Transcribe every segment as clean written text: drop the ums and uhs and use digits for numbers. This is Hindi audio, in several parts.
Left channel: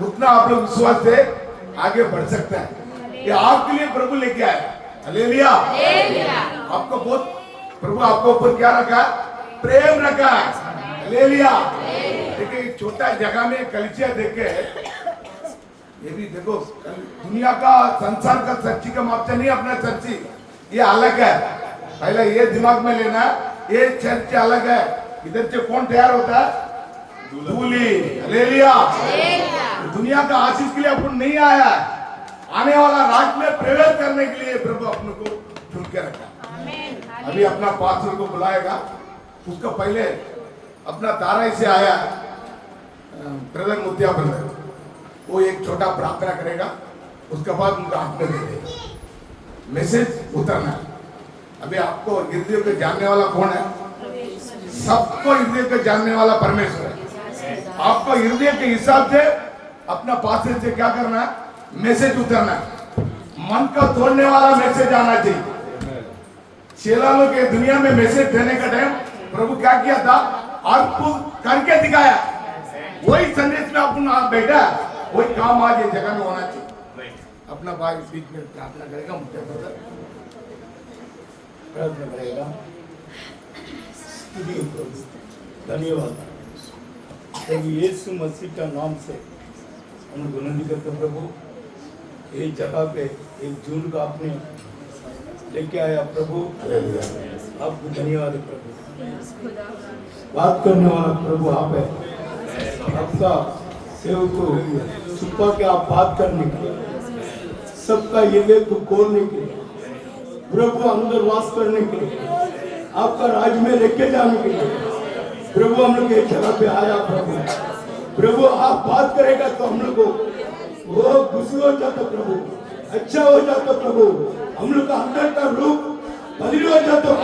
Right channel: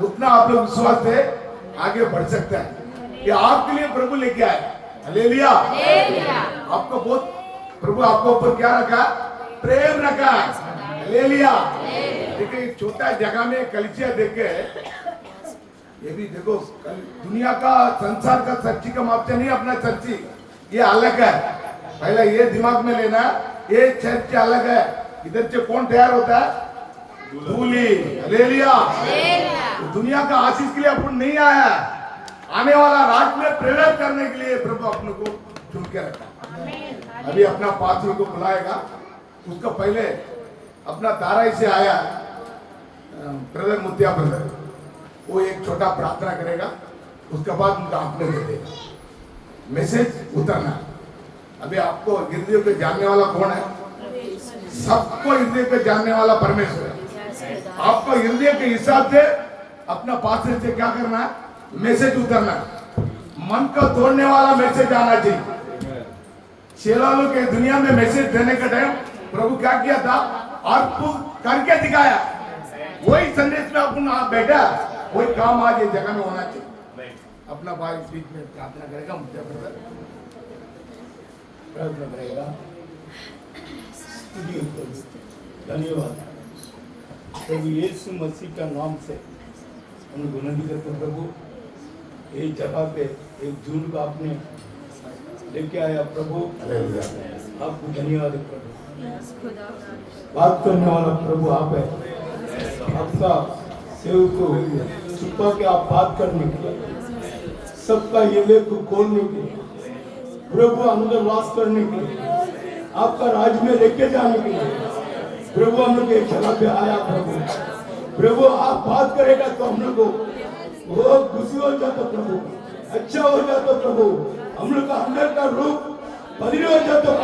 उतना आप लोग विश्वास से आगे बढ़ सकते हैं। ये आपके लिए प्रभु लेके आए। हालेलुया। आपको बहुत प्रभु आपको ऊपर क्या रखा? प्रेम रखा। हालेलुया। देखिए छोटा जगह में कलिसिया देख के ये भी देखो, दुनिया का संसार का सच्ची का माप से नहीं अपना सच्ची, ये अलग है। पहले ये दिमाग में लेना, ये चर्च अलग है। इधर से कौन तैयार होता है? दूल्ही। हालेलुया। दुनिया का आशीष के लिए अपन नहीं आया, आने वाला राज में प्रवेश करने के लिए प्रभु अपने को चुन के रखा। अभी अपना पास्टर को बुलाएगा, उसका पहले अपना ताराई से आया ब्रदर मुत्या ब्रदर, वो एक छोटा प्रार्थना करेगा, उसके बाद उनका हाथ में दे देगा। मैसेज उतरना। अभी आपको हृदय को जानने वाला कौन है? सबको हृदय को जानने वाला परमेश्वर है। आपको हृदय के हिसाब से अपना पास्टर से क्या करना है? मैसेज उतरना है। मन को तोड़ने वाला मैसेज आना चाहिए। चेलालों के दुनिया में मैसेज देने का टाइम प्रभु क्या किया था? अद्भुत करके दिखाया। वही संदेश में अपन आप बैठा, वही काम आज ये जगह में होना चाहिए। अपना भाई बीच में प्रार्थना करेगा, मुझे प्रार्थना करेगा। धन्यवाद प्रभु यीशु मसीह का नाम से हम विनती करते हैं प्रभु, एक जगह पे एक जून का आपने लेके आया प्रभु, आपको धन्यवाद प्रभु। बात करने वाला प्रभु आप है, आपका सेवक को छुपा के आप बात करने के लिए, सबका ये को खोलने के लिए, प्रभु अंदर वास करने के लिए, आपका राज में लेके जाने के लिए प्रभु हम लोग एक जगह पे आया प्रभु आप बात करेगा तो हम लोग को वो खुशी हो जाता प्रभु, अच्छा हो जाता प्रभु, हम लोग का अंदर का रूप बदली हो जाता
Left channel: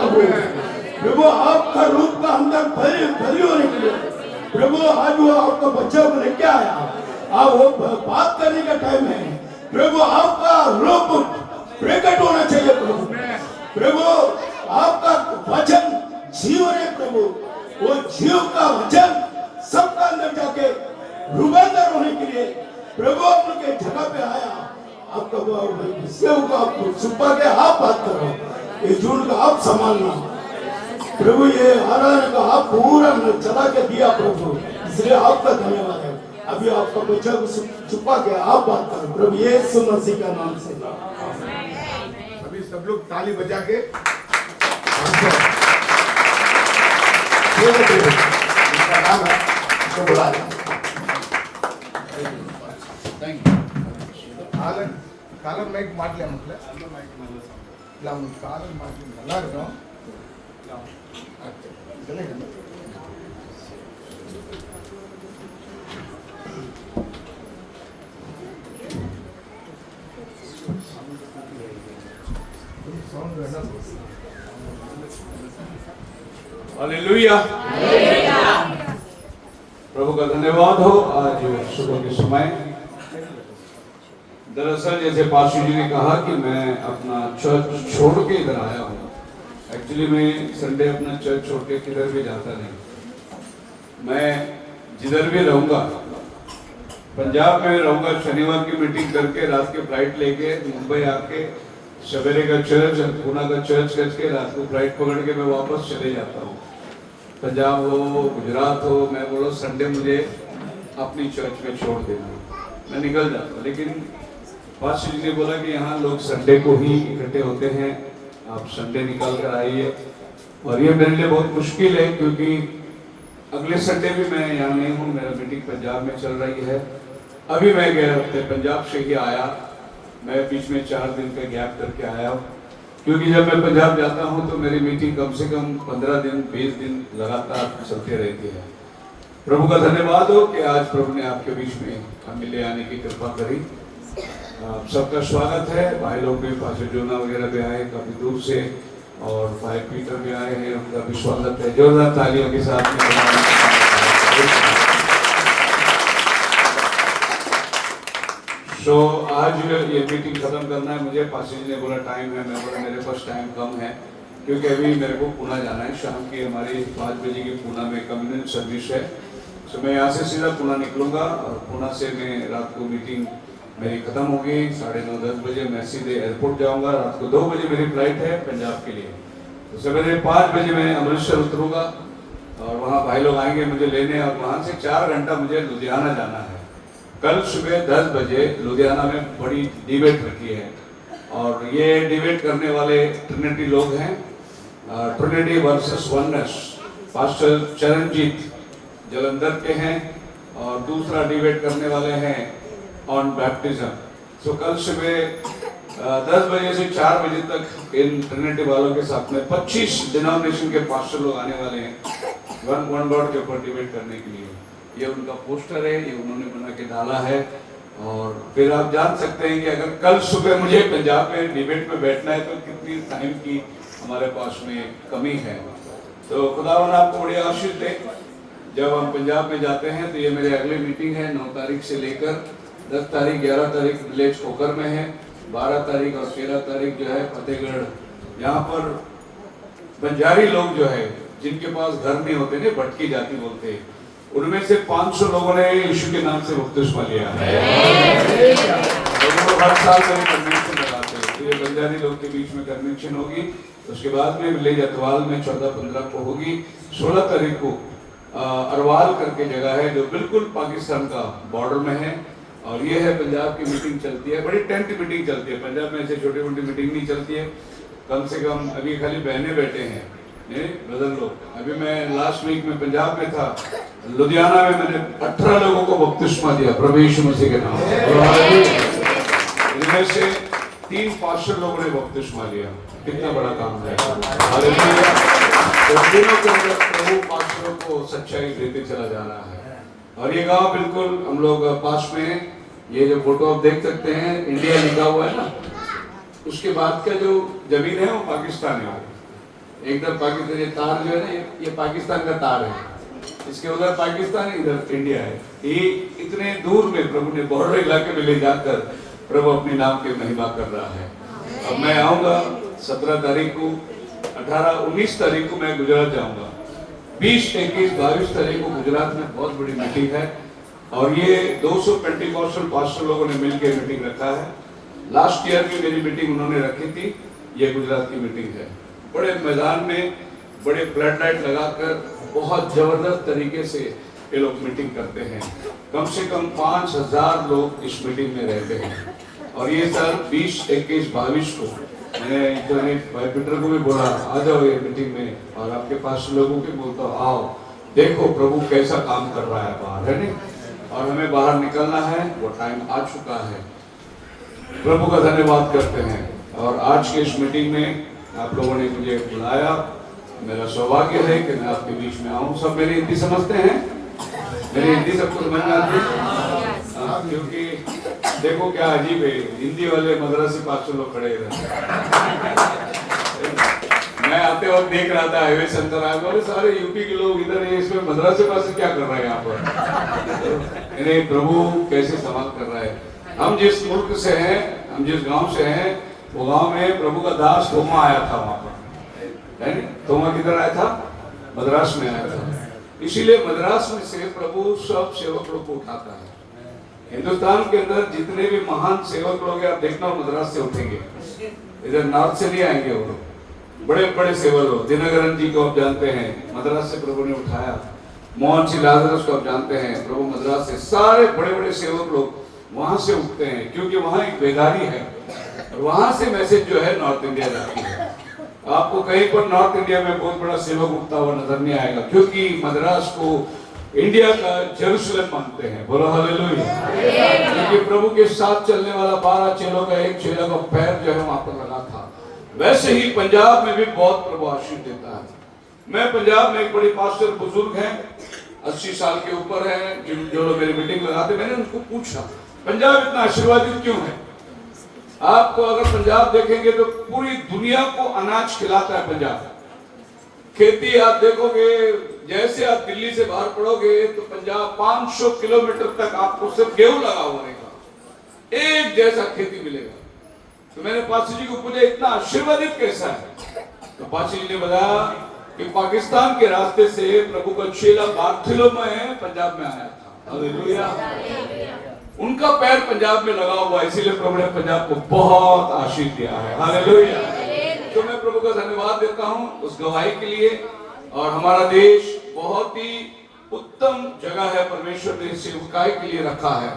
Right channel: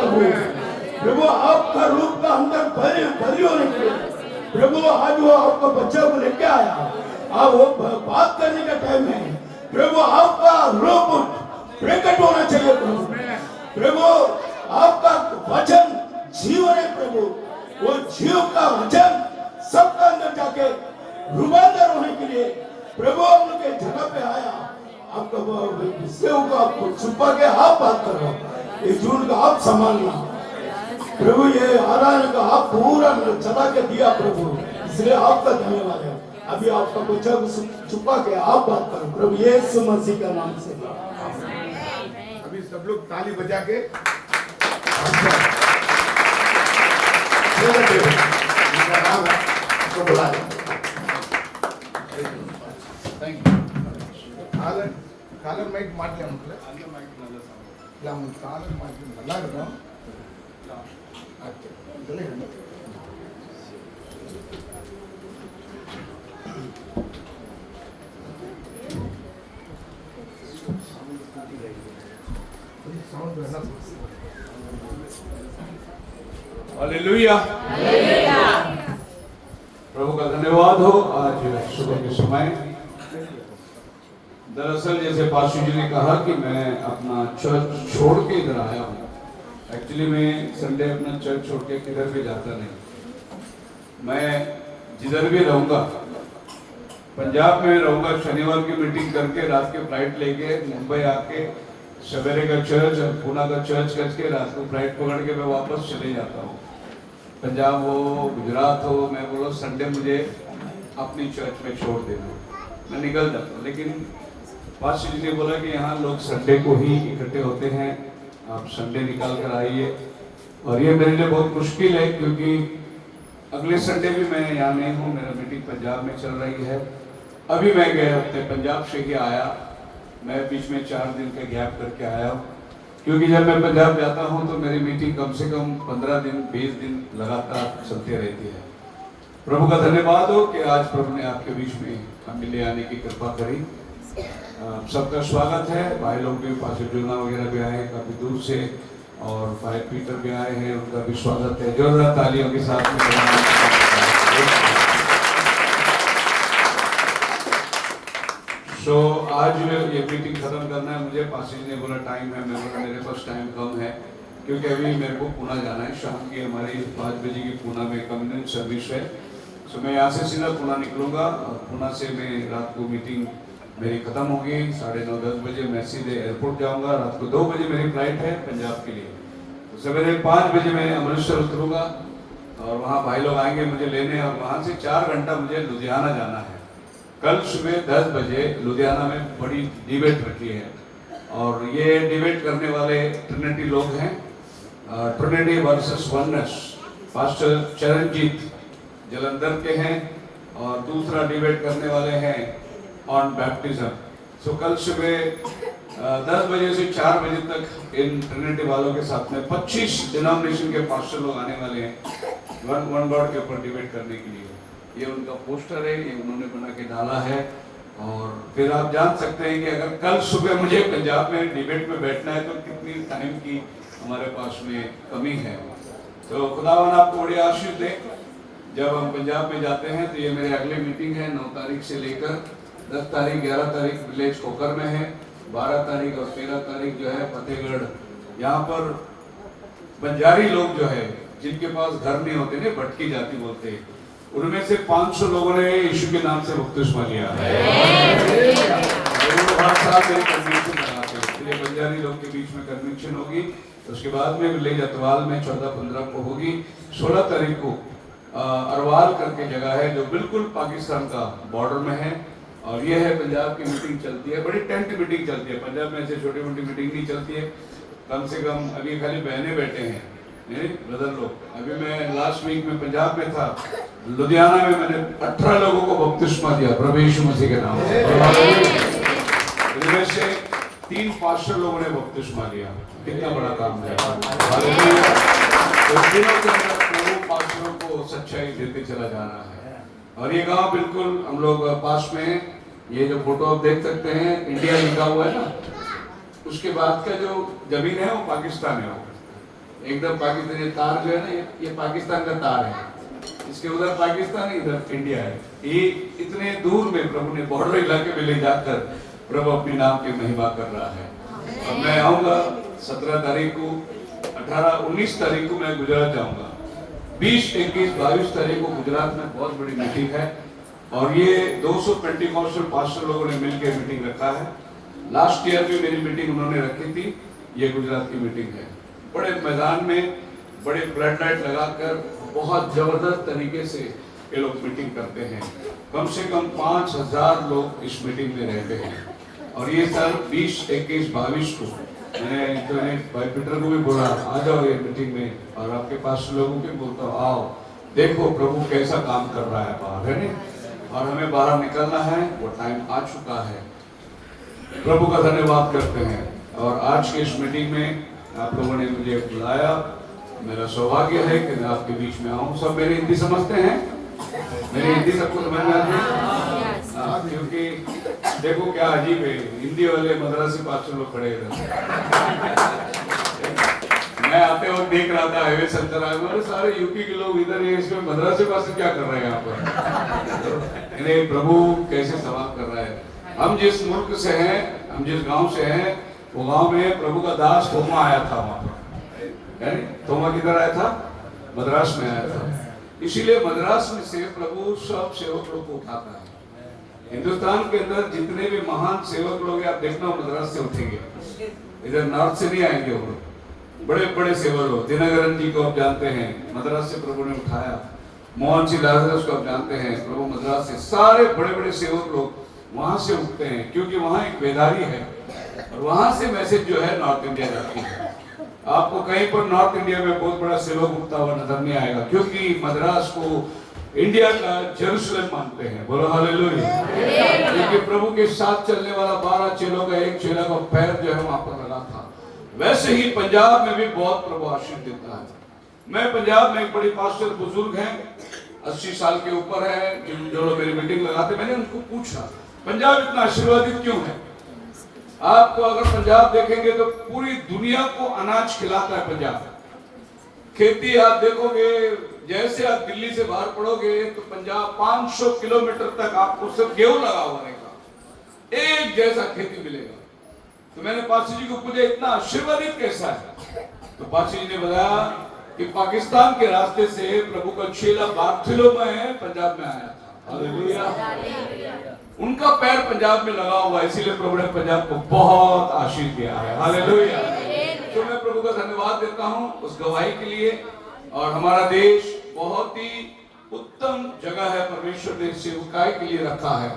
प्रभु आपका रूप का अंदर बदली होने के लिए प्रभु आज वो आपका बच्चा को लेके आया। आप वो बात करने का टाइम है प्रभु, आपका रूप प्रकट होना चाहिए प्रभु आपका वचन जीवन है प्रभु, वो जीव का वचन सबका अंदर जाके रूपांतर होने के लिए प्रभु हम लोग एक जगह पे आया। आपका सेव को आपको छुपा के आप बात करो, ये जून का आप संभालना प्रभु, ये आराधना का आप पूरा चला के दिया प्रभु, इसलिए आपका धन्यवाद है। अभी आपका बच्चा को छुपा के आप बात करो प्रभु यीशु मसीह का नाम से। अभी सब लोग ताली बजा के नाम है उसको बुलाए। ಕಾಲಂ ಮೈಕ್ ಮಾಡ್ಲೇ ಮಕ್ಕಳೇ? ಇಲ್ಲ ಕಾಲಂ ಮಾಡ್ತೀನಿ ಎಲ್ಲರೂ ಇದೆಲ್ಲ ಸೌಂಡ್ ಎಲ್ಲ हालेलुया। प्रभु का धन्यवाद हो। आज सुबह के समय दरअसल जैसे पास्टर जी ने कहा कि मैं अपना चर्च छोड़ के इधर आया हूँ। एक्चुअली मैं संडे अपना चर्च छोड़ के किधर भी जाता नहीं, मैं जिधर भी रहूँगा पंजाब में रहूँगा, शनिवार की मीटिंग करके रात के फ्लाइट लेके मुंबई आके सवेरे का चर्च और पूना का चर्च करके रात को फ्लाइट पकड़ के मैं वापस चले जाता हूँ। पंजाब हो गुजरात हो, मैं बोलो संडे मुझे अपनी चर्च में छोड़ देना, मैं निकल जाता हूँ। लेकिन पास्टर जी ने बोला कि यहाँ लोग संडे को ही इकट्ठे होते हैं, आप संडे निकाल कर आइए। और ये मेरे लिए बहुत मुश्किल है क्योंकि अगले संडे भी मैं यहाँ नहीं हूँ, मेरा मीटिंग पंजाब में चल रही है। अभी मैं गए हफ्ते पंजाब से ही आया, मैं बीच में 4 दिन का गैप करके आया हूँ क्योंकि जब मैं पंजाब जाता हूँ तो मेरी मीटिंग कम से कम 15 दिन 20 दिन लगातार चलती रहती है। प्रभु का धन्यवाद हो कि आज प्रभु ने आपके बीच में हम मिले आने की कृपा करी। सबका स्वागत है। भाई लोग भी, पास्टर जोना वगैरह भी आए काफी दूर से, और भाई पीटर भी आए हैं, उनका भी स्वागत है। जोरदार तालियों के साथ तो आज ये मीटिंग खत्म करना है मुझे। पास्टर जी ने बोला टाइम है, मैं बोला मेरे पास टाइम कम है क्योंकि अभी मेरे को पुणे जाना है। शाम की हमारी 5 बजे की पुणे में कम्युनिटी सर्विस है। तो मैं यहाँ से सीधा पुणे निकलूंगा और पुणे से मैं रात को मीटिंग मेरी खत्म होगी 9:30-10 बजे मैं सीधे एयरपोर्ट जाऊंगा। रात को 2 बजे मेरी फ्लाइट है पंजाब के लिए। तो सवेरे 5 बजे मैं अमृतसर उतरूंगा और वहाँ भाई लोग आएंगे मुझे लेने और वहाँ से 4 घंटा मुझे लुधियाना जाना है। कल सुबह 10 बजे लुधियाना में बड़ी डिबेट रखी है और ये डिबेट करने वाले ट्रिनिटी लोग हैं, Trinity versus oneness. Pastor Charanjit Jalandhar के हैं और दूसरा डिबेट करने वाले हैं ऑन बैप्टिज्म। तो कल सुबह 10 बजे से 4 बजे तक इन ट्रिनिटी वालों के साथ में 25 डिनोमिनेशन के पास्टर लोग आने वाले हैं वन गॉड के ऊपर डिबेट करने के लिए। ये उनका पोस्टर है, ये उन्होंने बना के डाला है। और फिर आप जान सकते हैं कि अगर कल सुबह मुझे पंजाब में डिबेट में बैठना है तो कितनी टाइम की हमारे पास में कमी है। तो खुदावन आपको बड़ी आशीष दे। जब हम पंजाब में जाते हैं तो ये मेरी अगली मीटिंग है 9 तारीख से लेकर 10 तारीख 11 तारीख विलेज खोकर में है, 12 तारीख और 13 तारीख जो है फतेहगढ़। यहाँ पर बंजारी लोग जो है जिनके पास घर नहीं होते ना, भटकी जाति बोलते हैं, उनमें से 500 लोगों ने यीशु के नाम से बपतिस्मा लिया है। हर साल मेरी कन्वेंशन लगाते हैं। तो ये बंजारी लोग के बीच में कन्वेंशन होगी। उसके बाद में विलेज अतवाल में 14-15 को होगी। 16 तारीख को अरवाल करके जगह है जो बिल्कुल पाकिस्तान का बॉर्डर में है और ये है पंजाब की मीटिंग चलती है। बड़ी टेंट मीटिंग चलती है पंजाब में, ऐसे छोटी मोटी मीटिंग नहीं चलती है। कम से कम अभी खाली बहने बैठे हैं ब्रदर लोग। अभी मैं लास्ट वीक में पंजाब में था, लुधियाना में मैंने 18 लोगों को बपतिस्मा दिया प्रभु यीशु मसीह के नाम। इनमें से 3 पास्टर लोगों ने बपतिस्मा लिया। कितना बड़ा काम है। हालेलुया। तो दिनों के अंदर प्रभु पास्टरों को सच्चाई देते चला जा रहा है। और ये गांव बिल्कुल हम लोग पास में है। ये जो फोटो आप देख सकते हैं इंडिया लिखा हुआ है ना, उसके बाद का जो जमीन है वो पाकिस्तान है। एकदम पाकिस्तान, ये तार जो है ना ये पाकिस्तान का तार है। इसके उधर पाकिस्तान है, इधर इंडिया है। ये इतने दूर में प्रभु ने बॉर्डर इलाके में ले जाकर प्रभु अपने नाम की महिमा कर रहा है। अब मैं आऊंगा 17 तारीख को, 18-19 तारीख को मैं गुजरात जाऊंगा। 20, 21, 22 तारीख को गुजरात में बहुत बड़ी मीटिंग है और ये 200 पेंटिकॉस्टल पास्टर लोगों ने मिलकर मीटिंग रखा है। लास्ट ईयर भी मेरी मीटिंग उन्होंने रखी थी। ये गुजरात की मीटिंग है। बड़े मैदान में बड़े फ्लड लाइट लगाकर बहुत जबरदस्त तरीके से ये लोग मीटिंग करते हैं। कम से कम 5000 लोग इस मीटिंग में रहते हैं। और ये साल 20, 21, 22 को मैंने इंटरनेट भाई पीटर को भी बोला आ जाओ ये मीटिंग में और आपके पास लोगों के बोलता हूँ आओ देखो प्रभु कैसा काम कर रहा है बाहर, है नहीं। और हमें बाहर निकलना है, वो टाइम आ चुका है। प्रभु का धन्यवाद करते हैं। और आज के इस मीटिंग में आप लोगों ने मुझे बुलाया, मेरा सौभाग्य है कि मैं आपके बीच में आऊँ। सब मेरी हिंदी समझते हैं? मेरी हिंदी सबको समझ में आती है? हाँ, क्योंकि देखो क्या अजीब है, हिंदी वाले मद्रासी पास्टर लोग खड़े रहते। मैं आते वक्त देख रहा था हाईवे सेंटर आए सारे यूपी के लोग इधर है, इसमें मद्रासी पास्टर क्या कर रहे हैं यहाँ पर? इन्हें प्रभु कैसे संवाद कर रहा है। हम जिस मुल्क से हैं, हम जिस गांव से हैं, वो गांव में प्रभु का दास थोमा आया था वहां पर, है नहीं? थोमा किधर आया था? मद्रास में आया था। इसीलिए मद्रास में से प्रभु सब सेवक लोग को उठाता है। हिंदुस्तान के अंदर जितने भी महान सेवक लोग हैं आप देखना मद्रास से उठेंगे, इधर नॉर्थ से नहीं आएंगे। वो लोग बड़े बड़े सेवक लोग, दिनकरन जी को आप जानते हैं, मद्रास से प्रभु ने उठाया। मोहन सिंह लाजरस को आप जानते हैं, प्रभु मद्रास से। सारे बड़े बड़े सेवक लोग वहां से उठते हैं क्योंकि वहां एक बेदारी है और वहां से मैसेज जो है नॉर्थ इंडिया जाती है। आपको कहीं पर नॉर्थ इंडिया में बहुत बड़ा सेवक उठता हुआ नजर नहीं आएगा क्योंकि मद्रास को इंडिया का जेरूसलम मानते हैं। बोलो हालेलुया। क्योंकि प्रभु के साथ चलने वाला 12 चेलों का एक चेला का पैर जो है वहां पर लगा था। वैसे ही पंजाब में भी बहुत प्रभु आशीष देता है। मैं पंजाब में एक बड़ी पास्टर बुजुर्ग हैं, 80 साल के ऊपर है, जो लोग मेरी मीटिंग लगाते, मैंने उनको पूछा पंजाब इतना आशीर्वादित क्यों है? आपको अगर पंजाब देखेंगे तो पूरी दुनिया को अनाज खिलाता है पंजाब। खेती आप देखोगे, जैसे आप दिल्ली से बाहर पड़ोगे तो पंजाब 500 किलोमीटर तक आपको सिर्फ गेहूं लगा हुआ रहेगा, एक जैसा खेती मिलेगा। तो मैंने पासी जी को पूछा इतना आशीर्वादित कैसा है? तो पासी जी ने बताया कि पाकिस्तान के रास्ते से प्रभु का चेला बार्थोलोमेव पंजाब में आया था। हालेलुया। उनका पैर पंजाब में लगा हुआ, इसीलिए प्रभु ने पंजाब को बहुत आशीष दिया है। हालेलुया। तो मैं प्रभु का धन्यवाद देता हूं उस गवाही के लिए। और हमारा देश बहुत ही उत्तम जगह है, परमेश्वर ने सेवकाई के लिए रखा है।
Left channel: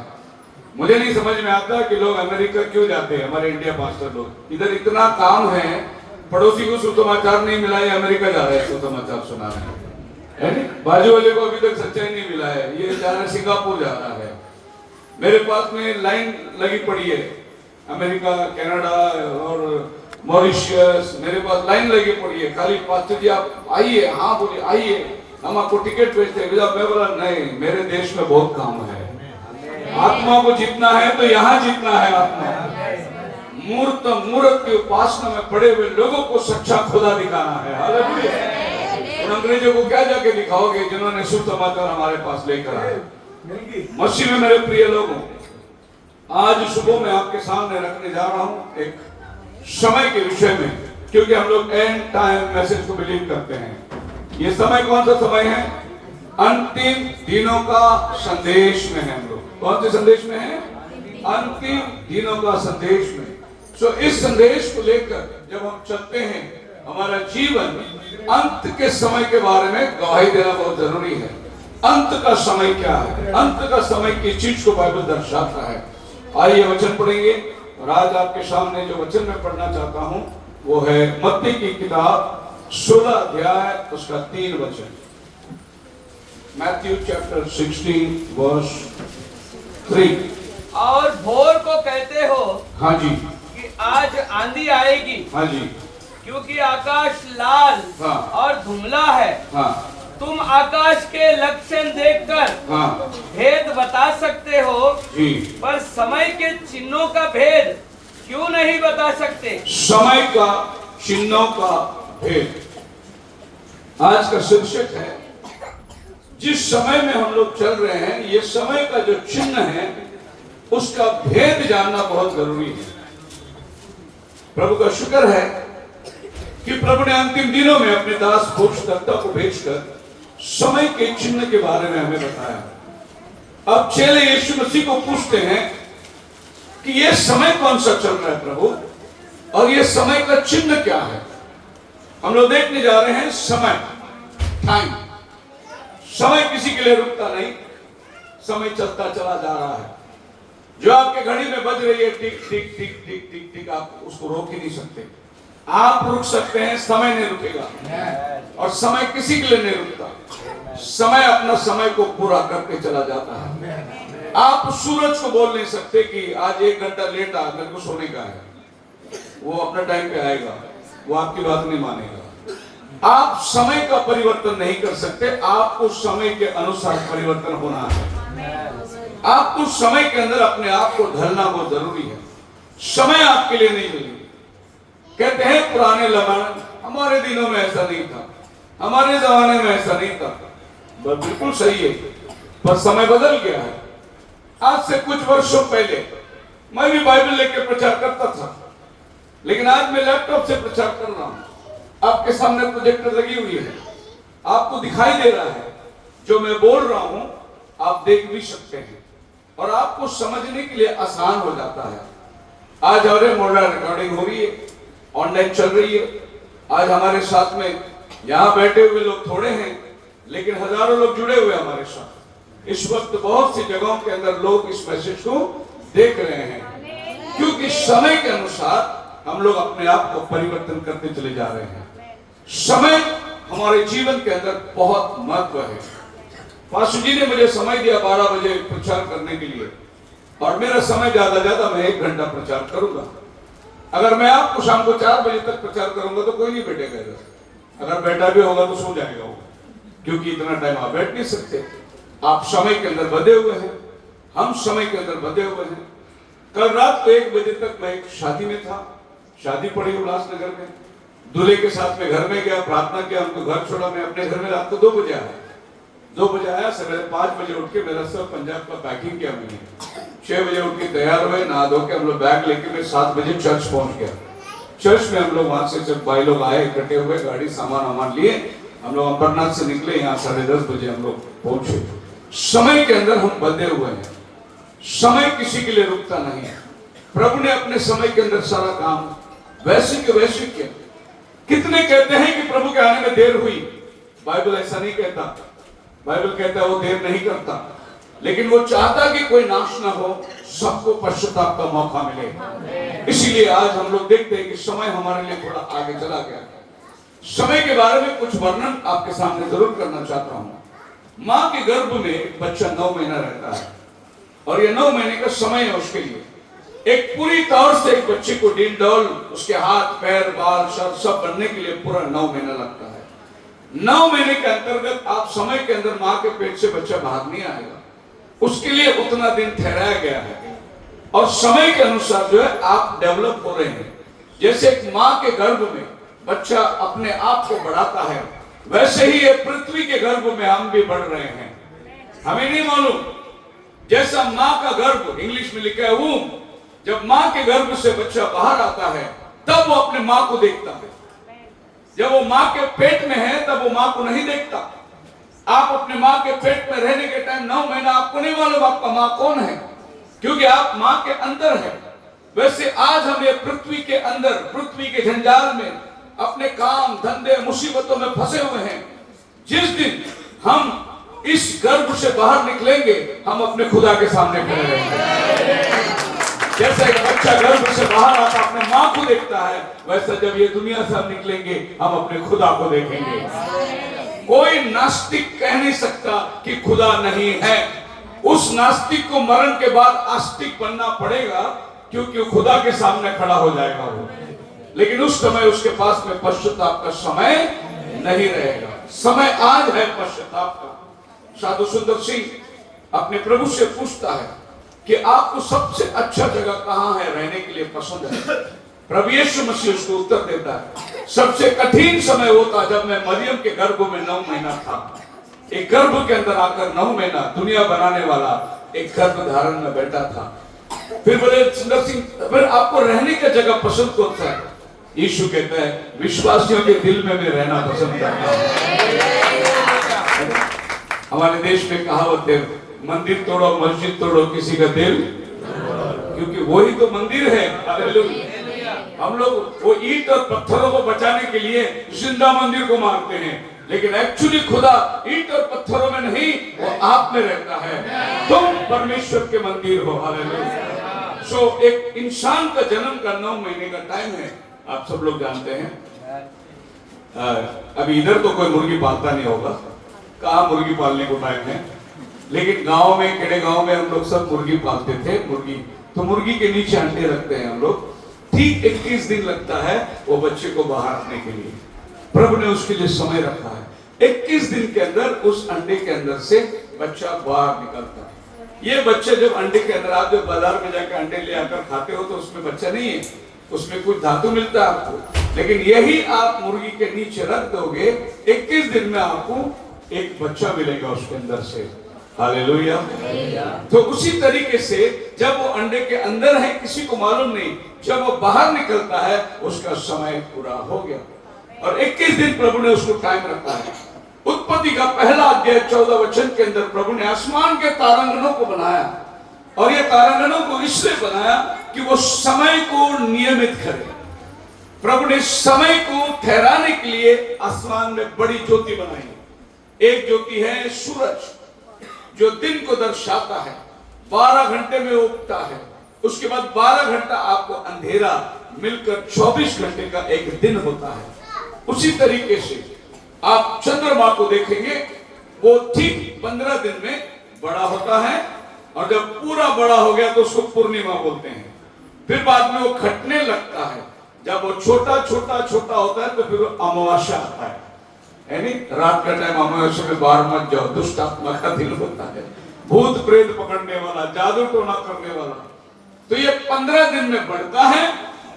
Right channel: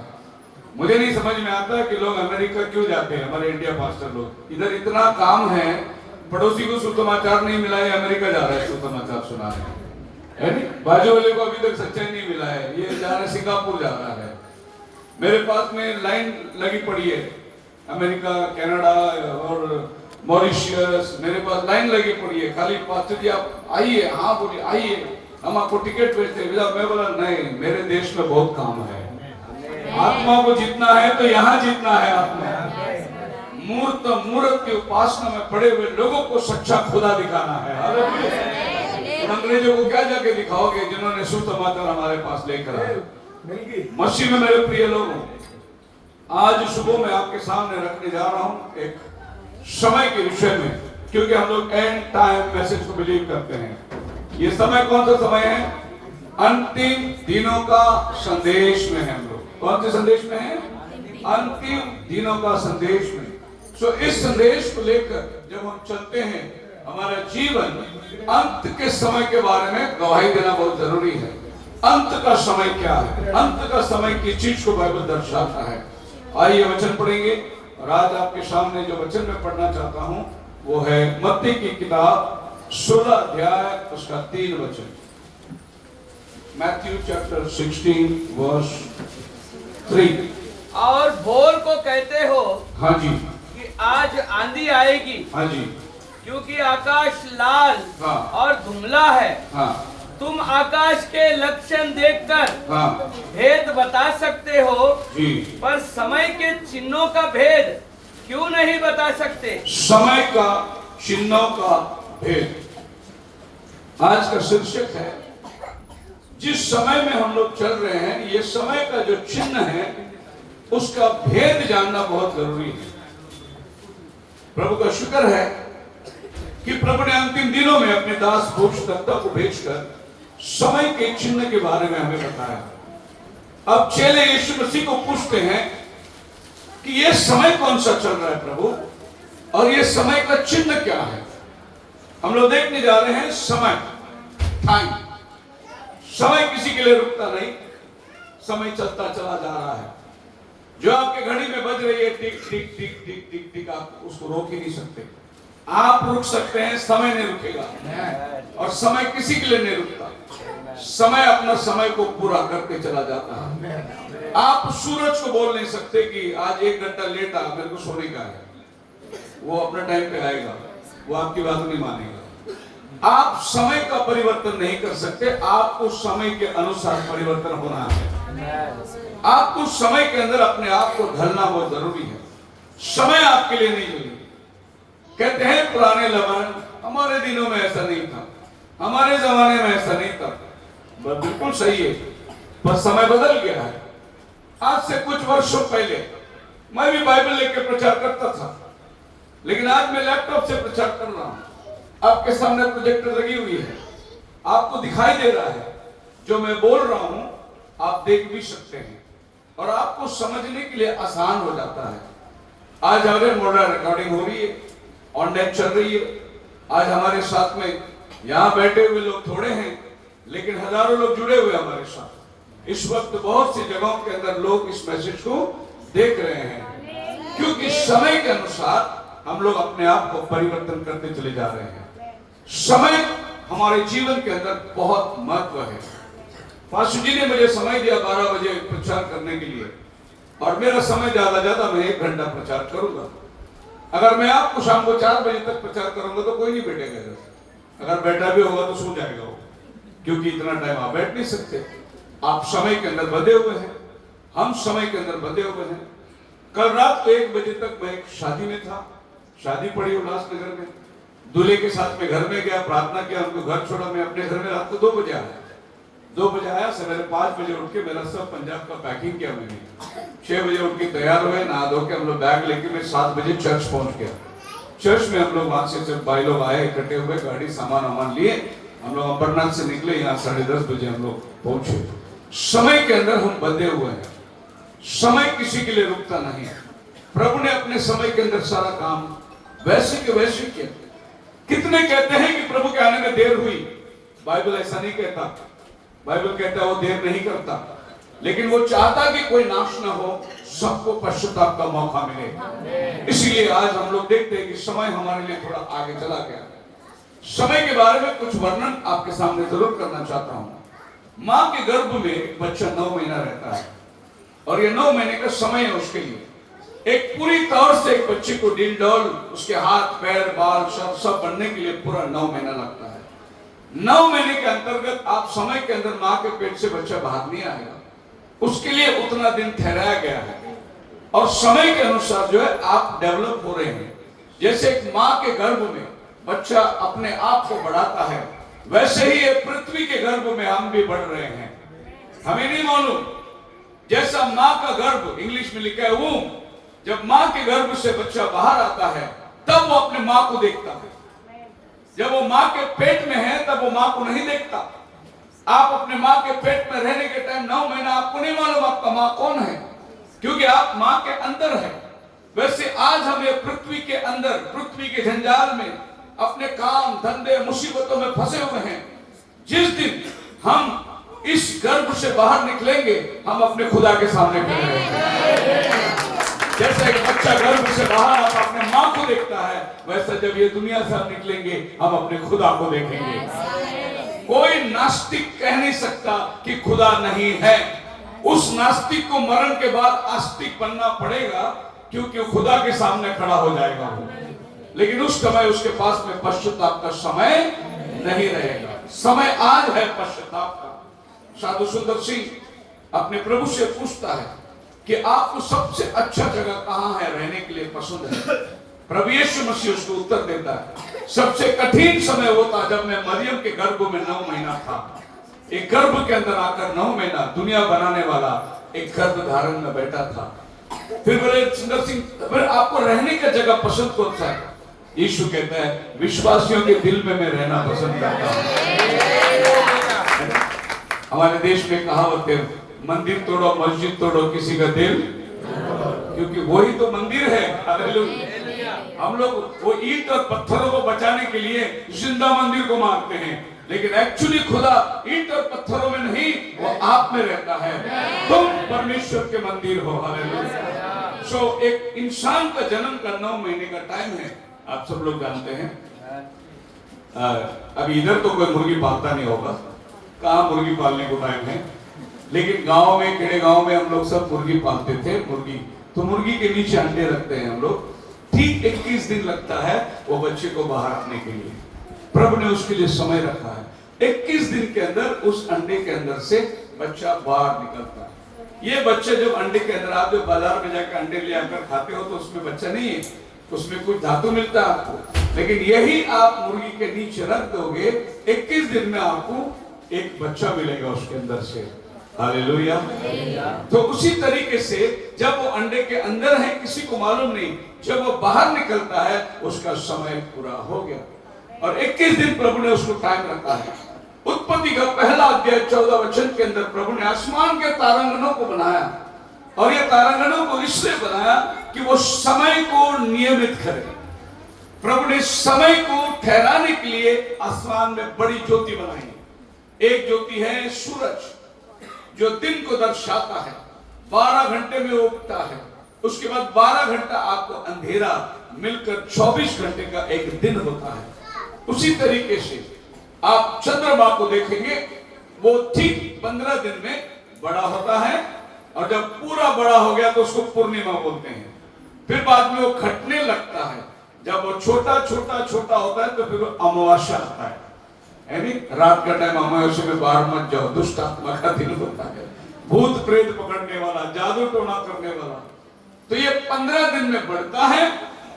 मुझे नहीं समझ में आता कि लोग अमेरिका क्यों जाते हैं, हमारे इंडिया पास्टर लोग। इधर इतना काम है, पड़ोसी को सुसमाचार नहीं मिला है, अमेरिका जा रहे हैं सुसमाचार सुनाने, है नहीं? बाजू वाले को अभी तक सच्चाई नहीं मिला है, ये जा रहा है सिंगापुर जा रहा है। मेरे पास में लाइन लगी पड़ी है, अमेरिका, कनाडा और मॉरिशस, मेरे पास लाइन लगी पड़ी है। खाली पास्टर जी आप आइए, हाँ बोलिए आइए, हम आपको टिकट भेजते हैं। मैं बोला नहीं, मेरे देश में बहुत काम है, आत्मा को जीतना है तो यहाँ जीतना है। आत्मा मूर्त की उपासना में पड़े हुए लोगों को सच्चा खुदा दिखाना है। हालेलुया। अंग्रेजों को क्या जाके दिखाओगे जिन्होंने सुसमाचार हमारे पास लेकर आए। मसीह में मेरे प्रिय लोगों, आज सुबह मैं आपके सामने रखने जा रहा हूँ एक समय के विषय में, क्योंकि हम लोग एंड टाइम मैसेज को बिलीव करते हैं। ये समय कौन सा समय है? अंतिम दिनों का संदेश में है। हम लोग कौन से संदेश में है? अंतिम दिनों का संदेश में। सो इस संदेश को लेकर जब हम चलते हैं, हमारा जीवन अंत के समय के बारे में गवाही देना बहुत जरूरी है। अंत का समय क्या है? अंत का समय की चीज को बाइबल दर्शाता है। आइए वचन पढ़ेंगे। और आज आपके सामने जो वचन मैं पढ़ना चाहता हूं वो है मत्ती की किताब 16 अध्याय उसका 3 वचन। Matthew chapter 16 verse 3। और भोर को कहते हो हाँ जी, कि आज आंधी आएगी, हाँ जी, क्योंकि आकाश लाल हाँ, और धुंधला है। हाँ, तुम आकाश के लक्षण देखकर हाँ भेद बता सकते हो, जी, पर समय के चिन्हों का भेद क्यों नहीं बता सकते? समय का चिन्हों का भेद आज का शीर्षक है। जिस समय में हम लोग चल रहे हैं, ये समय का जो चिन्ह है उसका भेद जानना बहुत जरूरी है। प्रभु का शुक्र है कि प्रभु ने अंतिम दिनों में अपने दास भोजदत्ता को भेजकर समय के चिन्ह के बारे में हमें बताया। अब चेले यीशु मसीह को पूछते हैं कि ये समय कौन सा चल रहा है प्रभु, और ये समय का चिन्ह क्या है? हम लोग देखने जा रहे हैं समय, टाइम। समय किसी के लिए रुकता नहीं, समय चलता चला जा रहा है। जो आपके घड़ी में बज रही है टिक टिक टिक टिक टिक टिक, आप उसको रोक ही नहीं सकते। आप रुक सकते हैं, समय नहीं रुकेगा। और समय किसी के लिए नहीं रुकता। समय अपना समय को पूरा करके चला जाता है। आप सूरज को बोल नहीं सकते कि आज 1 घंटा लेट आ, मेरे को सोने का है। वो अपने टाइम पे आएगा, वो आपकी बात नहीं मानेगा। आप समय का परिवर्तन नहीं कर सकते, आपको समय के अनुसार परिवर्तन होना है। आपको समय के अंदर अपने आप को ढलना बहुत जरूरी है। समय आपके लिए नहीं जरूरी। कहते हैं पुराने लमन, हमारे दिनों में ऐसा नहीं था, हमारे जमाने में ऐसा नहीं था। बिल्कुल सही है, पर समय बदल गया है। आज से कुछ वर्षों पहले मैं भी बाइबल लेकर प्रचार करता था, लेकिन आज मैं लैपटॉप से प्रचार कर रहा हूं। आपके सामने प्रोजेक्टर लगी हुई है, आपको दिखाई दे रहा है। जो मैं बोल रहा हूं आप देख भी सकते हैं, और आपको समझने के लिए आसान हो जाता है। आज हमारे मॉडल रिकॉर्डिंग हो रही है, ऑनलाइन चल रही है। आज हमारे साथ में यहाँ बैठे हुए लोग थोड़े हैं, लेकिन हजारों लोग जुड़े हुए हमारे साथ। इस वक्त बहुत सी जगहों के अंदर लोग इस मैसेज को देख रहे हैं, क्योंकि समय के अनुसार हम लोग अपने आप को परिवर्तन करते चले जा रहे हैं। समय हमारे जीवन के अंदर बहुत महत्व है। पास्टर जी ने मुझे समय दिया 12 बजे प्रचार करने के लिए, और मेरा समय ज्यादा मैं 1 घंटा प्रचार करूंगा। अगर मैं आपको शाम को 4 बजे तक प्रचार करूंगा तो कोई नहीं बैठेगा इधर। अगर बैठा भी होगा तो सो जाएगा वो, क्योंकि इतना टाइम आप बैठ नहीं सकते। आप समय के अंदर बंधे हुए हैं, हम समय के अंदर बंधे हुए हैं। कल रात को 1 बजे तक मैं एक शादी में था, शादी पड़ी उल्लासनगर में। दूल्हे के साथ में घर में गया, प्रार्थना किया, उनको घर छोड़ा। मैं अपने घर में रात को 2 बजे आया। 2 बजे आया, सवेरे 5 बजे उठ के मेरा सब पंजाब का पैकिंग किया मैंने। 6 बजे उठ के तैयार हुए, नहा धो के हम लोग बैग लेके मैं 7 बजे चर्च पहुंच गया। चर्च में हम लोग वहां से जब भाई लोग आए इकट्ठे हुए, गाड़ी सामान वामान लिए, हम लोग अंबरनाथ से निकले, यहाँ 10:30 बजे हम लोग पहुंचे। समय के अंदर हम बंधे हुए हैं, समय किसी के लिए रुकता नहीं। प्रभु ने अपने समय के अंदर सारा काम वैसे के वैसे किया। कितने कहते हैं कि प्रभु के आने में देर हुई, बाइबल ऐसा नहीं कहता। बाइबल कहता है वो देर नहीं करता, लेकिन वो चाहता कि कोई नाश ना हो, सबको पश्चाताप का मौका मिले। इसीलिए आज हम लोग देखते हैं कि समय हमारे लिए थोड़ा आगे चला गया। समय के बारे में कुछ वर्णन आपके सामने जरूर करना चाहता हूं। मां के गर्भ में एक बच्चा 9 महीना रहता है, और ये 9 महीने का समय है उसके लिए। एक पूरी तौर से एक बच्चे को डील डॉल, उसके हाथ पैर बाल सब बनने के लिए पूरा 9 महीना लगता है। 9 महीने के अंतर्गत आप समय के अंदर मां के पेट से बच्चा बाहर नहीं आएगा, उसके लिए उतना दिन ठहराया गया है। और समय के अनुसार जो है आप डेवलप हो रहे हैं। जैसे एक मां के गर्भ में बच्चा अपने आप को बढ़ाता है, वैसे ही ये पृथ्वी के गर्भ में हम भी बढ़ रहे हैं। हमें नहीं मालूम, जैसा मां का गर्भ, इंग्लिश में लिखा है वूम, जब मां के गर्भ से बच्चा बाहर आता है तब वो अपने मां को देखता है। जब वो मां के पेट में है तब वो मां को नहीं देखता। आप अपने मां के पेट में रहने के टाइम 9 महीना आपको नहीं मालूम आपका मां कौन है, क्योंकि आप मां के अंदर है। वैसे आज हम ये पृथ्वी के अंदर, पृथ्वी के जंजाल में अपने काम धंधे मुसीबतों में फंसे हुए हैं। जिस दिन हम इस गर्भ से बाहर निकलेंगे, हम अपने खुदा के सामने खड़े रहेंगे। जैसा एक बच्चा गर्भ से बाहर आता अपने मां को देखता है, वैसा जब ये दुनिया से हम निकलेंगे हम अपने खुदा को देखेंगे। कोई नास्तिक कह नहीं सकता कि खुदा नहीं है। उस नास्तिक को मरण के बाद आस्तिक बनना पड़ेगा, क्योंकि खुदा के सामने खड़ा हो जाएगा वो। लेकिन उस समय उसके पास में पश्चाताप का समय नहीं रहेगा। समय आज है पश्चाताप का। साधु सुंदर सिंह अपने प्रभु से पूछता है कि आपको सबसे अच्छा जगह कहां है रहने के लिए पसंद है। प्रभु यीशु मसीह उसको उत्तर देता है, सबसे कठिन समय वो था जब मैं मरियम के गर्भ में 9 महीना था। एक गर्भ के अंदर आकर 9 महीना दुनिया बनाने वाला एक गर्भ धारण में बैठा था। फिर बोले सुंदर सिंह, फिर आपको रहने का जगह पसंद कौन सा है? यीशु कहता है, विश्वासियों के दिल में मैं रहना पसंद करता हूं। हमारे देश में कहावत है, मंदिर तोड़ो मस्जिद तोड़ो किसी का दिल, क्योंकि वही तो मंदिर है। हम लोग वो ईंट और पत्थरों को बचाने के लिए जिंदा मंदिर को मारते हैं, लेकिन एक्चुअली खुदा ईंट और पत्थरों में नहीं, वो आप में रहता है। तुम परमेश्वर के मंदिर हो। हालेलुया। सो एक इंसान का जन्म का 9 महीने का टाइम है, आप सब लोग जानते हैं। अभी इधर तो कोई मुर्गी पालता नहीं होगा, कहाँ मुर्गी पालने को टाइम है, लेकिन गांव में, खेड़े गांव में हम लोग सब मुर्गी पालते थे। मुर्गी तो मुर्गी के नीचे अंडे रखते हैं हम लोग। ठीक 21 दिन लगता है वो बच्चे को बाहर रखने के लिए। प्रभु ने उसके लिए समय रखा है। 21 दिन के अंदर उस अंडे के अंदर से बच्चा बाहर निकलता है। ये बच्चे जब अंडे के अंदर, आप जब बाजार में जाकर अंडे ले आकर खाते हो तो उसमें बच्चा नहीं है, उसमें कुछ धातु मिलता है आपको। लेकिन यही आप मुर्गी के नीचे रख दोगे, 21 दिन में आपको एक बच्चा मिलेगा उसके अंदर से। हालेलुया। तो उसी तरीके से जब वो अंडे के अंदर है किसी को मालूम नहीं, जब वो बाहर निकलता है उसका समय पूरा हो गया। और 21 दिन प्रभु ने उसको टाइम रखा है। उत्पत्ति का पहला अध्याय 14 वचन के अंदर प्रभु ने आसमान के तारांगणों को बनाया, और ये तारांगणों को इसलिए बनाया कि वो समय को नियमित करे। प्रभु ने समय को ठहराने के लिए आसमान में बड़ी ज्योति बनाई। एक ज्योति है सूरज, जो दिन को दर्शाता है, 12 घंटे में उगता है। उसके बाद 12 घंटा आपको अंधेरा मिलकर 24 घंटे का एक दिन होता है। उसी तरीके से आप चंद्रमा को देखेंगे, वो ठीक 15 दिन में बड़ा होता है, और जब पूरा बड़ा हो गया तो उसको पूर्णिमा बोलते हैं। फिर बाद में वो घटने लगता है, जब वो छोटा छोटा छोटा होता है तो फिर अमावस्या आता है। यानी रात का टाइम अमावस्या में बाहर मत जाओ, दुष्ट आत्मा का दिन होता है, भूत प्रेत पकड़ने वाला, जादू टोना करने वाला। तो ये 15 दिन में बढ़ता है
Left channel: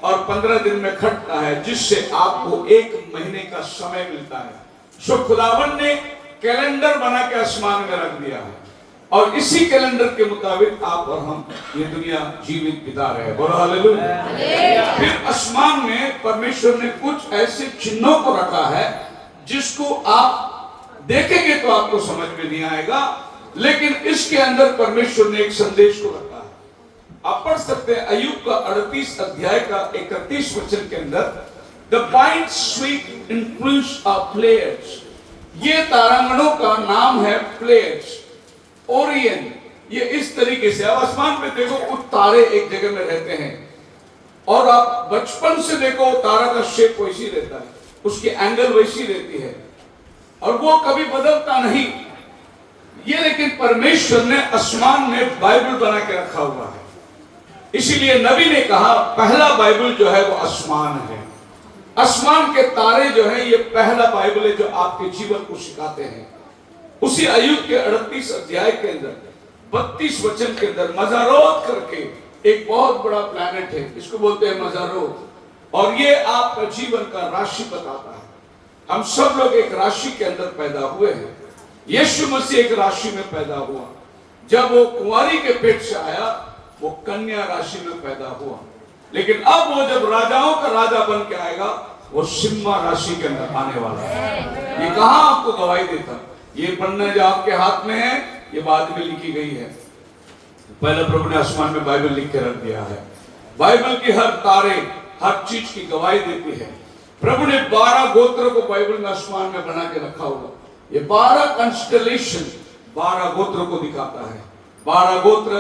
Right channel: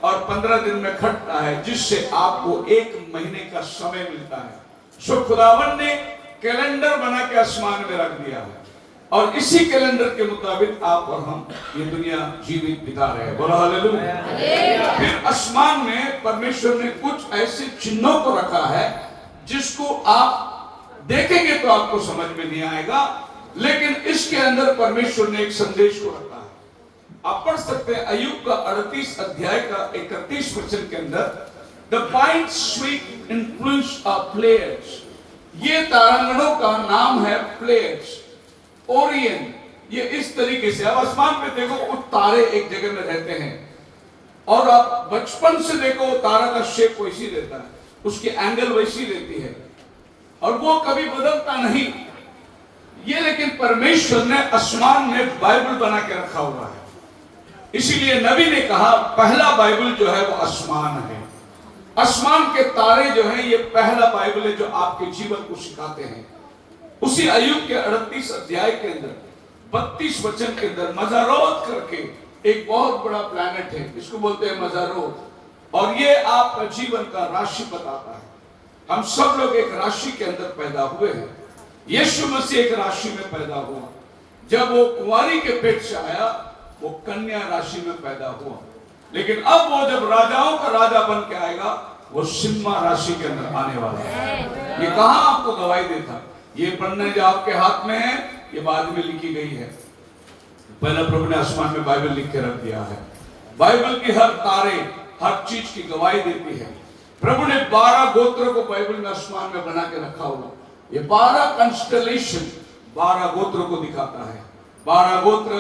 और 15 दिन में घटता है, जिससे आपको 1 महीने का समय मिलता है। सो खुदावन ने कैलेंडर बना के आसमान में रख दिया है, और इसी कैलेंडर के मुताबिक आप और हम ये दुनिया जीवित बिता रहे हैं। बोलो हालेलुया। फिर आसमान में परमेश्वर ने कुछ ऐसे चिन्हों को रखा है जिसको आप देखेंगे तो आपको समझ में नहीं आएगा, लेकिन इसके अंदर परमेश्वर ने एक संदेश को रखा है। आप पढ़ सकते हैं अय्यूब का 38 अध्याय का 31 वचन के अंदर, the pine sweet influence of players. ये तारांगणों का नाम है प्लेयर्स, ओरियन। ये इस तरीके से, आप आसमान में देखो वो तारे एक जगह में रहते हैं, और आप बचपन से देखो तारा का शेप वैसी रहता है, उसकी एंगल वैसी रहती है, और वो कभी बदलता नहीं। ये लेकिन परमेश्वर ने आसमान में बाइबल बना के रखा हुआ है। इसीलिए नबी ने कहा पहला बाइबल जो है वो आसमान है। आसमान के तारे जो है ये पहला बाइबल है जो आपके जीवन को सिखाते हैं। उसी अय्यूब के 38 अध्याय के अंदर 32 वचन के अंदर मजारोत करके एक बहुत बड़ा प्लैनेट है, इसको बोलते हैं मजारोत, और ये आपका जीवन का राशि बताता है। हम सब लोग एक राशि के अंदर पैदा हुए हैं। यीशु मसीह एक राशि में पैदा हुआ। जब वो कुंवारी के पेट से आया वो कन्या राशि में पैदा हुआ, लेकिन अब वो जब राजाओं का राजा बन के आएगा वो सिम्हा राशि के अंदर आने वाला है। ये कहां आपको गवाही देता? ये पढ़ना जो आपके हाथ में है ये बाद में लिखी गई है। पहला प्रभु ने आसमान में बाइबल लिख के रख दिया है। बाइबल की हर तारे हर चीज की गवाही देती है। प्रभु ने 12 गोत्रों को बाइबल में आसमान में बना के रखा हुआ। ये 12 कंस्टलेशन 12 गोत्रों को दिखाता है। 12 गोत्र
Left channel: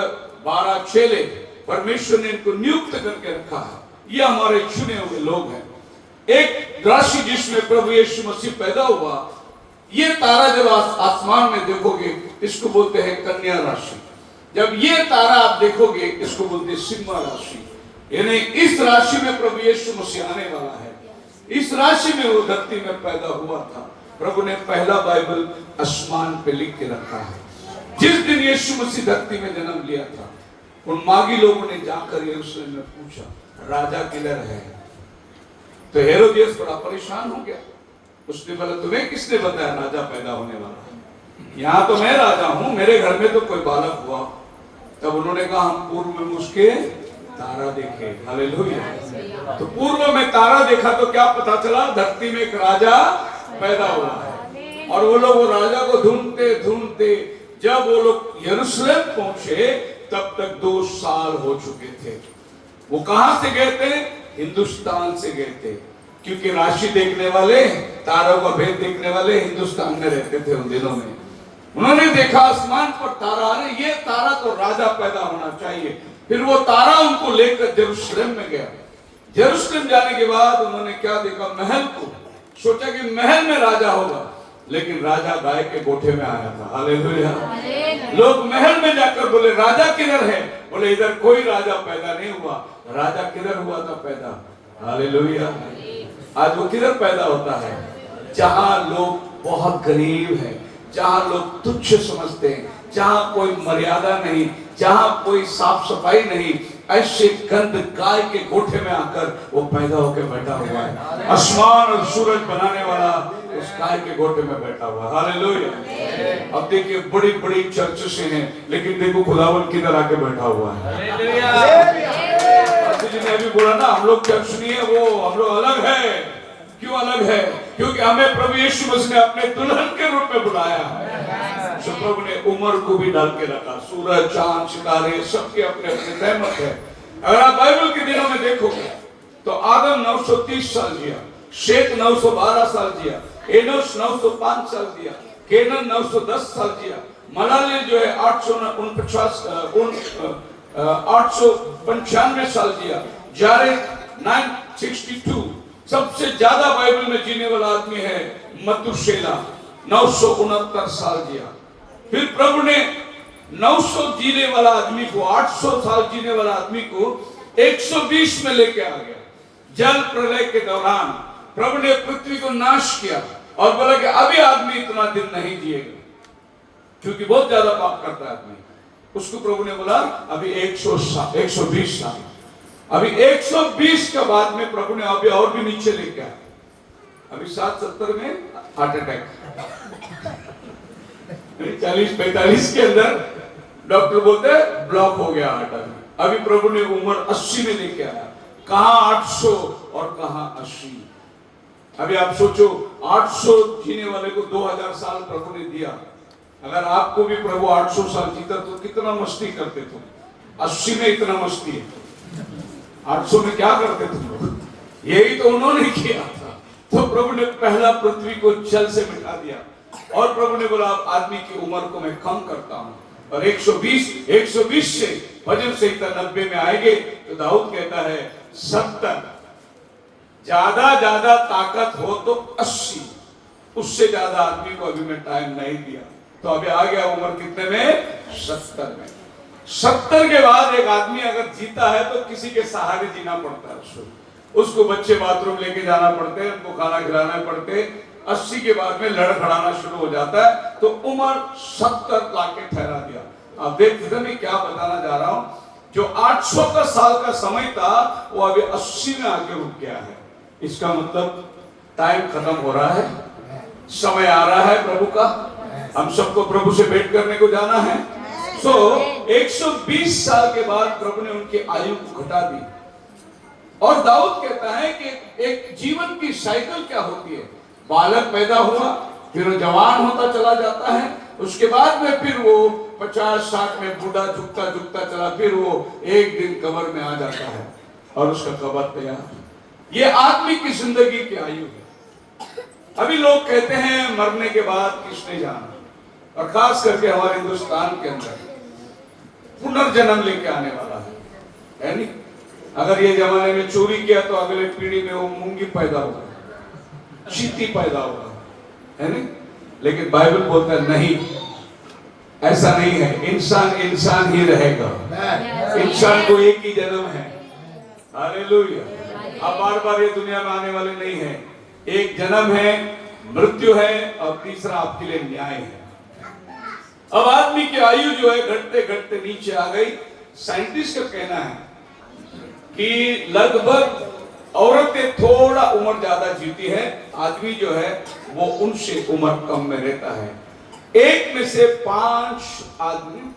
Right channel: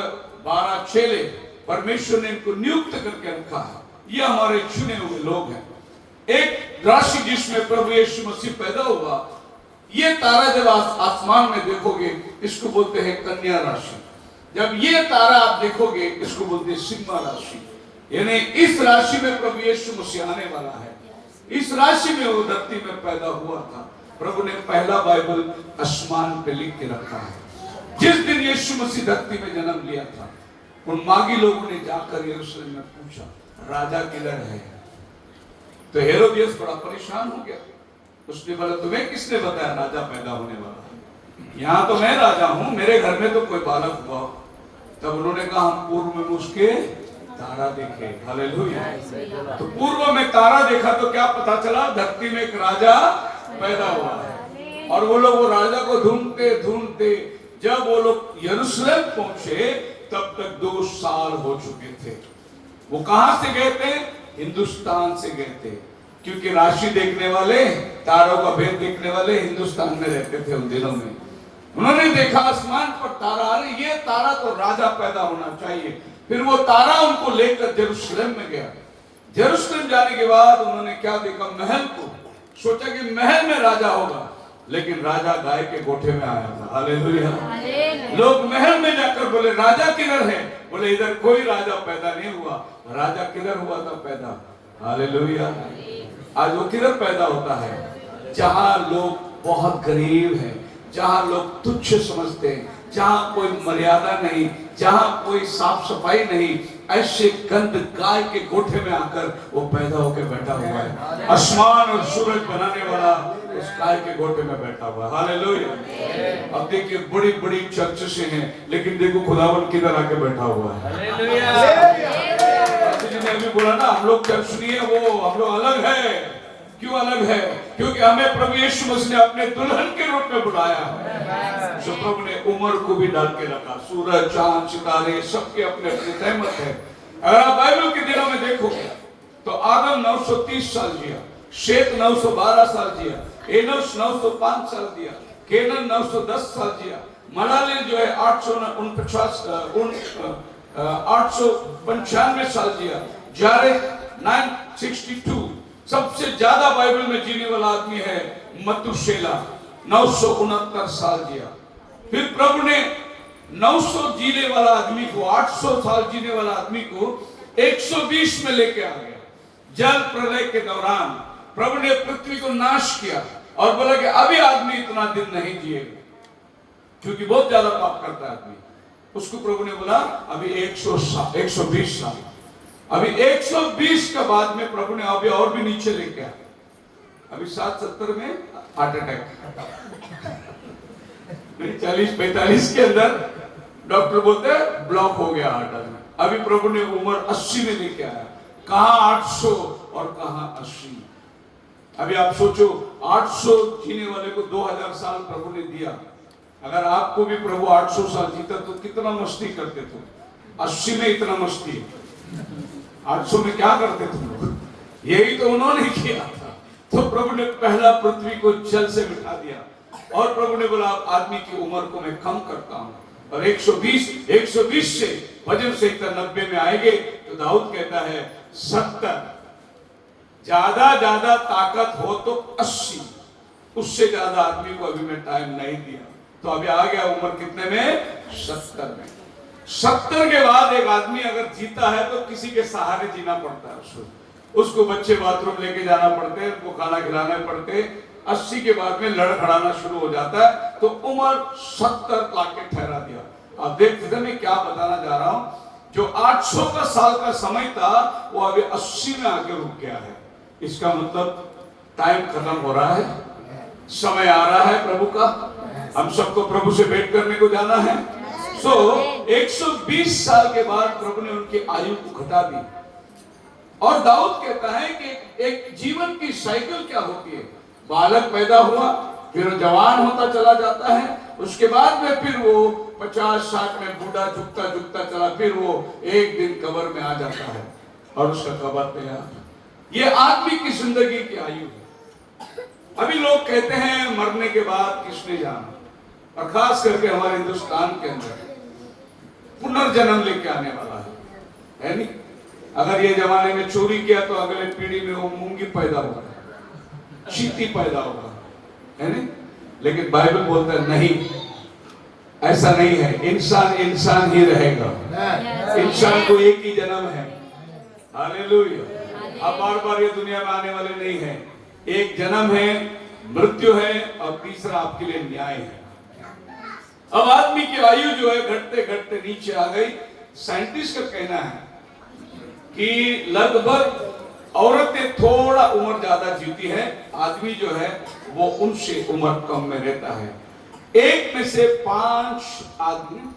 12 चेले परमेश्वर ने इनको नियुक्त करके रखा है। ये हमारे चुने हुए लोग हैं। एक राशि जिसमें प्रभु यीशु मसीह पैदा हुआ, ये तारा जब आसमान में देखोगे इसको बोलते हैं कन्या राशि। जब ये तारा आप देखोगे इसको बोलते हैं सिम्हा राशि। यानी इस राशि में प्रभु यीशु मसीह आने वाला है। इस राशि में वो धरती में पैदा हुआ था। प्रभु ने पहला बाइबल आसमान पे लिख के रखा है। जिस दिन यीशु मसीह धरती में जन्म लिया था, उन मागी लोगों ने जाकर यरूशलेम में पूछा राजा किधर है? तो हेरोदियस बड़ा परेशान हो गया। उसने बोला तुम्हें किसने बताया राजा पैदा होने वाला है? यहाँ तो मैं राजा हूँ, मेरे घर में तो कोई बालक हुआ। तब उन्होंने कहा हम पूर्व में उसके तारा देखे। हालेलुया। तो पूर्व में तारा देखा तो क्या पता चला? धरती में एक राजा पैदा हुआ है। और वो लोग वो राजा को ढूंढते ढूंढते जब वो लोग यरूशलेम पहुंचे तब तक 2 साल हो चुके थे। वो कहां से गए थे? हिंदुस्तान से गए थे, क्योंकि राशि देखने वाले, तारों का भेद देखने वाले हिंदुस्तान में रहते थे उन दिनों में। उन्होंने देखा आसमान पर तारा, अरे ये तारा तो राजा पैदा होना चाहिए। फिर वो तारा उनको लेकर यरूशलेम में गया। यरूशलेम जाने के बाद उन्होंने क्या देखा? महल को। सोचा कि महल में राजा होगा, लेकिन राजा गाय के गोठे में आया था। हालेलुया। लोग महल में जाकर बोले राजा किधर है? बोले इधर कोई राजा पैदा नहीं हुआ। राजा किधर हुआ था पैदा? हालेलुया। आज वो किधर पैदा होता है? जहां लोग बहुत गरीब हैं, जहां लोग तुच्छ समझते हैं, जहां कोई मर्यादा नहीं, जहां कोई साफ सफाई नहीं, ऐसे गंद गाय के गोठे में आकर वो पैदा होकर बैठा हुआ है। आसमान और सूरज बनाने वाला उस गाय के गोठे में बैठा हुआ है। हालेलुया। अब देखिए बड़ी बड़ी चर्च से हैं, लेकिन देखो खुदावन किधर आके बैठा हुआ है। जिन्हें अभी बोला ना हम लोग चर्च नहीं है, वो हम लोग अलग है। क्यों अलग है? क्योंकि हमें प्रभु यीशु मसीह ने अपने दुल्हन के रूप में बुलाया है। सो प्रभु ने उम्र को भी डाल के रखा। सूरज चांद सितारे सबके अपने अपने तहमत है। अगर आप बाइबल के दिनों में देखोगे तो आदम 930 साल जिया, शेत 912 साल जिया, एनोश 905 साल जिया, केनन 910 साल जिया, मलाले जो है 895 साल जिया, जारेद 962। सबसे ज्यादा बाइबल में जीने वाला आदमी है मतुशेला, 969 साल जिया। फिर प्रभु ने 900 जीने वाला आदमी को, 800 साल जीने वाला आदमी को 120 में लेके आ गया। जल प्रलय के दौरान प्रभु ने पृथ्वी को नाश किया और बोला कि अभी आदमी इतना दिन नहीं जिएगा, क्योंकि बहुत ज्यादा पाप करता है आदमी। उसको प्रभु ने बोला अभी 120 साल। अभी 120 के बाद में प्रभु ने अभी और भी नीचे लेके आया। अभी 770 में हार्ट अटैक, 40-45 के अंदर डॉक्टर बोलते हैं ब्लॉक हो गया हार्ट अटैक। अभी प्रभु ने उम्र 80 में लेके आया। कहां 800 और कहां 80। अभी आप सोचो 800 जीने वाले को 2000 साल प्रभु ने दिया। अगर आपको भी प्रभु 800 साल जीता तो कितना मस्ती करते तुम? 80 में इतना मस्ती है, 800 में क्या करते तुम लोग? यही तो उन्होंने किया था। तो प्रभु ने पहला पृथ्वी को जल से मिटा दिया और प्रभु ने बोला आदमी की उम्र को मैं कम करता हूं और 120 से भजन संहिता 90 में आएंगे तो दाऊद कहता है 70, ज्यादा ताकत हो तो 80, उससे ज्यादा आदमी को अभी मैं टाइम नहीं दिया। तो अभी आ गया उम्र कितने में? 70 में। 70 के बाद एक आदमी अगर जीता है तो किसी के सहारे जीना पड़ता है उसको बच्चे बाथरूम लेके जाना पड़ते हैं, उनको खाना खिलाना पड़ते। 80 के बाद में लड़खड़ाना शुरू हो जाता है तो उम्र 70 लाके ठहरा दिया। आप देखते मैं क्या बताना जा रहा हूं, जो 800 का साल का समय था वो अभी 80 में आके रुक गया है। इसका मतलब टाइम खत्म हो रहा है, समय आ रहा है प्रभु का, हम सबको प्रभु से भेंट करने को जाना है। 120 साल के बाद प्रभु ने उनकी आयु को घटा दी। और दाऊद कहता है कि एक जीवन की साइकिल क्या होती है, बालक पैदा हुआ, फिर वो जवान होता चला जाता है, उसके बाद में फिर वो 50-60 में बूढ़ा झुकता चला, फिर वो एक दिन कब्र में आ जाता है और उसका कब्र तैयार। ये आदमी की जिंदगी की आयु है। अभी लोग कहते हैं मरने के बाद किसने जाना, और खास करके हमारे हिंदुस्तान के अंदर पुनर्जन्म लेके आने वाला है नहीं? अगर ये जमाने में चोरी किया तो अगले पीढ़ी में वो मूंगी पैदा होगा, चींटी पैदा होगा, है नहीं? लेकिन बाइबल बोलता है नहीं, ऐसा नहीं है। इंसान ही रहेगा, इंसान को एक ही जन्म है। हालेलुया। अब बार ये दुनिया में आने वाले नहीं है, एक जन्म है, मृत्यु है और तीसरा आपके लिए न्याय है। अब आदमी की आयु जो है घटते घटते नीचे आ गई। साइंटिस्ट का कहना है कि लगभग औरतें थोड़ा उम्र ज्यादा जीती है, आदमी जो है वो उनसे उम्र कम में रहता है। 1 में से 5 आदमी,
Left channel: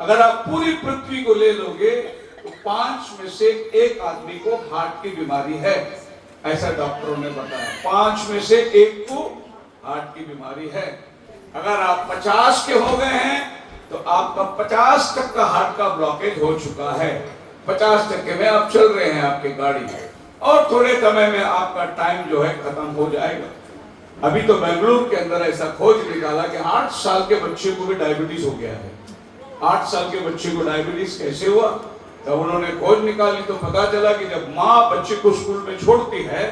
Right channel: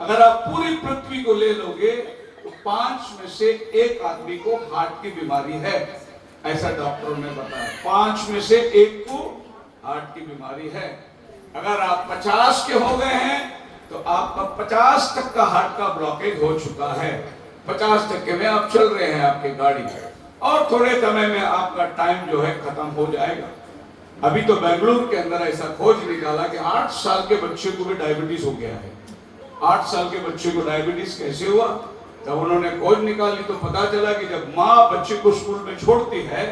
अगर आप पूरी पृथ्वी को ले लोगे तो 5 में से 1 आदमी को हार्ट की बीमारी है, ऐसा डॉक्टरों ने बताया। 5 में से 1 को हार्ट की बीमारी है। अगर आप 50 के हो गए हैं तो आपका 50% हार्ट का ब्लॉकेज हो चुका है। 50% में आप चल रहे हैं आपकी गाड़ी, और थोड़े समय में आपका टाइम जो है खत्म हो जाएगा। अभी तो बेंगलुरु के अंदर ऐसा खोज निकाला कि 8 साल के बच्चे को भी डायबिटीज हो गया है। 8 साल के बच्चे को डायबिटीज कैसे हुआ? तब उन्होंने खोज निकाली तो पता चला कि जब माँ बच्चे को स्कूल में छोड़ती है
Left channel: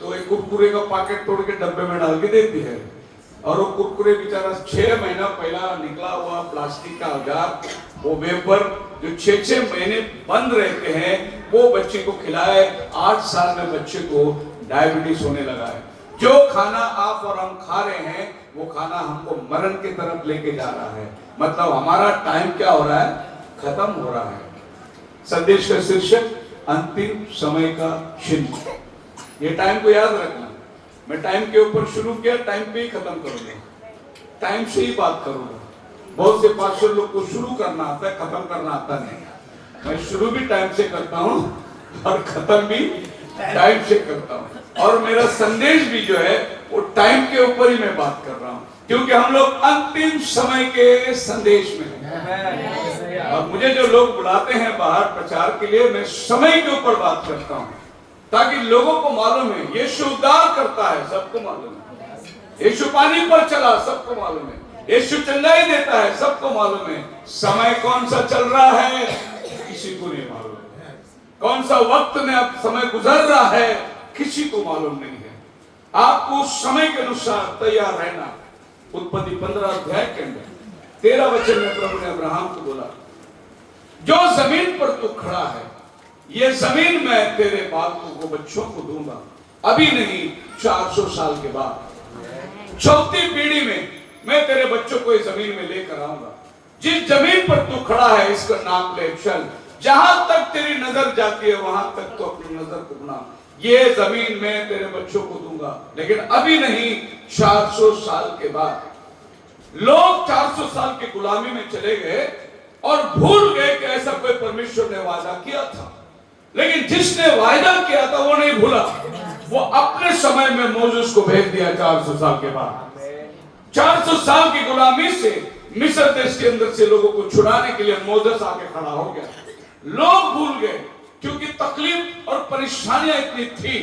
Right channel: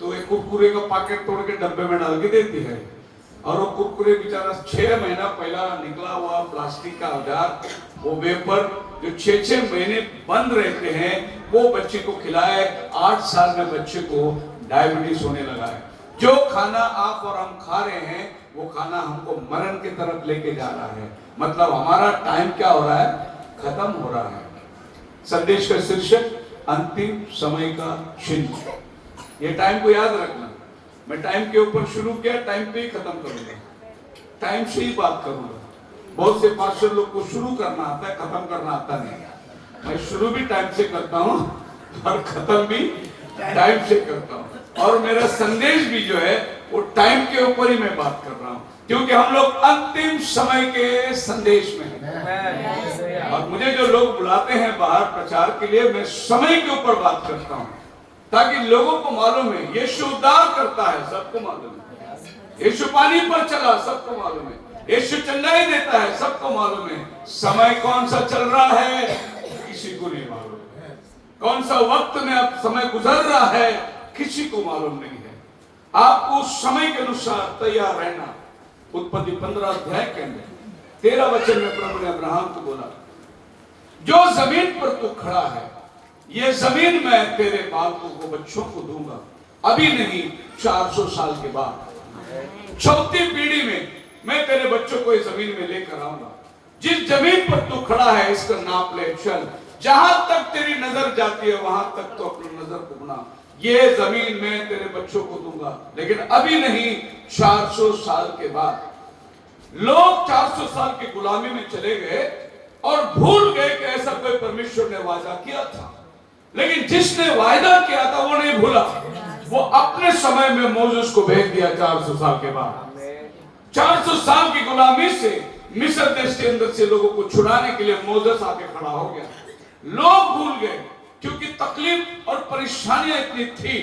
तो एक कुरकुरे का पैकेट तोड़ के डब्बे में डाल के देती है, और वो कुरकुरे बेचारा 6 महीना पहला निकला हुआ प्लास्टिक का औजार, वो वेपर जो 6 महीने बंद रहते हैं वो बच्चे को खिलाए। 8 साल में बच्चे को डायबिटीज होने लगा है। जो खाना आप और हम खा रहे हैं वो खाना हमको मरण की तरफ लेके जा रहा है। मतलब हमारा टाइम क्या हो रहा है? खत्म हो रहा है। संदेश का शीर्षक अंतिम समय का चिन्ह। ये टाइम को याद रखना। मैं टाइम के ऊपर शुरू किया, टाइम पे ही खत्म करूंगा, टाइम से ही बात करूंगा। बहुत से पास्टर लोग को शुरू करना आता है, खत्म करना आता नहीं। मैं शुरू भी टाइम से करता हूँ और खत्म भी टाइम से करता हूँ, और मेरा संदेश भी जो है वो टाइम के ऊपर ही मैं बात कर रहा हूँ, क्योंकि हम लोग अंतिम समय के संदेश में हैं। और मुझे जो लोग बुलाते हैं बाहर प्रचार के लिए, मैं समय के ऊपर बात करता हूँ ताकि लोगों को मालूम है यीशु उद्धार करता है, सबको मालूम है। यीशु पानी पर चला, सबको मालूम है। यीशु चंगाई देता है, सबको मालूम है। समय कौन सा चल रहा है किसी को नहीं मालूम है। कौन सा वक्त में अब समय गुजर रहा है किसी को मालूम नहीं है। आपको उस समय के अनुसार तैयार रहना। उत्पत्ति 15 अध्याय के अंदर 13 वचन में प्रभु ने अब्राहम को बोला, जो जमीन पर तू खड़ा है ये जमीन मैं तेरे बालकों को, बच्चों को दूंगा, अभी नहीं 400 साल के बाद 4थी पीढ़ी में मैं तेरे बच्चों को इस जमीन में लेकर आऊंगा। जिस जमीन पर तू खड़ा है इसका नाम ले चल, जहां तक तेरी नजर जाती है वहां तक तो अपनी नजर को बना। ये जमीन मैं तेरे बच्चों को दूंगा, लेकिन अभी नहीं 400 साल के बाद। लोग 400 साल की गुलामी में चले गए और भूल गए कि ऐसा कोई परमेश्वर ने वादा किया था, लेकिन जिसने वायदा किया था वो नहीं भूला। वो अपने समय में मोसेस को भेज दिया 400 साल के बाद। 400 साल की गुलामी से मिस्र देश के अंदर से लोगों को छुड़ाने के लिए मोसेस आके खड़ा हो गया। लोग भूल गए क्योंकि तकलीफ और परेशानियां इतनी थी,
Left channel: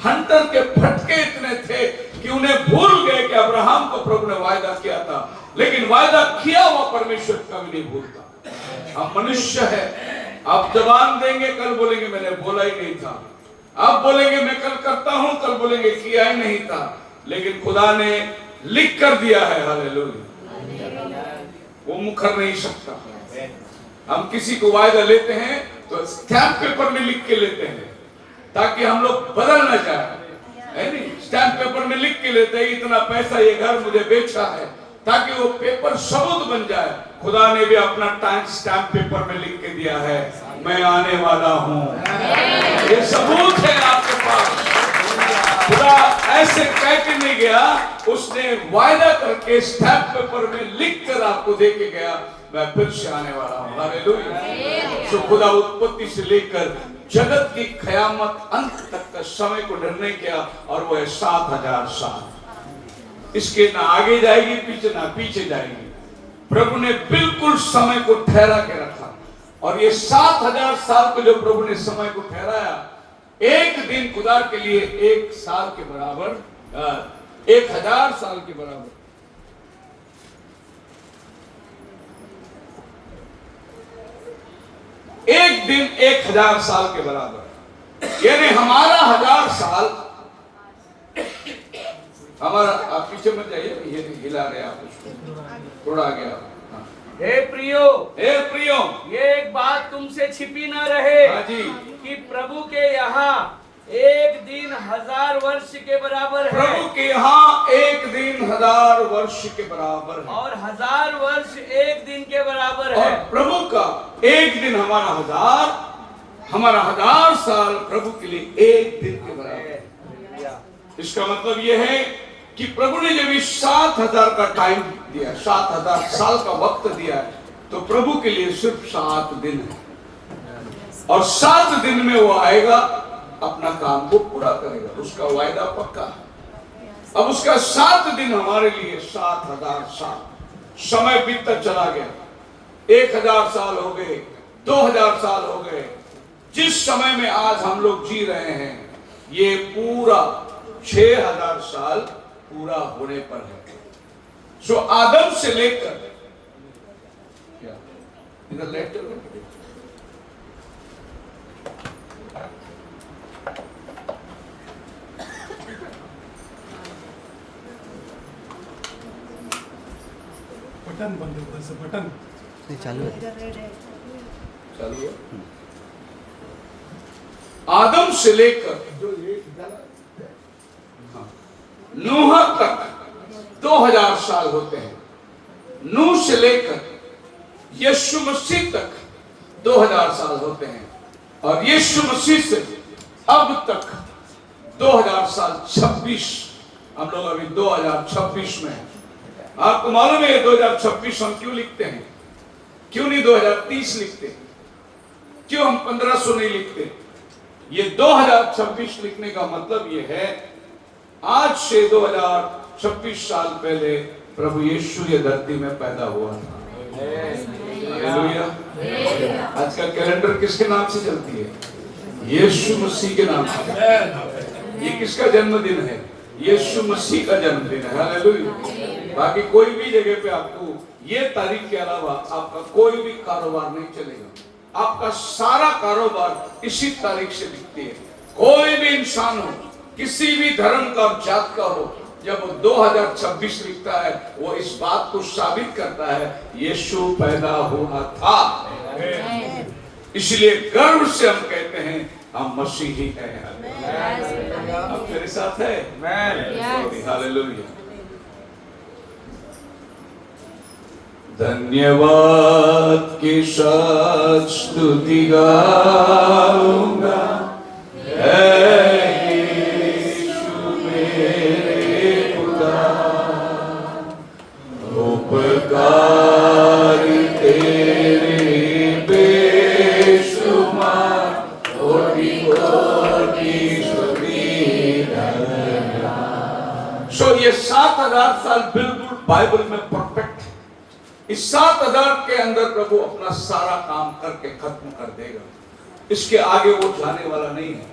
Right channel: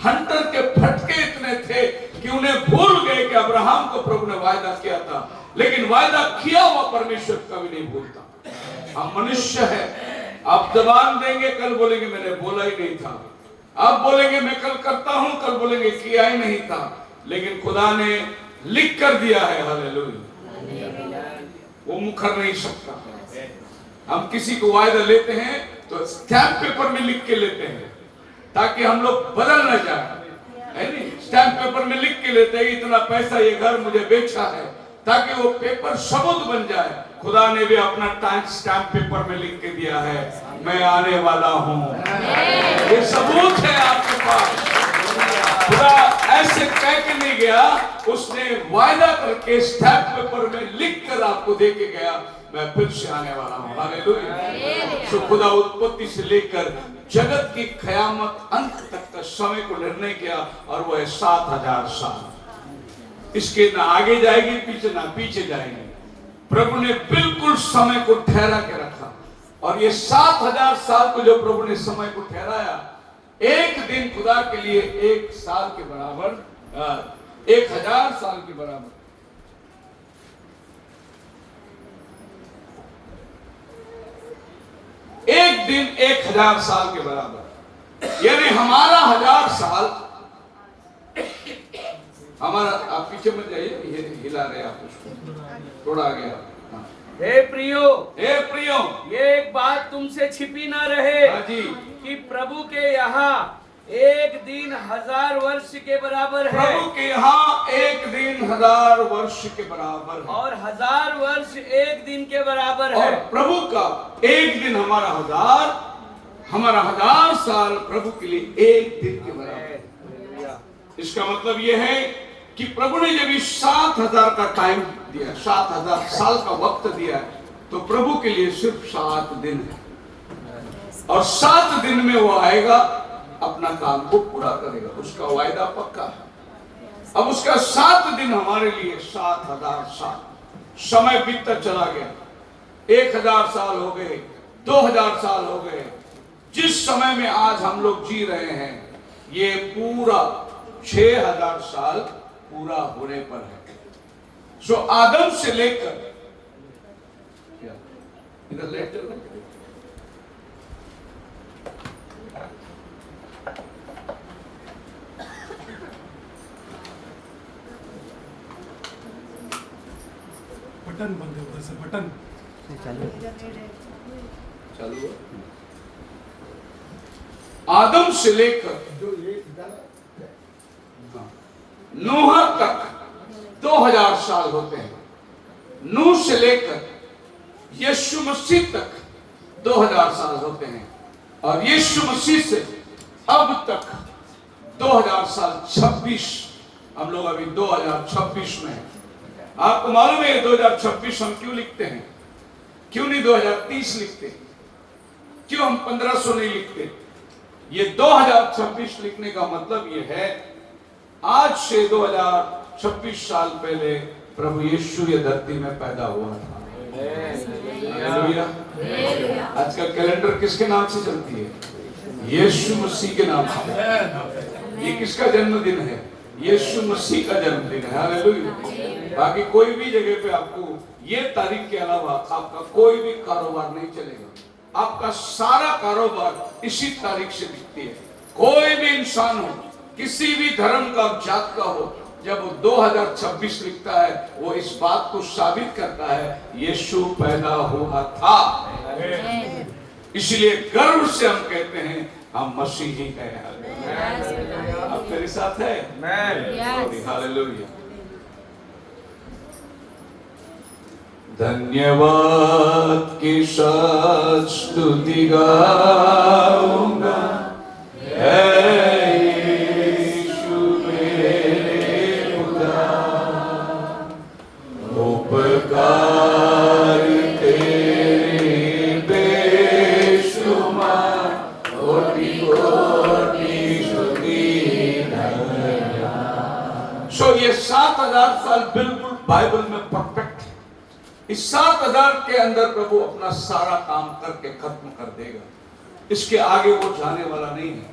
हंटर के फटके इतने थे कि उन्हें भूल गए कि अब्राहम को प्रभु ने वायदा किया था, लेकिन वायदा किया हुआ परमेश्वर कभी नहीं भूलता। हम मनुष्य है, आप जबान देंगे, कल बोलेंगे मैंने बोला ही नहीं था, आप बोलेंगे मैं कल करता हूं, कल बोलेंगे किया ही नहीं था, लेकिन खुदा ने लिख कर दिया है। हालेलुया, वो मुकर नहीं सकता। हम किसी को वायदा लेते हैं तो स्टैम्प पेपर में लिख के लेते हैं ताकि हम लोग बदल न जाए, है नहीं? स्टैम्प पेपर में लिख के लेते हैं इतना पैसा ये घर मुझे बेचा है, ताकि वो पेपर सबूत बन जाए। खुदा ने भी अपना टाइम स्टैम्प पेपर में लिख के दिया है, मैं आने वाला हूँ, ये सबूत है आपके पास। खुदा ऐसे कह के नहीं गया, उसने वायदा करके स्टैम्प पेपर में लिख कर आपको दे के गया, मैं फिर से आने वाला हूँ। हालेलुया। तो खुदा उत्पत्ति से लेकर जगत की क़यामत अंत तक का समय को निर्णय किया, और वो है 7000 साल। इसके ना आगे जाएगी पीछे, ना पीछे जाएगी। प्रभु ने बिल्कुल समय को ठहरा के रखा, और ये 7000 साल को जो प्रभु ने समय को ठहराया, एक दिन खुदा के लिए 1 साल के बराबर, 1000 साल के बराबर। एक दिन 1000 साल के बराबर, यानी हमारा 1000 साल, हमारा, आप पीछे मत जाइए, ये हिला रहे आप उसको, थोड़ा आगे आप। हे प्रियो, ये एक बात तुमसे छिपी ना रहे। हाँ जी। कि प्रभु के यहाँ एक दिन 1000 वर्ष के बराबर है। प्रभु के यहाँ एक दिन 1000 वर्ष के बराबर है, और 1000 वर्ष एक दिन के बराबर है। और प्रभु का एक दिन हमारा 1000 साल प्रभु के लिए एक दिन के बराबर है। इसका मतलब यह है कि प्रभु ने जब 7000 का टाइम दिया, 7000 साल का वक्त दिया, तो प्रभु के लिए सिर्फ 7 दिन है, और 7 दिन में वो आएगा, अपना काम को पूरा करेगा, उसका वायदा पक्का है। अब उसका 7 दिन हमारे लिए 7000 साल, समय बीतता चला गया। 1000 साल हो गए, 2000 साल हो गए, जिस समय में आज हम लोग जी रहे हैं, ये पूरा 6000 साल पूरा होने पर है। सो आदम से लेकर, क्या इधर लेटर बटन बंद होगा सर, बटन चालू है। आदम से लेकर जो एक नूह तक 2000 साल होते हैं। नूह से लेकर यीशु मसीह तक 2000 साल होते हैं, और यीशु मसीह से अब तक 2000 साल 26, हम लोग अभी 2026 में हैं। आपको मालूम है 2026 हम क्यों लिखते हैं? क्यों नहीं 2030 लिखते? क्यों हम 1500 नहीं लिखते? ये 2026 लिखने का मतलब ये है, आज से 2026 साल पहले प्रभु यीशु ये धरती में पैदा हुआ था। हालेलुया। आज का कैलेंडर किसके नाम से चलती है? यीशु मसीह के नाम से चलती है। ये किसका जन्मदिन है? यीशु मसीह का जन्मदिन है। हालेलुया। बाकी कोई भी जगह पे आपको ये तारीख के अलावा आपका कोई भी कारोबार नहीं चलेगा। आपका सारा कारोबार इसी तारीख से दिखती है। कोई भी इंसान हो, किसी भी धर्म का, जात का हो, जब वो 2026 लिखता है, वो इस बात को साबित करता है यीशु पैदा हुआ था। इसलिए गर्व से हम कहते हैं हम मसीही हैं। आप मेरे साथ है? हालेलुया। धन्यवाद की साथ स्तुति गाऊंगा, यीशु मेरे खुदा, उपकार तेरे बेशुमार, कोटि कोटि स्तुति सो ये 7000 साल बिल्कुल बाइबल में परफेक्ट है। इस 7000 के अंदर प्रभु अपना सारा काम करके खत्म कर देगा। इसके आगे वो जाने वाला नहीं है।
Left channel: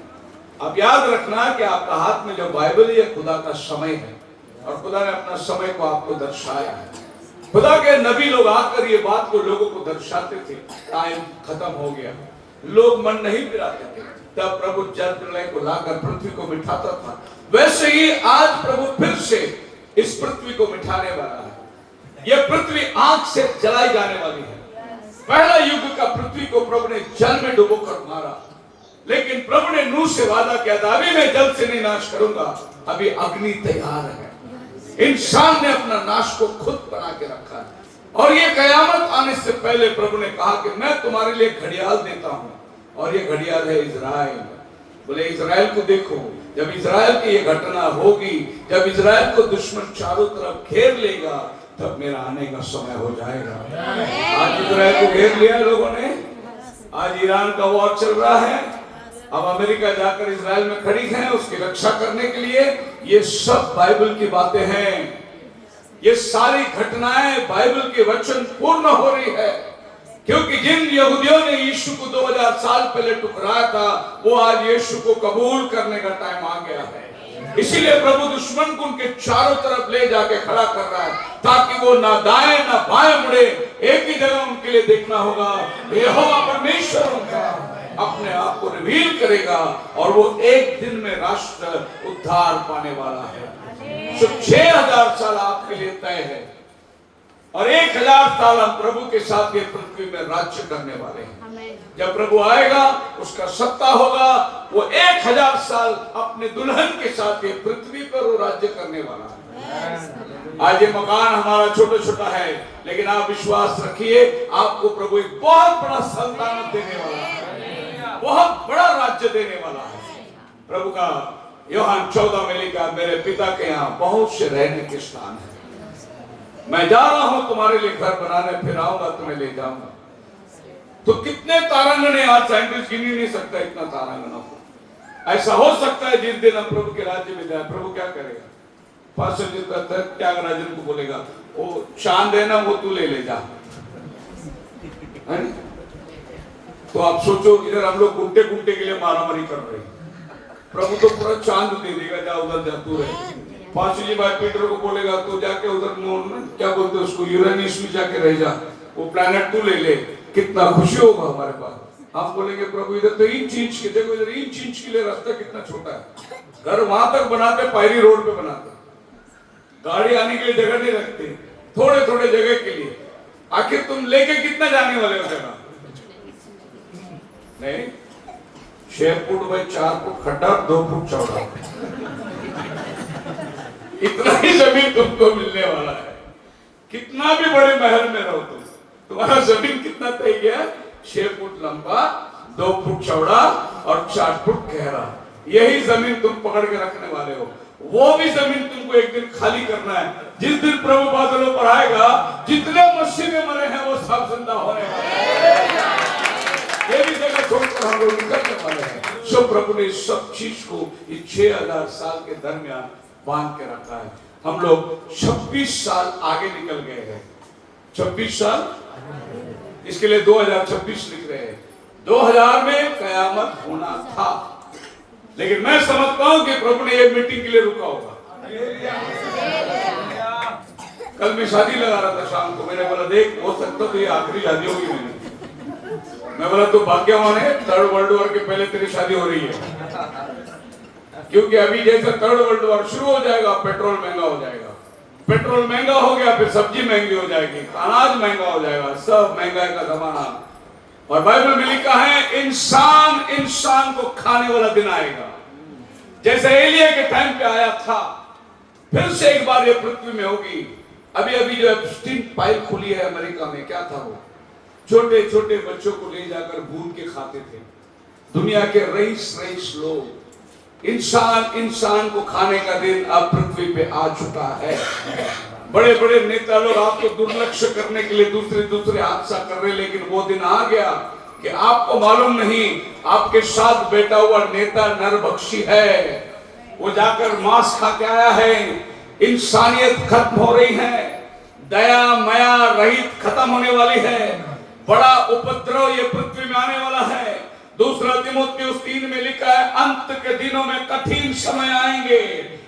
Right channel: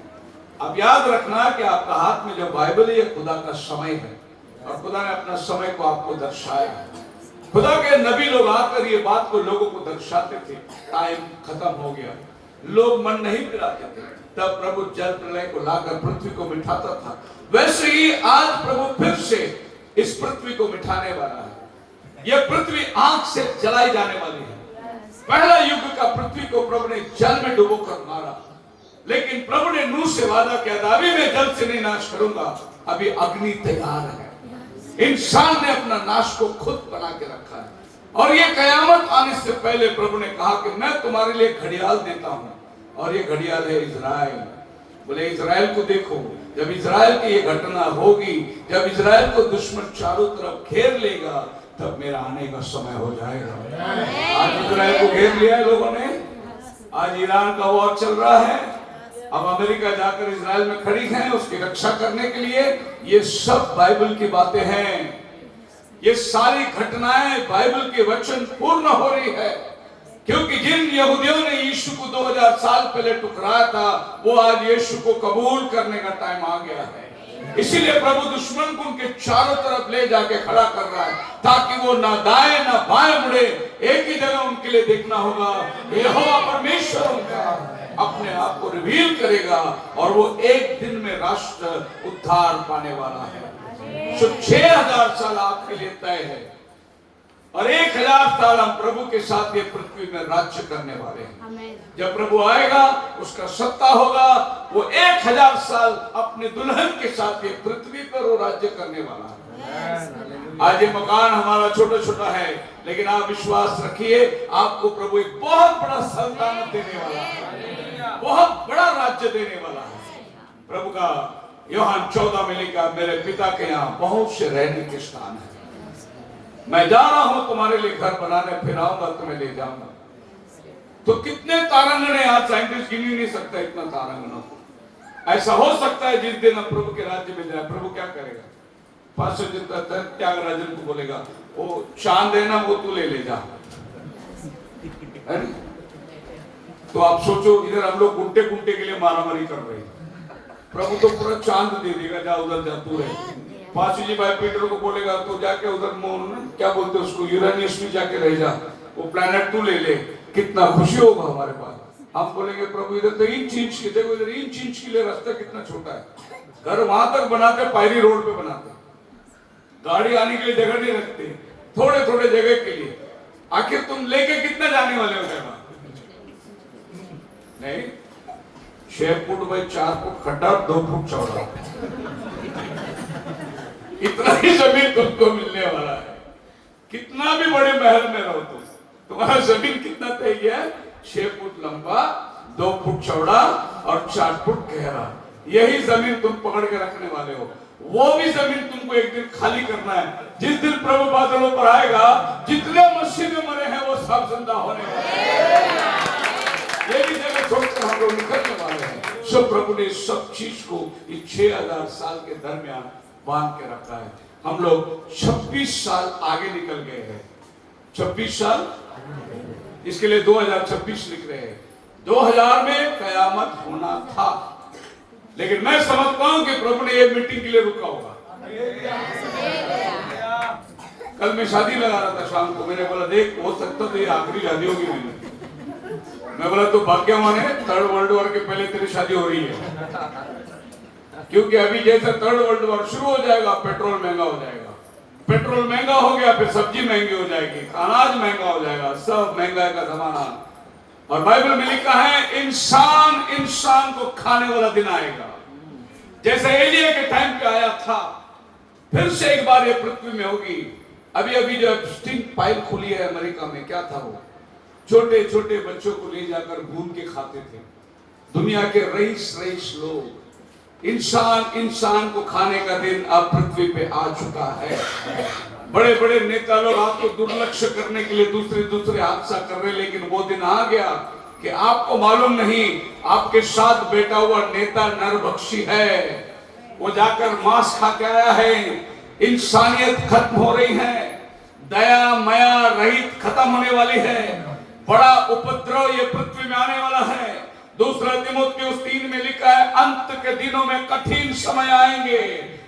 अब याद रखना कि आपका हाथ में जो बाइबल है, ये खुदा का समय है और खुदा ने अपना समय को आपको दर्शाया है। खुदा के नबी लोग आकर ये बात को लोगों को दर्शाते थे। टाइम खत्म हो गया, लोग मन नहीं फिराते थे, तब प्रभु जल प्रलय को लाकर पृथ्वी को मिटाता था। वैसे ही आज प्रभु फिर से इस पृथ्वी को मिटाने वाला है। यह पृथ्वी आग से जलाई जाने वाली है। पहला युग का पृथ्वी को प्रभु ने जल में डुबो कर मारा, लेकिन प्रभु ने नूह से वादा किया था, अभी मैं जल से नहीं नाश करूंगा, अभी अग्नि तैयार है। इंसान ने अपना नाश को खुद बना के रखा है। और ये कयामत आने से पहले प्रभु ने कहा कि मैं तुम्हारे लिए घड़ियाल देता हूं, और ये घड़ियाल है इजराइल। बोले इजराइल को देखो, जब इजराइल की ये घटना होगी, जब इजराइल को दुश्मन चारों तरफ घेर लेगा, तब मेरा आने का समय हो जाएगा। आज इजराइल को घेर लिया लोगों ने, आज ईरान का वॉर चल रहा है। अब अमेरिका जाकर इजराइल में खड़ी है उसकी रक्षा करने के लिए। ये सब बाइबल की बातें हैं। ये सारी घटनाएं बाइबल के वचन पूर्ण हो रही है, क्योंकि जिन यहूदियों ने यीशु को 2000 साल पहले ठुकराया था, वो आज यीशु को कबूल करने का टाइम आ गया है। इसीलिए प्रभु दुश्मन को उनके चारों तरफ ले जाके खड़ा कर रहा है, ताकि वो ना दाएं ना बाएं मुड़े, एक ही जगह उनके लिए देखना होगा। यहोवा परमेश्वर उनका अपने आप को रिवील करेगा और वो एक दिन में राष्ट्र उद्धार पाने वाला है। 6000 साल आपके लिए तय है और 1000 साल हम प्रभु के साथ ये पृथ्वी में राज्य करने वाले हैं। जब प्रभु आएगा, उसका सत्ता होगा, वो 1000 साल अपने दुल्हन के साथ ये पृथ्वी पर वो राज्य करने वाला है। आज ये मकान हमारा छोटा छोटा है, लेकिन आप विश्वास रखिए, आपको प्रभु एक बहुत बड़ा सल्तनत देने वाला है, बहुत बड़ा राज्य देने वाला है। प्रभु का यूहन्ना 14 में लिखा, मेरे पिता के यहाँ बहुत से रहने के स्थान है, मैं जा रहा हूं तुम्हारे लिए घर बनाने, फिर आऊंगा तुम्हें ले जाऊंगा। तो कितने तारांगण है, आज साइंटिस्ट गिन ही नहीं सकता इतना तारांगण हो। ऐसा हो सकता है जिस दिन हम प्रभु के राज्य में जाए, प्रभु क्या करेगा? पास्टर जी का त्यागराजन को बोलेगा, वो चांद है ना, वो तू ले जा। तो आप सोचो, इधर हम लोग गुंटे गुंटे के लिए मारामारी कर रहे हैं, प्रभु तो पूरा चांद दे देगा, जा उधर जा तू रहे। पास्टर जी भाई पीटर को बोलेगा, तो जाके उधर क्या बोलते हैं उसको, यूरेनियस में जाके रह जा, वो प्लैनेट तू ले ले, कितना खुशी होगा हमारे पास। हम बोलेंगे प्रभु इधर तो इंच इंच के, देखो इधर इंच इंच के लिए रास्ता कितना छोटा है, घर वहां तक बनाते, पायरी रोड पे बनाते, गाड़ी आने के लिए जगह नहीं रखते, थोड़े थोड़े जगह के लिए। आखिर तुम लेके कितना जाने वाले हो जगह? नहीं, 6 फुट बाई 4 फुट खड्डा, 2 फुट चौड़ा, इतना ही जमीन तुमको मिलने वाला है। कितना भी बड़े महल में रहो तुम, तुम्हारा जमीन कितना तय गया है? 6 फुट लंबा, 2 फुट चौड़ा और 4 फुट गहरा। यही जमीन तुम पकड़ के रखने वाले हो। वो भी जमीन तुमको एक दिन खाली करना है। जिस दिन प्रभु बादलों पर आएगा, जितने मसीह में मरे हैं वो सब जिंदा होने वाले हैं। ये भी जगह छोड़कर हम लोग निकलने वाले हैं। सो प्रभु ने सब चीज को इस 6000 साल के दरमियान बांध के रखा है। हम लोग 26 साल आगे निकल गए हैं। 26 साल, इसके लिए 2026 लिख रहे हैं। 2000 में कयामत होना था, लेकिन मैं समझता हूं कि प्रभु ने ये मीटिंग के लिए रुका होगा। कल मैं शादी लगा रहा था शाम को, मैंने बोला देख हो सकता तो ये आखिरी शादी होगी मेरी। मैं बोला तो भाग्यवान है, 3rd वर्ल्ड वॉर के पहले तेरी शादी हो रही है, क्योंकि अभी जैसे 3rd वर्ल्ड वॉर शुरू हो जाएगा, पेट्रोल महंगा हो जाएगा, पेट्रोल महंगा हो गया, फिर सब्जी महंगी हो जाएगी, अनाज महंगा हो जाएगा, सब महंगाई का जमाना। और बाइबल में लिखा है इंसान इंसान को खाने वाला दिन आएगा, जैसे एलिया के टाइम पे आया था। फिर से एक बार ये पृथ्वी में होगी। अभी अभी जो एप्स्टीन पाइप खुली है अमेरिका में, क्या था वो? छोटे छोटे बच्चों को ले जाकर भून के खाते थे दुनिया के रईस लोग। इंसान इंसान को खाने का दिन अब पृथ्वी पे आ चुका है। बड़े बड़े नेता लोग आपको दुर्लक्ष्य करने के लिए दूसरे हादसा कर रहे, लेकिन वो दिन आ गया कि आपको मालूम नहीं, आपके साथ बैठा हुआ नेता नरभक्षी है। वो जाकर मांस खा के आया है, इंसानियत खत्म हो रही है, दया मया रहित खत्म होने वाली है, बड़ा उपद्रव ये पृथ्वी में आने वाला है। दूसरा तीमुथियुस 3 में लिखा है, अंत के दिनों में कठिन समय आएंगे।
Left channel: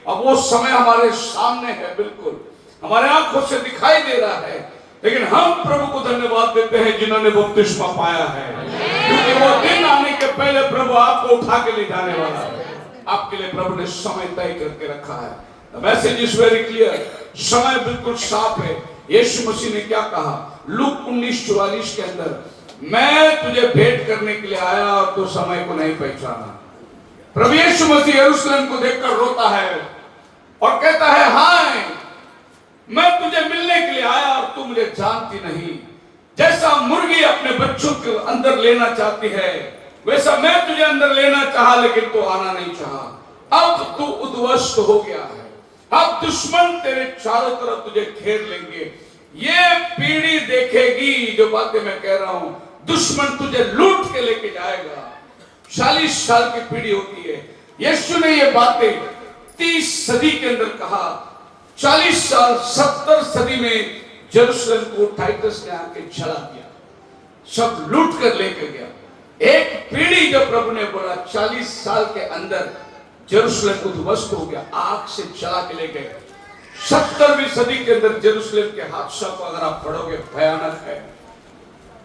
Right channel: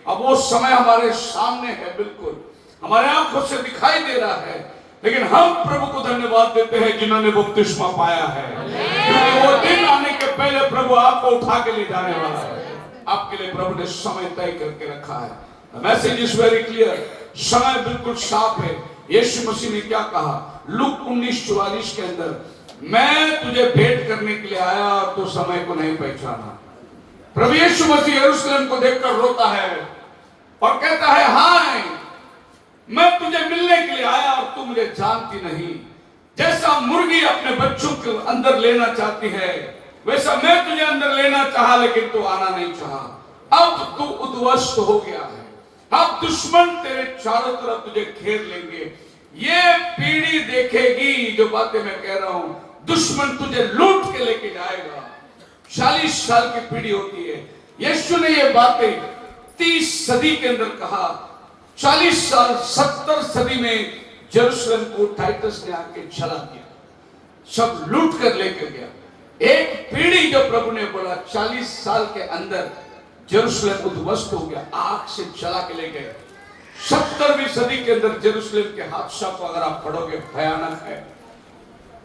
अब वो समय हमारे सामने है, बिल्कुल हमारे आंखों से दिखाई दे रहा है, लेकिन हम प्रभु को धन्यवाद देते हैं जिन्होंने बपतिस्मा पाया है, क्योंकि वो दिन आने के पहले प्रभु आपको उठा के ले जाने वाला है। आपके लिए प्रभु ने समय तय करके रखा है। मैसेज इज वेरी क्लियर, समय बिल्कुल साफ है। यीशु मसीह ने क्या कहा लूक 19:44 के अंदर, मैं तुझे भेंट करने के लिए आया और तो समय को नहीं पहचाना। प्रभु यीशु मसीह यरूशलेम को देखकर रोता है और कहता है, हाय मैं तुझे मिलने के लिए आया और तू मुझे जानती नहीं। जैसा मुर्गी अपने बच्चों के अंदर लेना चाहती है, वैसा मैं तुझे अंदर लेना चाहा, लेकिन तू आना नहीं चाहा। अब तू उद्वस्त हो गया है, अब दुश्मन तेरे चारों तरफ तुझे घेर लेंगे। ये पीढ़ी देखेगी जो बातें मैं कह रहा हूं, दुश्मन तुझे लूट के लेके जाएगा। 40 साल की पीढ़ी होती है। यीशु ने ये बातें 30 सदी के अंदर कहा। 40 साल 70 सदी में यरूशलेम को टाइटस ने आके जला दिया, सब लूट कर लेकर गया। एक पीढ़ी जो प्रभु ने बोला 40 साल के अंदर यरूशलेम उद्ध्वस्त हो गया, आग से जला के ले गए। 70वीं सदी के अंदर यरूशलेम के हादसा को अगर आप पढ़ोगे भयानक है।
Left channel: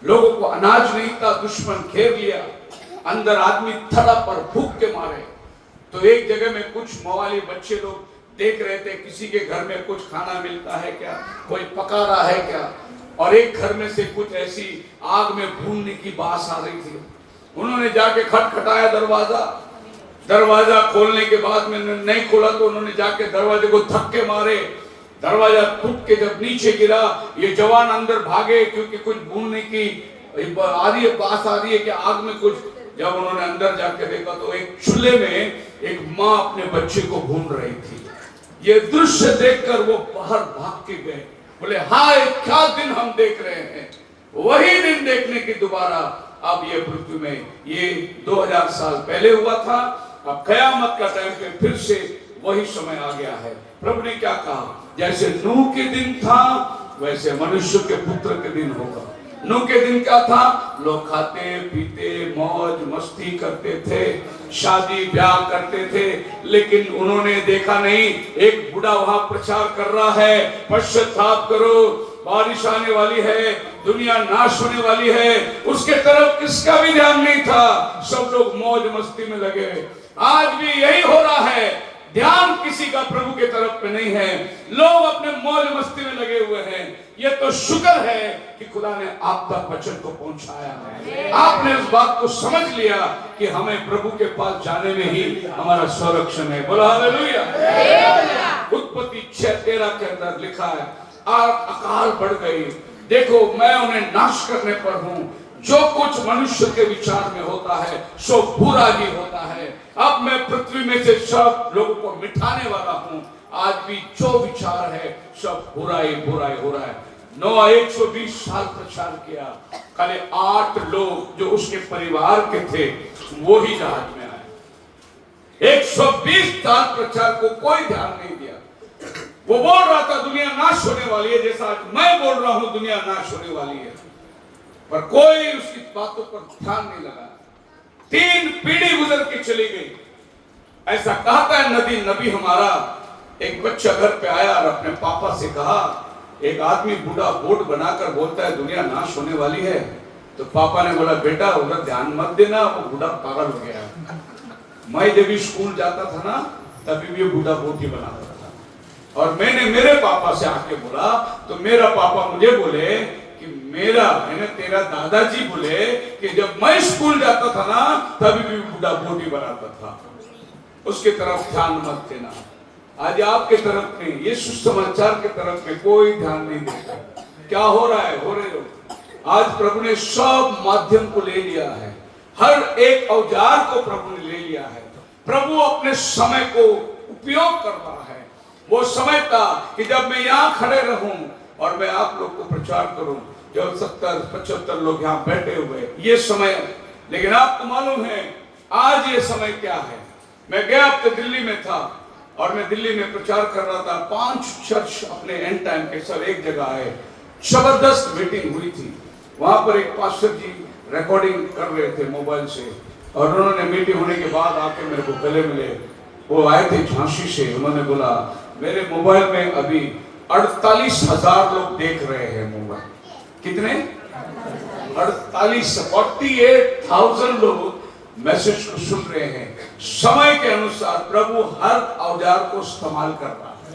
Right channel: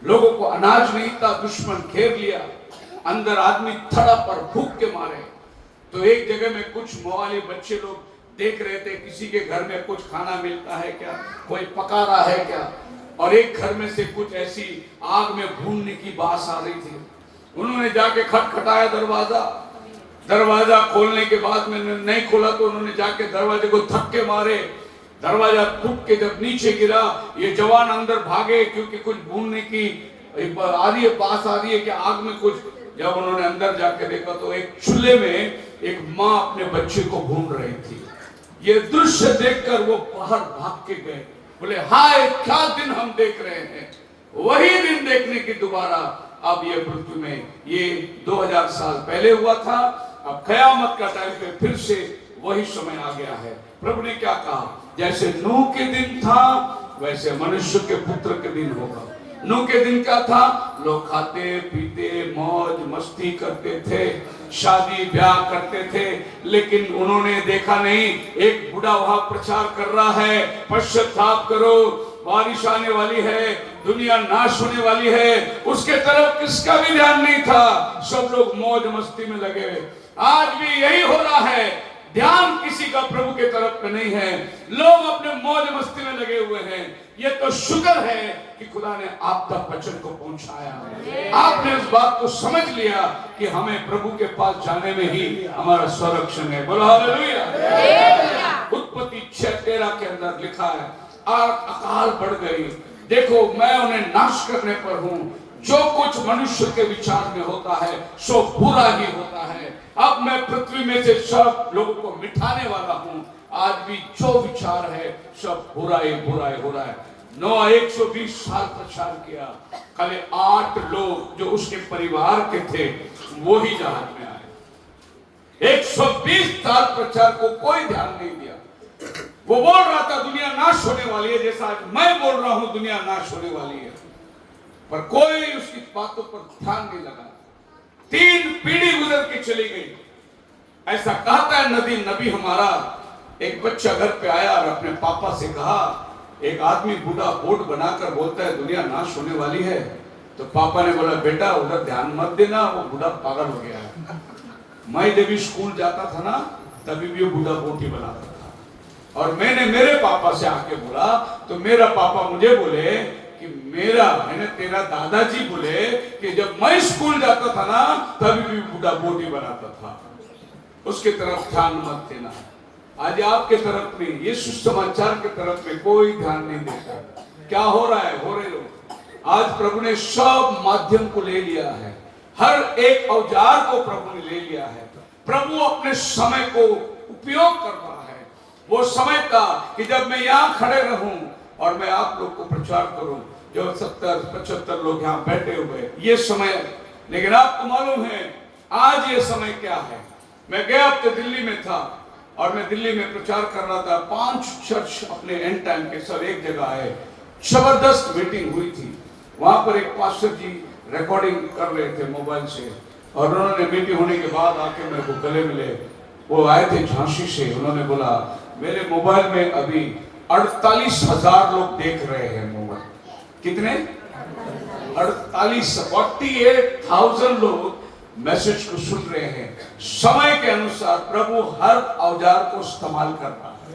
लोगों को अनाज नहीं था, दुश्मन घेर लिया, अंदर आदमी तड़प और भूख के मारे। तो एक जगह में कुछ मवाली बच्चे लोग देख रहे थे किसी के घर में कुछ खाना मिलता है क्या, कोई पका रहा है क्या, और एक घर में से कुछ ऐसी आग में भूनने की बात आ रही थी। उन्होंने जाके खटखटाया दरवाजा खोलने के बाद में नहीं खोला तो उन्होंने जाके दरवाजे को धक्के मारे। दरवाजा टूट के जब नीचे गिरा, ये जवान अंदर भागे क्योंकि कुछ भूनने की आ रही है, बात आ रही है कि आग में कुछ। जब उन्होंने अंदर जाके देखा तो एक चूल्हे में एक माँ अपने बच्चे को भून रही थी। ये दृश्य देखकर वो बाहर भाग के गए, बोले हाय क्या दिन हम देख रहे हैं। वही दिन देखने की दोबारा अब ये पृथ्वी में, ये 2000 साल पहले हुआ था, अब कयामत का टाइम पे फिर से वही समय आ गया है। प्रभु ने क्या कहा, जैसे नूह के दिन था वैसे मनुष्य के पुत्र के दिन होगा। नूह के दिन क्या था, लोग खाते पीते मौज मस्ती करते थे, शादी ब्याह करते थे, लेकिन उन्होंने देखा नहीं एक बूढ़ा वहां प्रचार कर रहा है, पश्चाताप करो, बारिश आने वाली है, दुनिया नाश होने वाली है। उसके तरफ किसका भी ध्यान नहीं था, सब लोग मौज मस्ती में लगे। आज भी यही हो रहा है, ध्यान किसी का प्रभु के तरफ पे नहीं है, लोग अपने मौज मस्ती में लगे हुए हैं। ये तो शुक्र है कि खुदा ने आप तक वचन को पहुंचाया, आपने इस बात को समझ लिया कि हमें प्रभु के पास जाने में ही हमारा संरक्षण है। बोलो हालेलुया। उत्पत्ति 6:13 के अंदर लिखा है, अकाल बढ़ गई, देखो मैं उन्हें नाश करने पर हूं। जो कुछ मनुष्य के विचार में होता है सो बुरा ही होता है। अब मैं पृथ्वी में से सब लोगों को मिटाने वाला हूं। आज भी जो विचार है सब बुराई बुराई हो रहा है। नोआ 120 साल प्रचार किया, खाली 8 लोग जो उसके परिवार के थे वो ही जहाज में आए। 120 साल प्रचार को कोई ध्यान नहीं दिया। वो बोल रहा था दुनिया नाश होने वाली है, जैसा आज मैं बोल रहा हूं दुनिया नाश होने वाली है, पर कोई उसकी बातों पर ध्यान नहीं लगा। 3 पीढ़ी गुजर के चली गई। ऐसा कहता है नबी हमारा, एक बच्चा घर पे आया और अपने पापा से कहा, एक आदमी बूढ़ा बोर्ड बनाकर बोलता है दुनिया नाश होने वाली है। तो पापा ने बोला बेटा उधर ध्यान मत देना, वो बूढ़ा पागल हो गया है। मैं जब स्कूल जाता था ना तभी भी बूढ़ा बोटी बनाता था, और मैंने मेरे पापा से आके बोला तो मेरा पापा मुझे बोले कि मैंने तेरा दादाजी बोले कि जब मैं स्कूल जाता था ना तभी भी बूढ़ा बोटी बनाता था। उसके तरफ ध्यान मत देना। आज आपके तरफ में ये सुसमाचार के तरफ में कोई ध्यान नहीं देता। क्या हो रहा है, हो रहे हो। आज प्रभु ने सब माध्यम को ले लिया है, हर एक औजार को प्रभु ने ले लिया है। प्रभु अपने समय को उपयोग कर रहा है। वो समय था कि जब मैं यहाँ खड़े रहूं और मैं आप लोग को प्रचार करूं, जो 70-75 लोग यहाँ बैठे हुए, ये समय। लेकिन आपको मालूम है आज ये समय क्या है। मैं गया हफ्ते दिल्ली में था, और मैं दिल्ली में प्रचार कर रहा था। 5 चर्च अपने एंड टाइम के सब एक जगह आए, जबरदस्त मीटिंग हुई थी। वहां पर एक पास्टर जी रिकॉर्डिंग कर रहे थे मोबाइल से, और उन्होंने मीटिंग होने के बाद आके मेरे को गले मिले। वो आए थे झांसी से। उन्होंने बोला मेरे मोबाइल में अभी 48,000 लोग देख रहे हैं मोबाइल। कितने? 48,000 लोग मैसेज को सुन रहे हैं। समय के अनुसार प्रभु हर औजार को इस्तेमाल कर रहा है।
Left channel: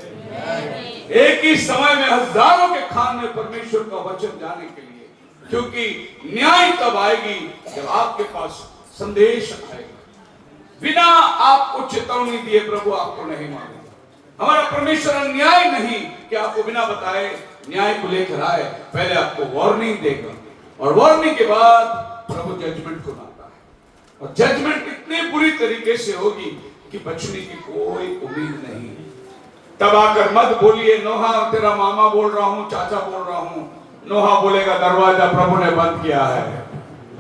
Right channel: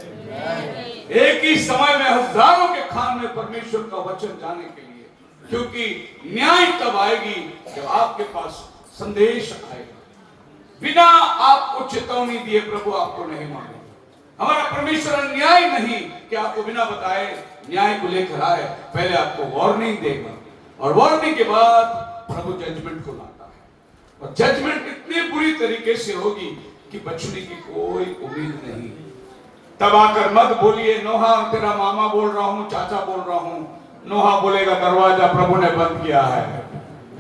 एक ही समय में हजारों के कान में परमेश्वर का वचन जाने के लिए, क्योंकि न्याय तब आएगी जब आपके पास संदेश आएगा। बिना आपको चेतावनी दिए प्रभु आपको नहीं मानेगा। हमारा परमेश्वर अन्याय नहीं कि आपको बिना बताए न्याय को लेकर आए, पहले आपको वार्निंग देगा, और वार्निंग के बाद प्रभु जजमेंट को लाता है। और जजमेंट इतनी बुरी तरीके से होगी कि बचने की कोई उम्मीद नहीं। तब आकर मत बोलिए नोहा तेरा मामा बोल रहा हूं, चाचा बोल रहा हूं। नोहा बोलेगा दरवाजा प्रभु ने बंद किया है,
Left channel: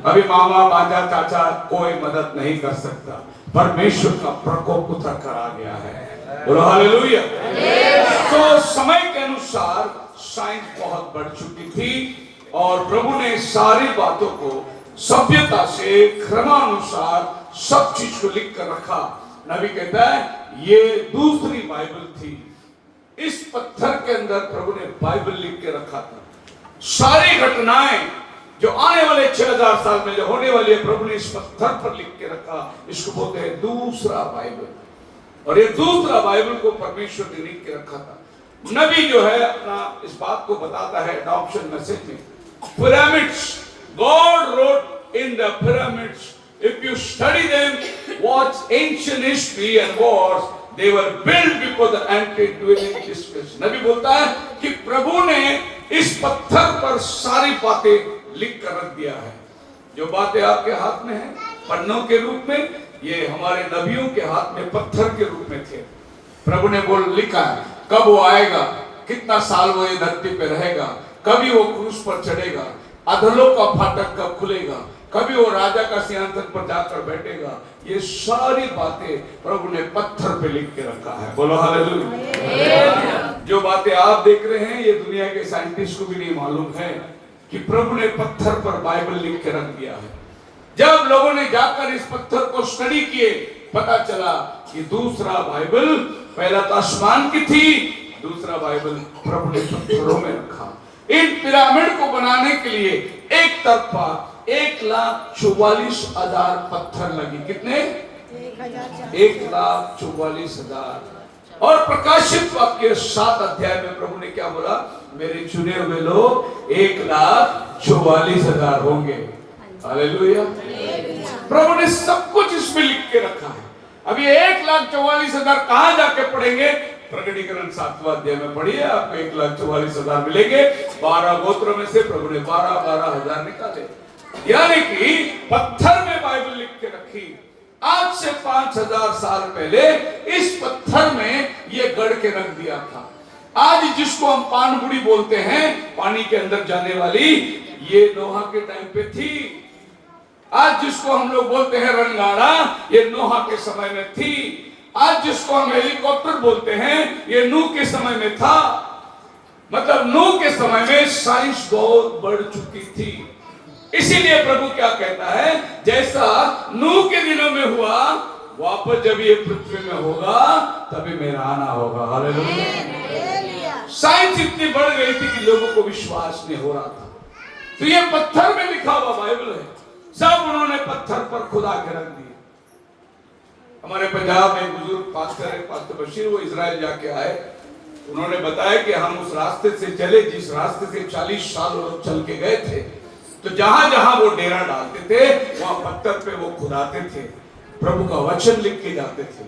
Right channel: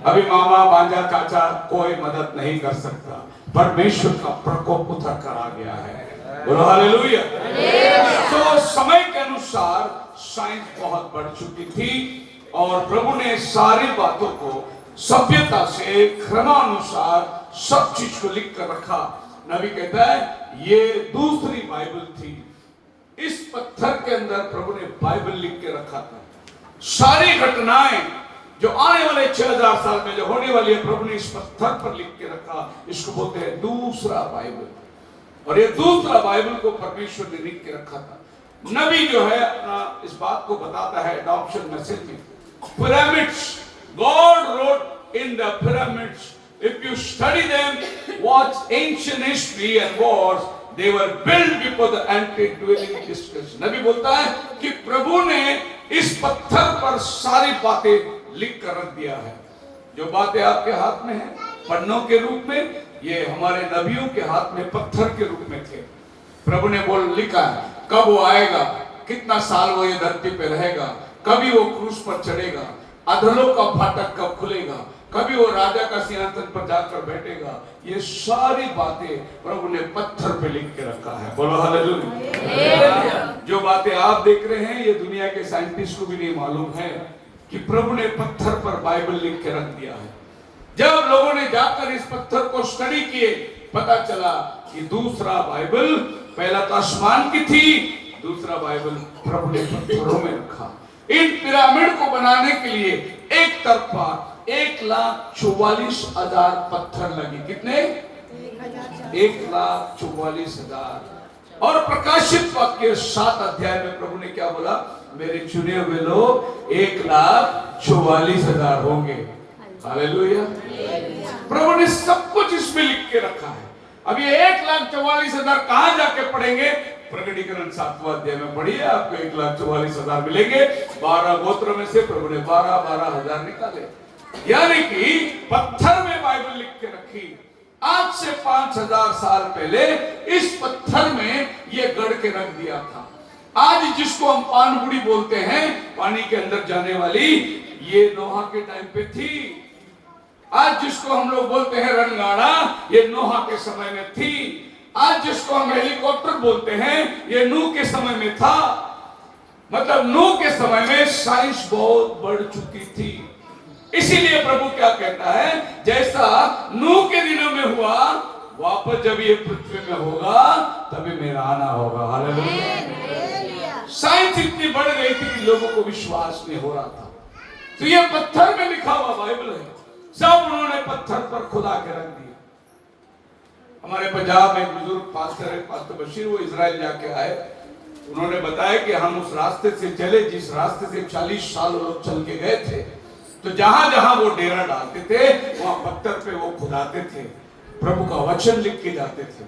अभी मामा भांजा चाचा कोई मदद नहीं कर सकता। परमेश्वर का प्रकोप उतर कर आ गया है। बोलो हालेलुया। तो समय के अनुसार साइंस बहुत बढ़ चुकी थी, और प्रभु ने सारी बातों को सभ्यता से क्रमानुसार सब चीज को लिख कर रखा। नबी कहता है ये दूसरी बाइबल थी। इस पत्थर के अंदर प्रभु ने बाइबल लिख के रखा था। सारी घटनाएं जो आने वाले 6000 साल में जो होने वाली है, प्रभु ने इस पत्थर पर लिख के रखा। इसको बोलते हैं दूसरा बाइबल। और ये दूसरा बाइबल को परमेश्वर ने लिख के रखा था। नबी जो है अपना इस बात को बताता है एडॉप्शन मैसेज में, pyramids God wrote in the pyramids, if you study them, watch ancient history and wars, they were built before the antediluvian discussion। नबी बोलता है कि प्रभु ने इस पत्थर पर सारी बातें लिख कर रख दिया है। जो बातें आपके हाथ में है पन्नों के रूप में, ये हमारे नबियों के हाथ में पत्थर के रूप में थे। प्रभु ने बोल लिखा है कब वो आएगा, कितना साल वो ये धरती पे रहेगा, कभी वो क्रूस पर चढ़ेगा, अधलों का फाटक कब खुलेगा, कभी वो राजा का सिंहासन पर जाकर बैठेगा। ये सारी बातें प्रभु ने पत्थर पे लिख के रखा है। बोलो हालेलुया। जो बातें आप देख रहे हैं ये दुनिया के साइंटिस्ट को भी नहीं मालूम है कि प्रभु ने पत्थर पर बाइबल लिख के रख दिया है। जब लोगों ने जाकर इस पत्थर को स्टडी किए, पता चला कि दूसरा बाइबल, पहला तो आसमान की थी, दूसरा बाइबल प्रभु ने पत्थरों में रखा। इन पिरामिड को बनाने के लिए एक तरफा 1,44,000 पत्थर लगी। कितने? 1,44,000। और प्रकाशित वाक्य 7 अध्याय में प्रभु ने क्या बोला, मेरे चुने हुए लोग 1,44,000 होंगे। हालेलुया। प्रभु ने सब कुछ इसमें लिख के रखा है। अब ये 1,44,000 कहां जाके पढ़ेंगे? प्रकटीकरण 7वां अध्याय में पढ़िए, आपको 1,44,000 मिलेंगे। 12 गोत्रों में से प्रभु ने 12,000 निकाले। यानी कि पत्थर में बाइबल लिख के रखी। आज से 5,000 साल पहले इस पत्थर में ये गढ़ के रख दिया था। आज जिसको हम पानबुड़ी बोलते हैं, पानी के अंदर जाने वाली, ये नोहा के टाइम पे थी। आज जिसको हम लोग बोलते हैं रणगाड़ा, ये नोहा के समय में थी। आज जिसको हम हेलीकॉप्टर बोलते हैं, ये नूह के समय में था। मतलब नूह के समय में साइंस बहुत बढ़ चुकी थी। इसीलिए प्रभु क्या कहता है, जैसा नूह के दिनों में हुआ, वापस जब ये पृथ्वी में होगा तभी मेरा आना होगा। हालेलुया। साइंस इतनी बढ़ गई थी कि लोगों को विश्वास नहीं हो रहा था। तो ये पत्थर में लिखा हुआ बाइबल है, सब उन्होंने पत्थर पर खुदा के रख दिए। हमारे पंजाब में एक बुजुर्ग पास्टर है, पास्टर बशीर, वो इजराइल जाके आए। उन्होंने बताया कि हम उस रास्ते से चले जिस रास्ते से 40 साल लोग चल के गए थे। तो जहां जहां वो डेरा डालते थे वहां पत्थर पे वो खुदाते थे, प्रभु का वचन लिख के जाते थे।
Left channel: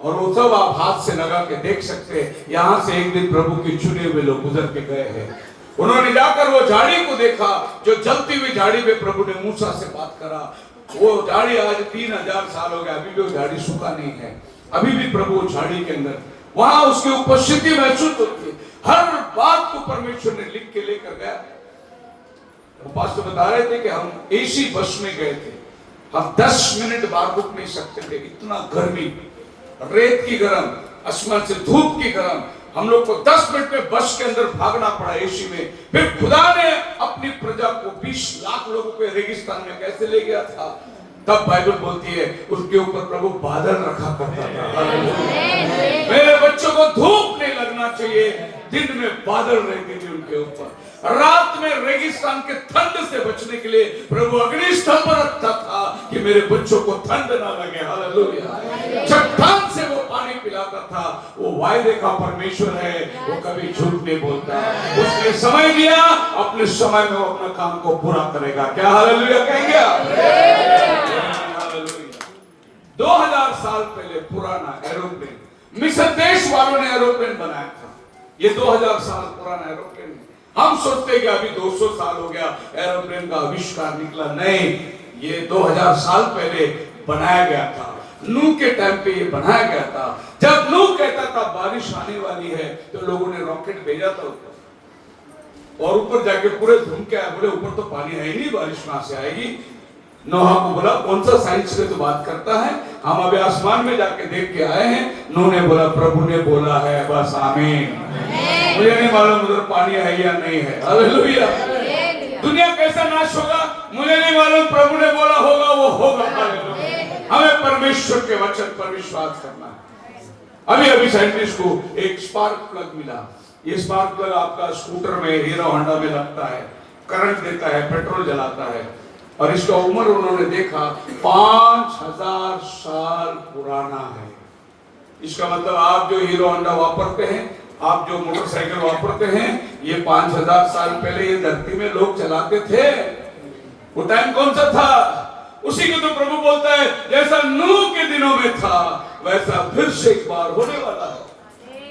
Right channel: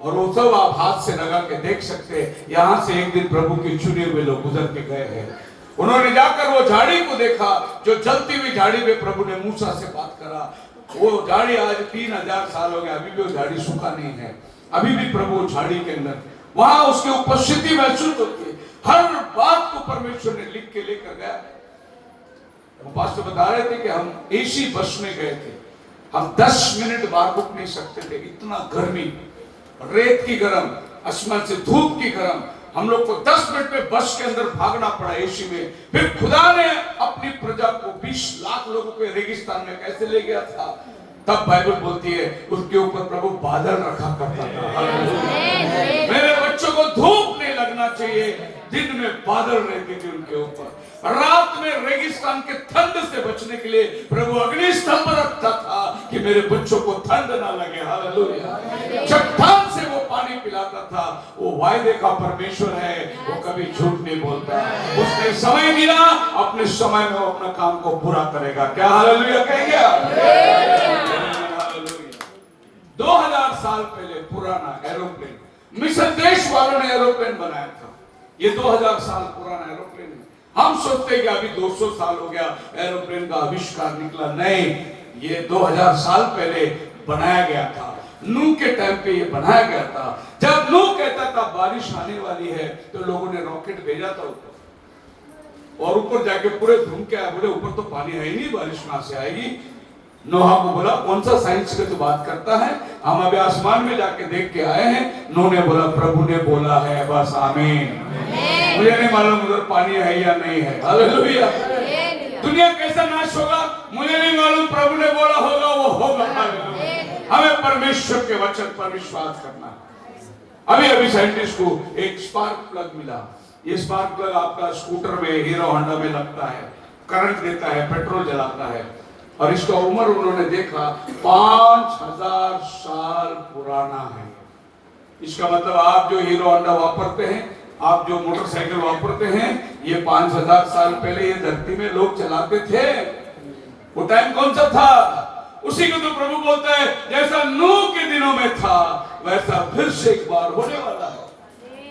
और वो सब आप हाथ से लगा के देख सकते हैं। यहां से एक दिन प्रभु के चुने हुए लोग गुजर के गए हैं। उन्होंने जाकर वो झाड़ी को देखा, जो जलती हुई झाड़ी पे प्रभु ने मूसा से बात करा। वो झाड़ी आज 3000 साल हो गए, अभी भी वो झाड़ी सूखा नहीं है। अभी भी प्रभु झाड़ी के अंदर, वहां उसकी उपस्थिति महसूस होती है। हर बात को परमेश्वर ने लिख के लेकर गया। पास्टर बता रहे थे कि हम एसी बस में गए थे, हम 10 मिनट बाहर रुक नहीं सकते थे, इतना गर्मी, रेत की गर्म, आसमान से धूप की गर्म, हम लोग को 10 मिनट में बस के अंदर भागना पड़ा एसी में। फिर खुदा ने अपनी प्रजा को 20 लाख लोगों के रेगिस्तान में कैसे ले गया था, तब बाइबल बोलती है उसके ऊपर प्रभु बादल रखा करता था। मेरे बच्चों को धूप नहीं लगना चाहिए, दिन में बादल रहते थे उनके ऊपर। रात में रेगिस्तान के ठंड से बचने के लिए प्रभु अग्नि स्तंभ रखता था कि मेरे बच्चों को ठंड ना लगे। हालेलुया। चट्टान से वो पानी पिलाता था। वो वायदे का परमेश्वर है, वो कभी झूठ नहीं बोलता। उसने समय दिया, अपने समय में वो अपना काम को पूरा करेगा। क्या हालेलुया कहेंगे आप? हालेलुया। 2000 साल पहले पुराना एरोप्लेन, मिस्र देश वालों ने एरोप्लेन बनाया था। ये 2000 साल पुराना एरोप्लेन है। हम सोचते हैं कि अभी 200 साल हो गया एरोप्लेन का आविष्कार निकला, नहीं, ये 2000 साल पहले बनाया गया था। नूह के टाइम पे ये बनाया गया था। जब नूह कहता था बारिश आने वाली है, तो लोगों ने रॉकेट भेजा था ऊपर, और ऊपर जाके पूरे घूम के आए, बोले ऊपर तो पानी है ही नहीं, बारिश कहां से आएगी। नोहा को बोला कौन सा साइंस पे तो बात करता है, हम अभी आसमान में जाके देख के आए हैं। नूह ने बोला प्रभु ने बोला है, बस आमीन। मुझे नहीं मालूम उधर पानी है या नहीं है। हालेलुया। दुनिया कैसा नाश होगा मुझे नहीं मालूम, प्रभु ने बोला होगा वो होगा। हमें परमेश्वर के वचन पर विश्वास करना है। अभी साइंटिस्ट को एक स्पार्क प्लग मिला। ये स्पार्क प्लग आपका स्कूटर में, हीरो होंडा में लगता है, करंट देता है, पेट्रोल जलाता है, और इसका उम्र उन्होंने देखा 5000 साल पुराना है। इसका मतलब आप जो हीरो होंडा वापरते हैं, आप जो मोटरसाइकिल वापरते हैं, ये 5000 साल पहले ये धरती में लोग चलाते थे। वो टाइम कौन सा था? उसी को तो प्रभु बोलता है जैसा नूह के दिनों में था वैसा फिर से एक बार होने वाला है।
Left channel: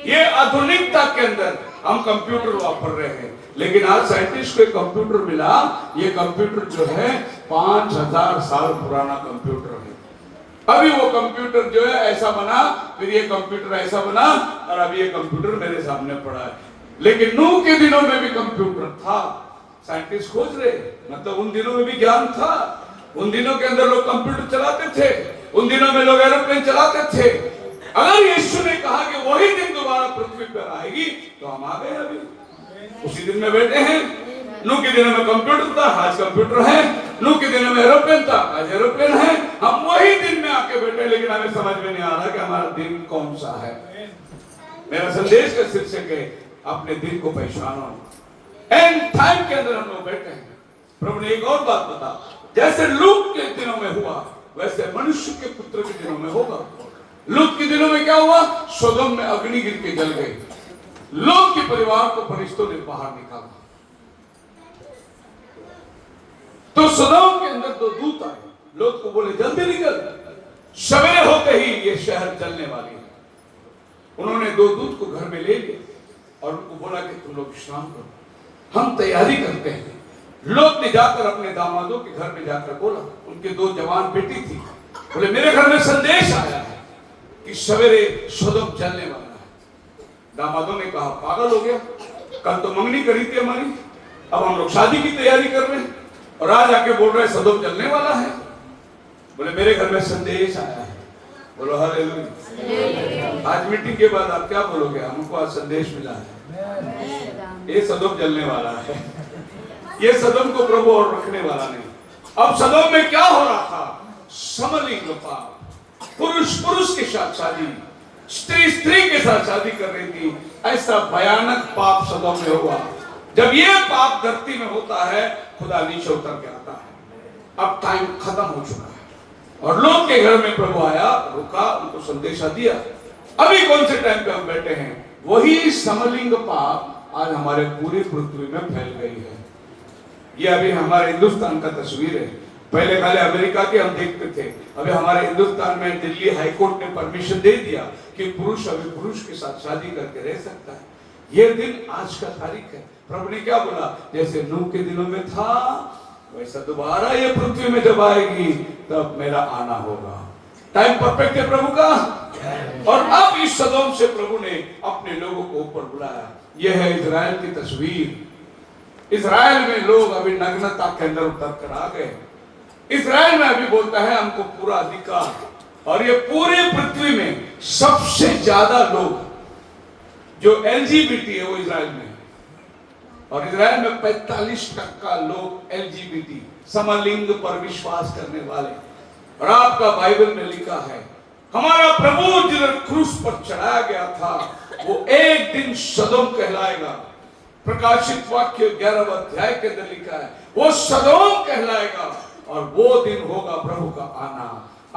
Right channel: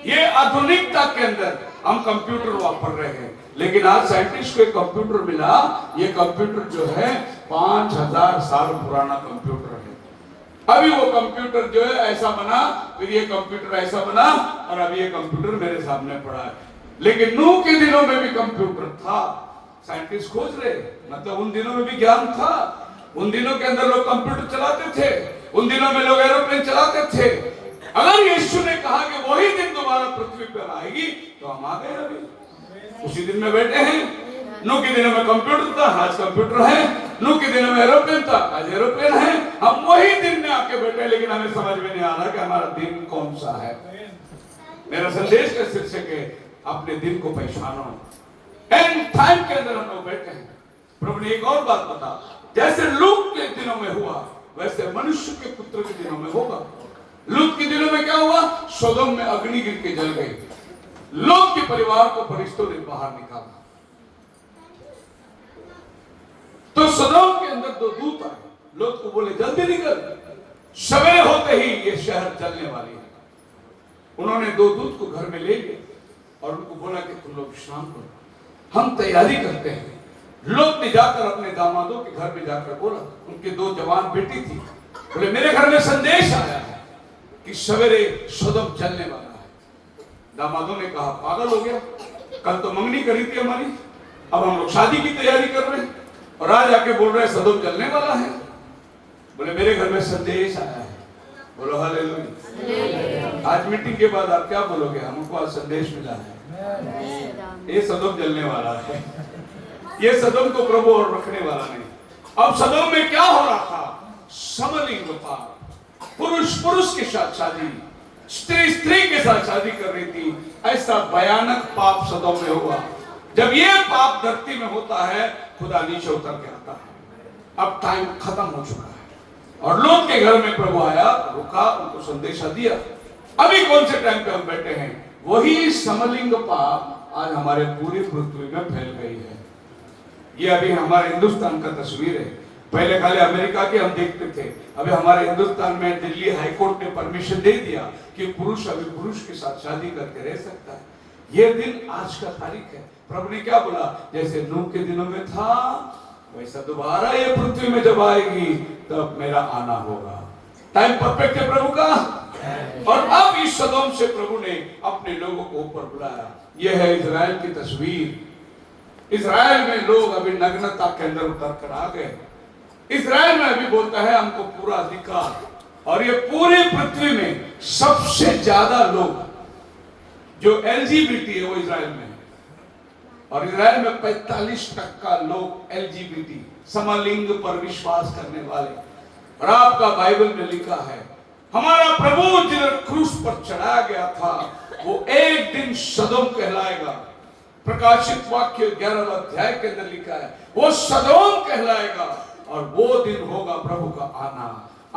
ये आधुनिकता के अंदर हम कंप्यूटर वापर रहे हैं, लेकिन आज साइंटिस्ट को एक कंप्यूटर मिला। ये कंप्यूटर जो है 5000 साल पुराना कंप्यूटर है। अभी वो कंप्यूटर जो है ऐसा बना, फिर ये कंप्यूटर ऐसा बना, और अभी ये कंप्यूटर मेरे सामने पड़ा है। लेकिन नूह के दिनों में भी कंप्यूटर था, साइंटिस्ट खोज रहे, मतलब उन दिनों में भी ज्ञान था। उन दिनों के अंदर लोग कंप्यूटर चलाते थे, उन दिनों में लोग एरोप्लेन चलाते थे। अगर यीशु ने कहा कि वही दिन दोबारा पृथ्वी पर आएगी, तो हम आ गए, अभी उसी दिन में बैठे हैं। नूह के दिनों में कंप्यूटर था, आज कंप्यूटर है। नूह के दिनों में एरोप्लेन था, आज एरोप्लेन है। हम वही दिन में आके बैठे, लेकिन हमें समझ में नहीं आ रहा कि हमारा दिन कौन सा है। मेरा संदेश का शीर्षक है अपने दिन को पहचानो। एंड टाइम के अंदर हम लोग बैठे हैं। प्रभु ने एक और बात बता, जैसे लूत के दिनों में हुआ वैसे मनुष्य के पुत्र के दिनों में होगा। लूत के दिनों में क्या हुआ? सोदोम में अग्नि गिर के जल गई। लूत के परिवार को फरिश्तों ने बाहर निकाला। तो सोदोम के अंदर 2 दूत आए, लूत को बोले जल्दी निकल, सवेरे होते ही ये शहर जलने वाली है। उन्होंने 2 दूत को घर में ले लिया और उनको बोला कि तुम लोग विश्राम करो, हम तैयारी करते हैं। लूत ने जाकर अपने दामादों के घर में जाकर बोला, उनके 2 जवान बेटी थी, बोले मेरे घर में संदेश आया है कि सवेरे सोदोम जलने वाला है। दामादों ने कहा पागल हो गया, कल तो मंगनी करी थी हमारी, अब हम लोग शादी की तैयारी कर रहे हैं और आज आके बोल रहे हैं सदोम जलने वाला है। बोले मेरे घर में संदेश आया है। बोलो हालेलुया। आज मीटिंग के बाद आप क्या बोलोगे? हमको आज संदेश मिला है, ये सदोम जलने वाला है। ये सदोम को प्रभु और रखने वाला नहीं। अब सदोम में क्या हो रहा था? समलिंग पाप, पुरुष पुरुष के साथ शादी, स्त्री स्त्री के साथ शादी कर रही थी। ऐसा भयानक पाप सदोम में हुआ। जब ये पाप धरती में होता है, खुदा नीचे उतर के आता है। अब टाइम खत्म हो चुका है और लोग के घर में प्रभु आया, रुका, उनको संदेशा दिया। अभी कौन से टाइम पे हम बैठे हैं? वही समलिंग पाप आज हमारे पूरी पृथ्वी में फैल गई है। ये अभी हमारे हिंदुस्तान का तस्वीर है। पहले खाली अमेरिका की हम देखते थे, अभी हमारे हिंदुस्तान में दिल्ली हाई कोर्ट ने परमिशन दे दिया कि पुरुष अभी पुरुष के साथ शादी करके रह सकता है। ये दिन आज का तारीख है। प्रभु ने क्या बोला? जैसे नूह के दिनों में था वैसा दोबारा ये पृथ्वी में जब आएगी तब मेरा आना होगा। टाइम परफेक्ट है प्रभु का। और अब इस सदोम से प्रभु ने अपने लोगों को ऊपर बुलाया। यह है इजराइल की तस्वीर। इजराइल में लोग अभी नग्नता के अंदर उतर कर आ गए। इजराइल में अभी बोलता है हमको पूरा अधिकार, और ये पूरे पृथ्वी में सबसे ज्यादा लोग जो एलजीबीटी है वो इजराइल में है। और इजराइल में 45% लोग एलजीबीटी समलिंग पर विश्वास करने वाले। और आपका बाइबल में लिखा है हमारा प्रभु जिधर क्रूस पर चढ़ाया गया था वो एक दिन सदोम कहलाएगा। प्रकाशित वाक्य 11वें अध्याय के अंदर लिखा है वो सदोम कहलाएगा और वो दिन होगा प्रभु का आना।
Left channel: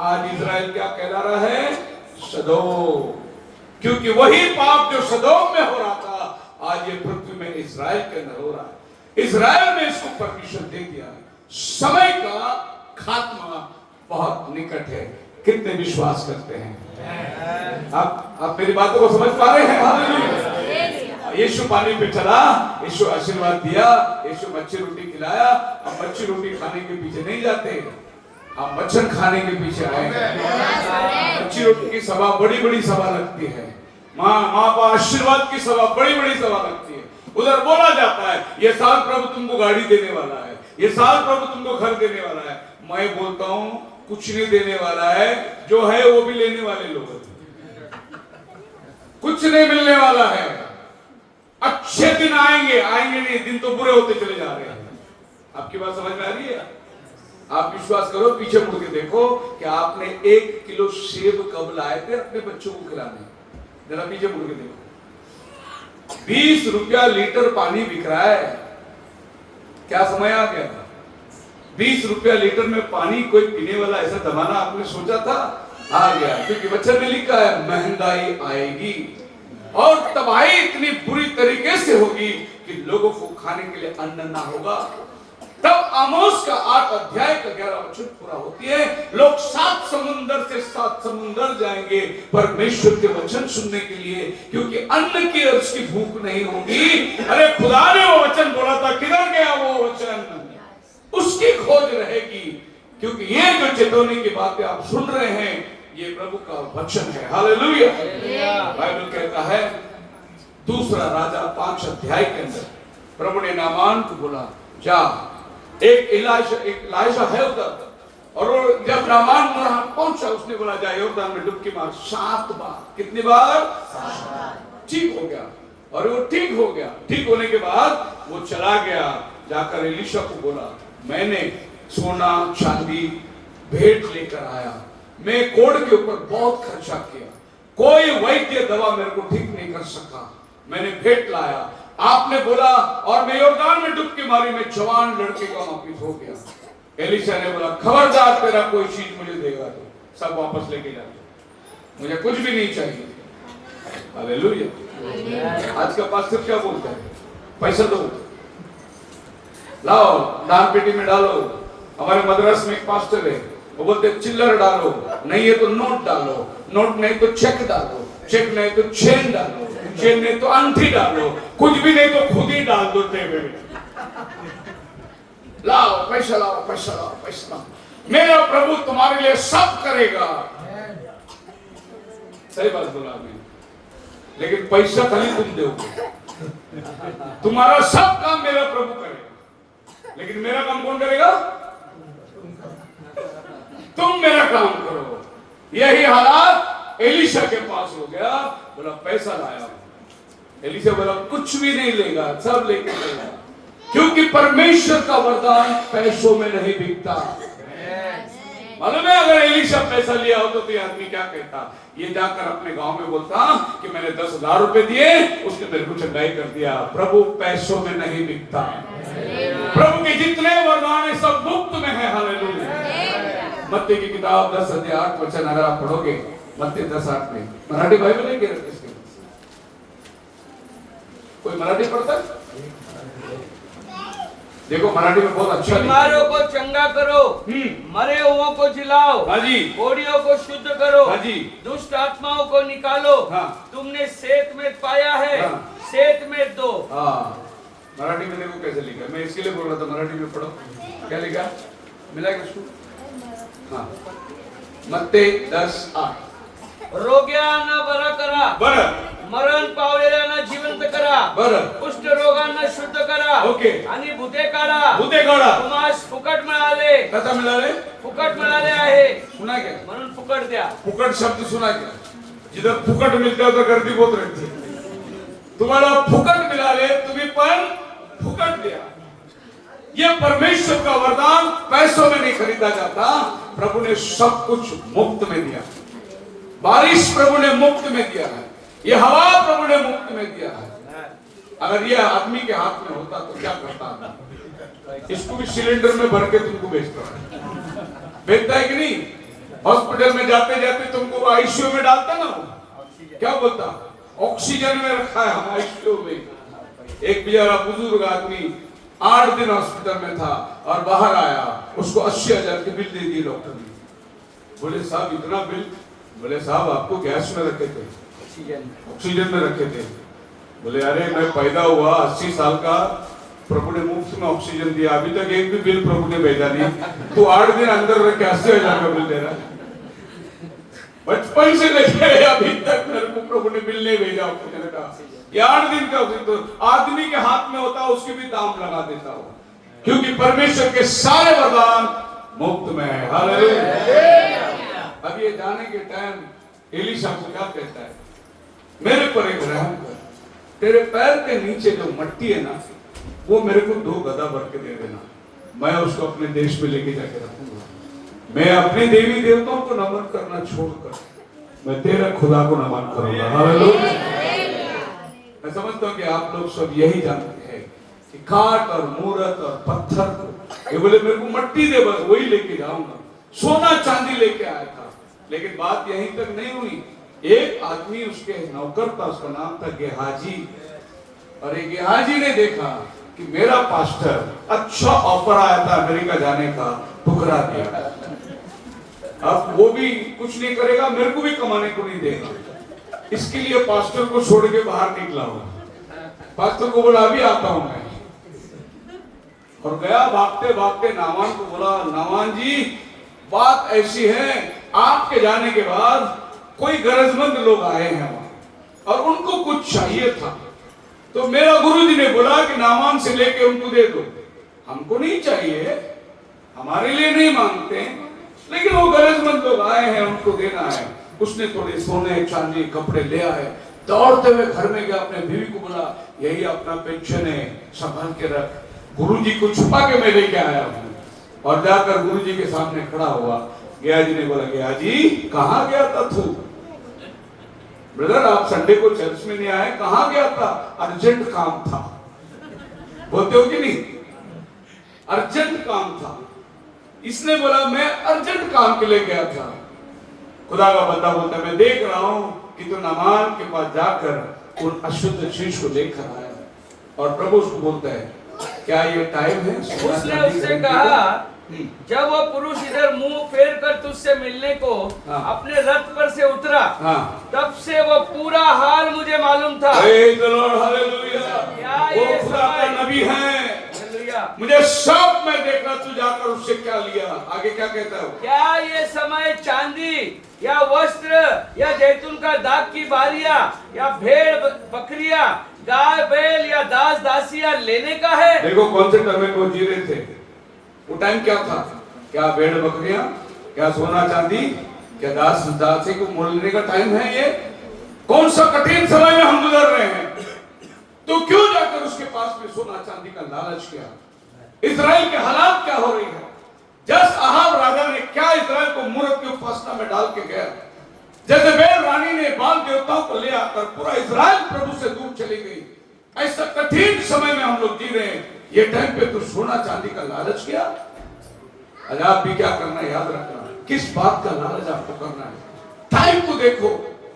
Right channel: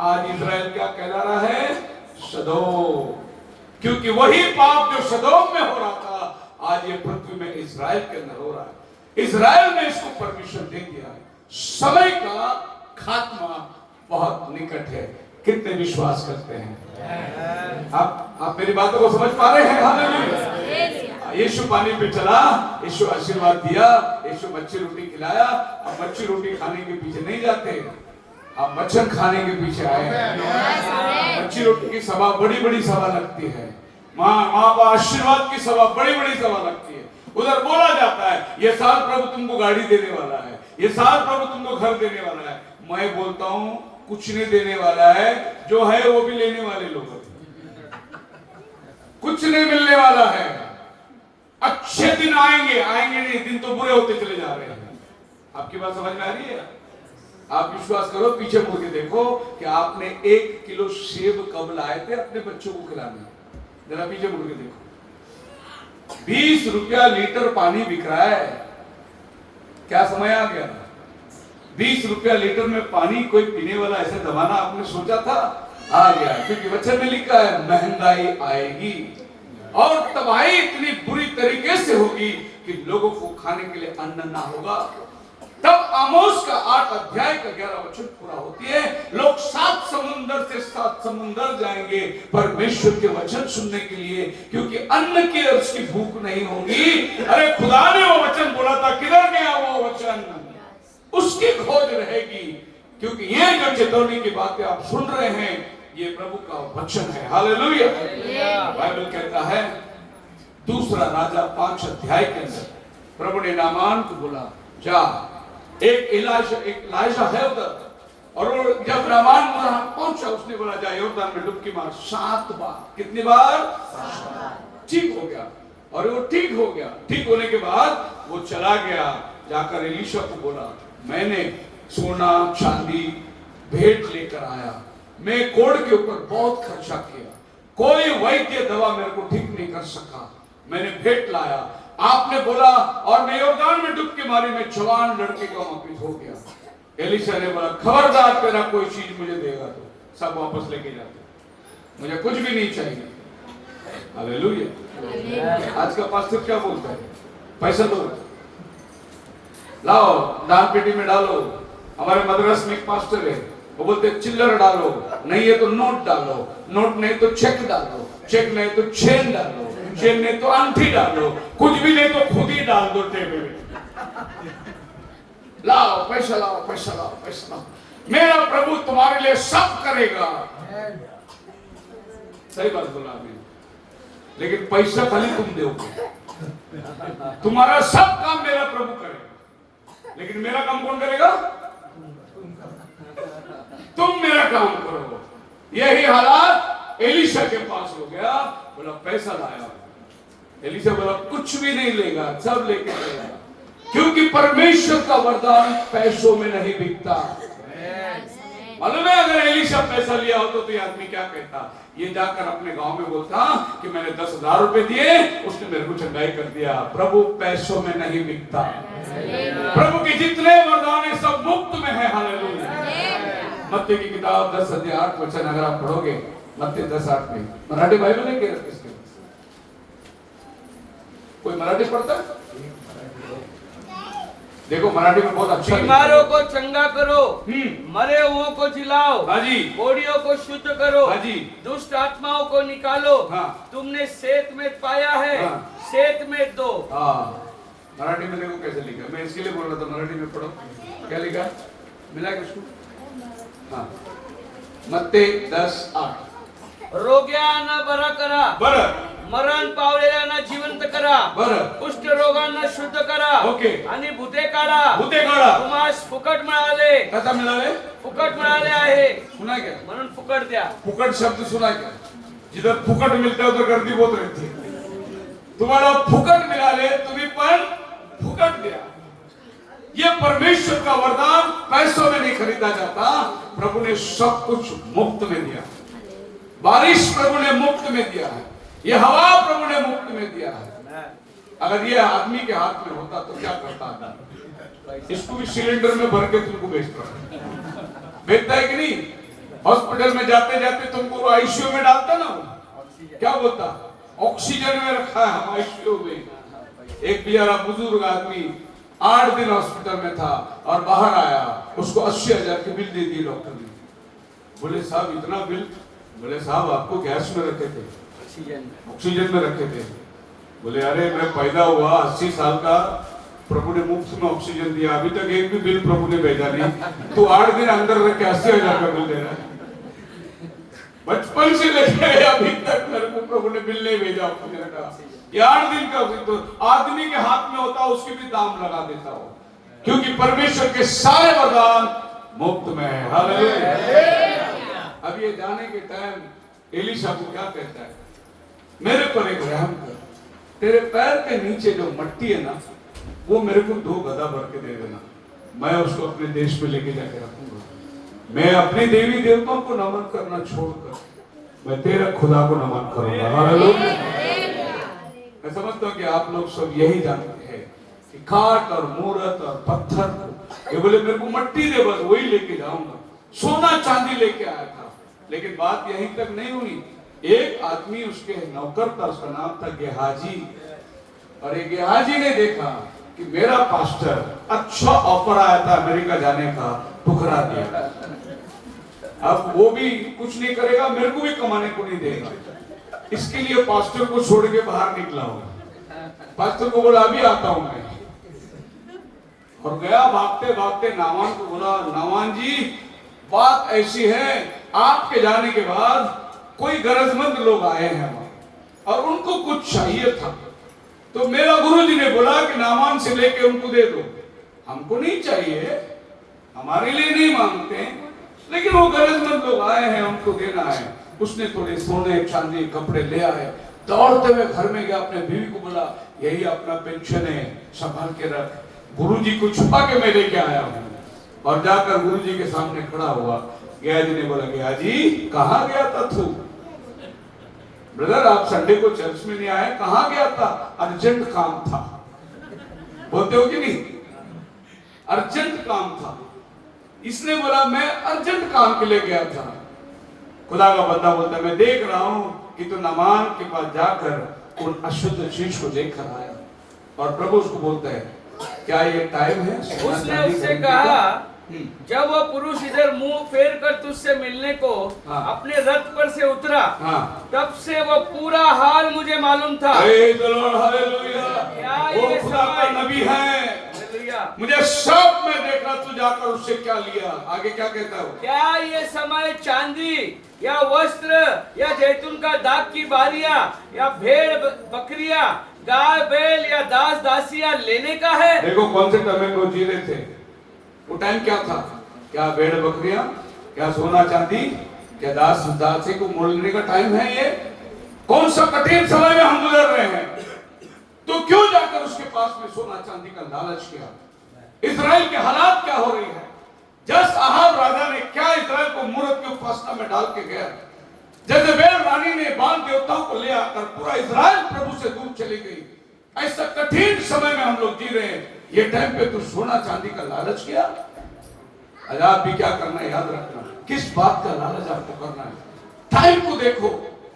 आज इजराइल क्या कहला रहा है? सदोम। क्योंकि वही पाप जो सदोम में हो रहा था आज ये पृथ्वी में इजराइल के अंदर हो रहा है। इजराइल में इसको परमिशन दे दिया। समय का खात्मा बहुत निकट है। कितने विश्वास करते हैं? आप मेरी बातों को समझ पा रहे हैं? हालेलुया। यीशु पानी पे चला, यीशु आशीर्वाद दिया, यीशु मच्छी रोटी खिलाया। अब मच्छी रोटी खाने के पीछे नहीं जाते, आप मच्छर खाने के पीछे आए हैं। मच्छी रोटी की सभा बड़ी बड़ी सभा लगती है, माँ का आशीर्वाद की सभा बड़ी बड़ी सभा लगती है। उधर बोला जाता है ये साल प्रभु तुमको गाड़ी देने वाला है, ये साल प्रभु तुमको घर देने वाला है। मैं बोलता हूँ कुछ नहीं देने वाला है, जो है वो भी लेने वाले लोग हैं। कुछ नहीं मिलने वाला है। अच्छे दिन आएंगे, आएंगे नहीं, दिन तो बुरे होते चले जा रहे हैं। आपकी बात समझ में आ रही है? आप विश्वास करो, पीछे मुड़ के देखो कि आपने 1 किलो सेब कब लाए थे अपने बच्चों को खिलाने? जरा पीछे मुड़ के देखो। 20 रुपया लीटर पानी बिक रहा है। क्या समय आ गया? 20 रुपया लीटर में पानी कोई पीने वाला ऐसा जमाना आपने सोचा था? आ गया। क्योंकि वचन में लिखा है महंगाई आएगी और तबाही इतनी बुरी तरीके से होगी कि लोगों को खाने के लिए अन्न ना होगा। तब आमोस का 8 अध्याय का 11 वचन पूरा होती है। लोग 7 समुंदर से 7 समुंदर जाएंगे परमेश्वर के वचन सुनने के लिए, क्योंकि अन्न की और उसकी भूख नहीं होगी। अरे खुदा ने वो वचन बोला था, किधर गया वो वचन? उसकी खोज रहेगी। क्योंकि ये जो चेतावनी की बातें आप सुन रहे हैं ये प्रभु का वचन है। हालेलुया। बाइबल कहता है 2 राजा 5 अध्याय के अंदर प्रभु ने नामान को बोला जा, एक इलाइशा है उधर। और वो जब नामान वहां पहुंचा उसने बोला जा यॉर्दान में डुबकी मार 7 बार। कितनी बार? 7 बार। ठीक हो गया। और वो ठीक हो गया। ठीक होने के बाद वो चला गया, जाकर एलीशा को बोला मैंने सोना चांदी भेंट लेकर आया, मैं कोढ़ के ऊपर बहुत खर्चा किया, कोई वैद्य दवा मेरे को ठीक नहीं कर सका, मैंने भेंट लाया। आपने बोला और मैं यॉर्दान में डुबकी मारी, मैं जवान लड़के को वापिस हो गया। एलीशा ने बोला खबरदार तेरा कोई चीज मुझे देगा तो सब वापस लेके जाते, मुझे कुछ भी नहीं चाहिए। हालेलुया। आज का पास्टर क्या बोलता है? पैसा दो, लाओ दान पेटी में डालो। हमारे मद्रास में एक पास्टर है, वो बोलते चिल्लर डालो, नहीं है तो नोट डालो, नोट नहीं तो चेक डालो, चेक नहीं तो चेन डालो, चेन नहीं तो अंगूठी डालो, कुछ भी नहीं तो खुद ही डाल दो टेबल में। लाओ पैसा, लाओ पैसा, लाओ पैसा लाओ, मेरा प्रभु तुम्हारे लिए सब करेगा। सही बात बोला मैंने, लेकिन पैसा खाली तुम दोगे, तुम्हारा सब काम मेरा प्रभु करेगा, लेकिन मेरा काम कौन करेगा? तुम मेरा काम करो। यही हालात एलीशा के पास हो गया। बोला पैसा लाया, एलीशा बोला कुछ भी नहीं लेगा, सब लेके जाएगा, क्योंकि परमेश्वर का वरदान पैसों में नहीं बिकता। मालूम है अगर एलीशा पैसा लिया हो तो ये आदमी क्या कहता? ये जाकर अपने गांव में बोलता कि मैंने 10,000 रुपए दिए, उसने मेरे को चंगाई कर दिया। प्रभु पैसों में नहीं बिकता। प्रभु के जितने वरदान है सब मुफ्त में है। हालेलुया। मत्ती की किताब 10 अध्याय 8 वचन अगर आप पढ़ोगे, मत्ती 10:8 में, मराठी बाइबल है क्या? कोई मराठी पढ़ता है? देखो मराठी में बहुत अच्छा। बीमारों को चंगा करो, मरे हुओं को जिलाओ, हाजी, कोढ़ियों को शुद्ध करो, हाजी, दुष्ट आत्माओं को निकालो। हाँ। तुमने सेत में पाया है, हाँ। सेत में दो। हाँ, मराठी में देखो कैसे लिखा। मैं इसीलिए बोल रहा था मराठी में पढ़ो। क्या लिखा? मिला क्या उसको? हाँ, मत्ती 10:8। रोग्यांना बरा करा, बरं, मरण पावलेल्यांना जिवंत करा, बरं, कुष्ठ रोगांना शुद्ध करा, ओके, आणि भूते काढा, भूते काढा। तुम्हास फुकट मिळाले, कसा मिळाले? फुकट मिळाले आहे, सुना क्या? म्हणून फुकट दिया। फुकट शब्द सुना क्या? जिधर फुकट मिलता है उधर गर्दी बहुत रहती है। तुम्हारा फुकट मिला ले, तुम्हें पर फुकट दिया। ये परमेश्वर का वरदान पैसों में नहीं खरीदा जाता। प्रभु ने सब कुछ मुफ्त में दिया। बारिश प्रभु ने मुफ्त में दिया है। ये हवा प्रभु ने मुफ्त में दिया है। अगर ये आदमी के हाथ में होता तो क्या करता? इसको भी सिलेंडर में भर के तुमको बेचता है कि नहीं? हॉस्पिटल में जाते जाते तुमको आईसीयू में डालता ना, क्या बोलता? ऑक्सीजन में रखा है हम आईसीयू में। एक बेचारा बुजुर्ग आदमी 8 दिन हॉस्पिटल में था और बाहर आया, उसको 80,000 की बिल दे दी डॉक्टर ने। बोले साहब इतना बिल? बोले साहब आपको गैस में रखे थे, ऑक्सीजन में रखे थे। बोले अरे मैं पैदा हुआ 80 साल का, प्रभु ने मुफ्त में ऑक्सीजन दिया, अभी तक एक भी बिल प्रभु ने भेजा नहीं। तो 8 दिन अंदर रख के 80,000 का बिल दे रहा है। बचपन से लेके अभी तक मेरे को प्रभु ने बिल नहीं भेजा ऑक्सीजन का। ये 8 दिन का तो आदमी के हाथ में होता उसके भी दाम लगा देता हो, क्योंकि परमेश्वर के सारे वरदान मुफ्त में है। हालेलुया। अब ये जाने के टाइम एलीशा को क्या कहता है? मेरे पर एक रहम कर, तेरे पैर के नीचे जो मट्टी है ना, वो मेरे को 2 गदा भर के दे देना, मैं उसको अपने देश में लेके जाके रखूंगा। मैं अपने देवी देवताओं को नमन करना छोड़कर मैं तेरा खुदा को नमन करूंगा। हालेलुया। मैं समझता हूँ कि आप लोग सब यही जानते हैं कि काट और मूरत और पत्थर को, ये बोले मेरे को मट्टी दे, बस वही लेके जाऊंगा। सोना चांदी लेके आया था, लेकिन बात यहीं तक नहीं हुई। एक आदमी उसके नौकर था, उसका नाम था गेहाजी, और एक गेहाजी ने देखा कि मेरा पास्टर अच्छा ऑफर आया था अमेरिका जाने का, ठुकरा दिया। अब वो भी कुछ नहीं करेगा, मेरे को भी कमाने को नहीं देगा, इसके लिए पास्टर को छोड़ के बाहर निकला हूं। पास्टर को बोला अभी आता हूं मैं, और गया भागते भागते नामान को बोला, नामान जी बात ऐसी है, आपके जाने के बाद कोई गरजमंद लोग आए हैं वहां और उनको कुछ चाहिए था, तो मेरा गुरुजी ने बोला कि नामान से लेके उनको दे दो। हमको नहीं चाहिए, हमारे लिए नहीं मांगते, लेकिन वो गरजमंद लोग आए हैं, उनको देना है। उसने थोड़े सोने चांदी कपड़े ले आए, दौड़ते हुए घर में गया, अपने बीवी को बोला यही अपना पेंशन है, संभाल के रख, गुरुजी को छुपा के मैं लेके आया हूँ। और जाकर गुरुजी के सामने खड़ा हुआ। गयाजी ने बोला, गयाजी कहाँ गया था तू? ब्रदर आप संडे को चर्च में नहीं आए, कहाँ गया था? अर्जेंट काम था। बोलते हो कि नहीं? अर्जेंट काम था। इसने बोला मैं अर्जेंट काम के लिए गया था। खुदा का बंदा बोलता है मैं देख रहा हूं कि तू नामान के पास जाकर उन अशुद्ध चीज को लेकर आया, और प्रभु उसको बोलता है क्या ये टाइम है? उसने उससे कहा जब वो पुरुष इधर मुंह फेर कर तुझसे मिलने को अपने रथ पर से उतरा, तब से वो पूरा हाल मुझे मालूम था। वो खुदा का नबी है, मुझे सब में देखा, तू जाकर उससे क्या लिया? आगे क्या कहता हो? क्या ये समय चांदी या वस्त्र या जैतून का दाग की बालियां या भेड़ बकरियां, गाय बैल या दास दासियां लेने का है? देखो कौन से टाइम में वो जी रहे थे। वो टाइम क्या था? क्या भेड़ बकरियां, क्या सोना चांदी, क्या दास दासी को मोलने का टाइम है? ये कौन सा कठिन समय में हम गुजर रहे हैं, तो क्यों जाकर उसके पास में सोना चांदी का लालच किया? इजराइल के हालात क्या हो रही है? जस अहाब राजा ने क्या इजराइल को मूरत की उपासना में डाल के गया, जजेबेल रानी ने बाल देवताओं को ले आकर पूरा इजराइल प्रभु से दूर चली गई। ऐसा कठिन समय में हम लोग जी रहे हैं। ये टाइम पे तू सोना चांदी का लालच किया? आज आप भी क्या करना है याद रखना, किस बात का लालच आपको करना है। टाइम को देखो,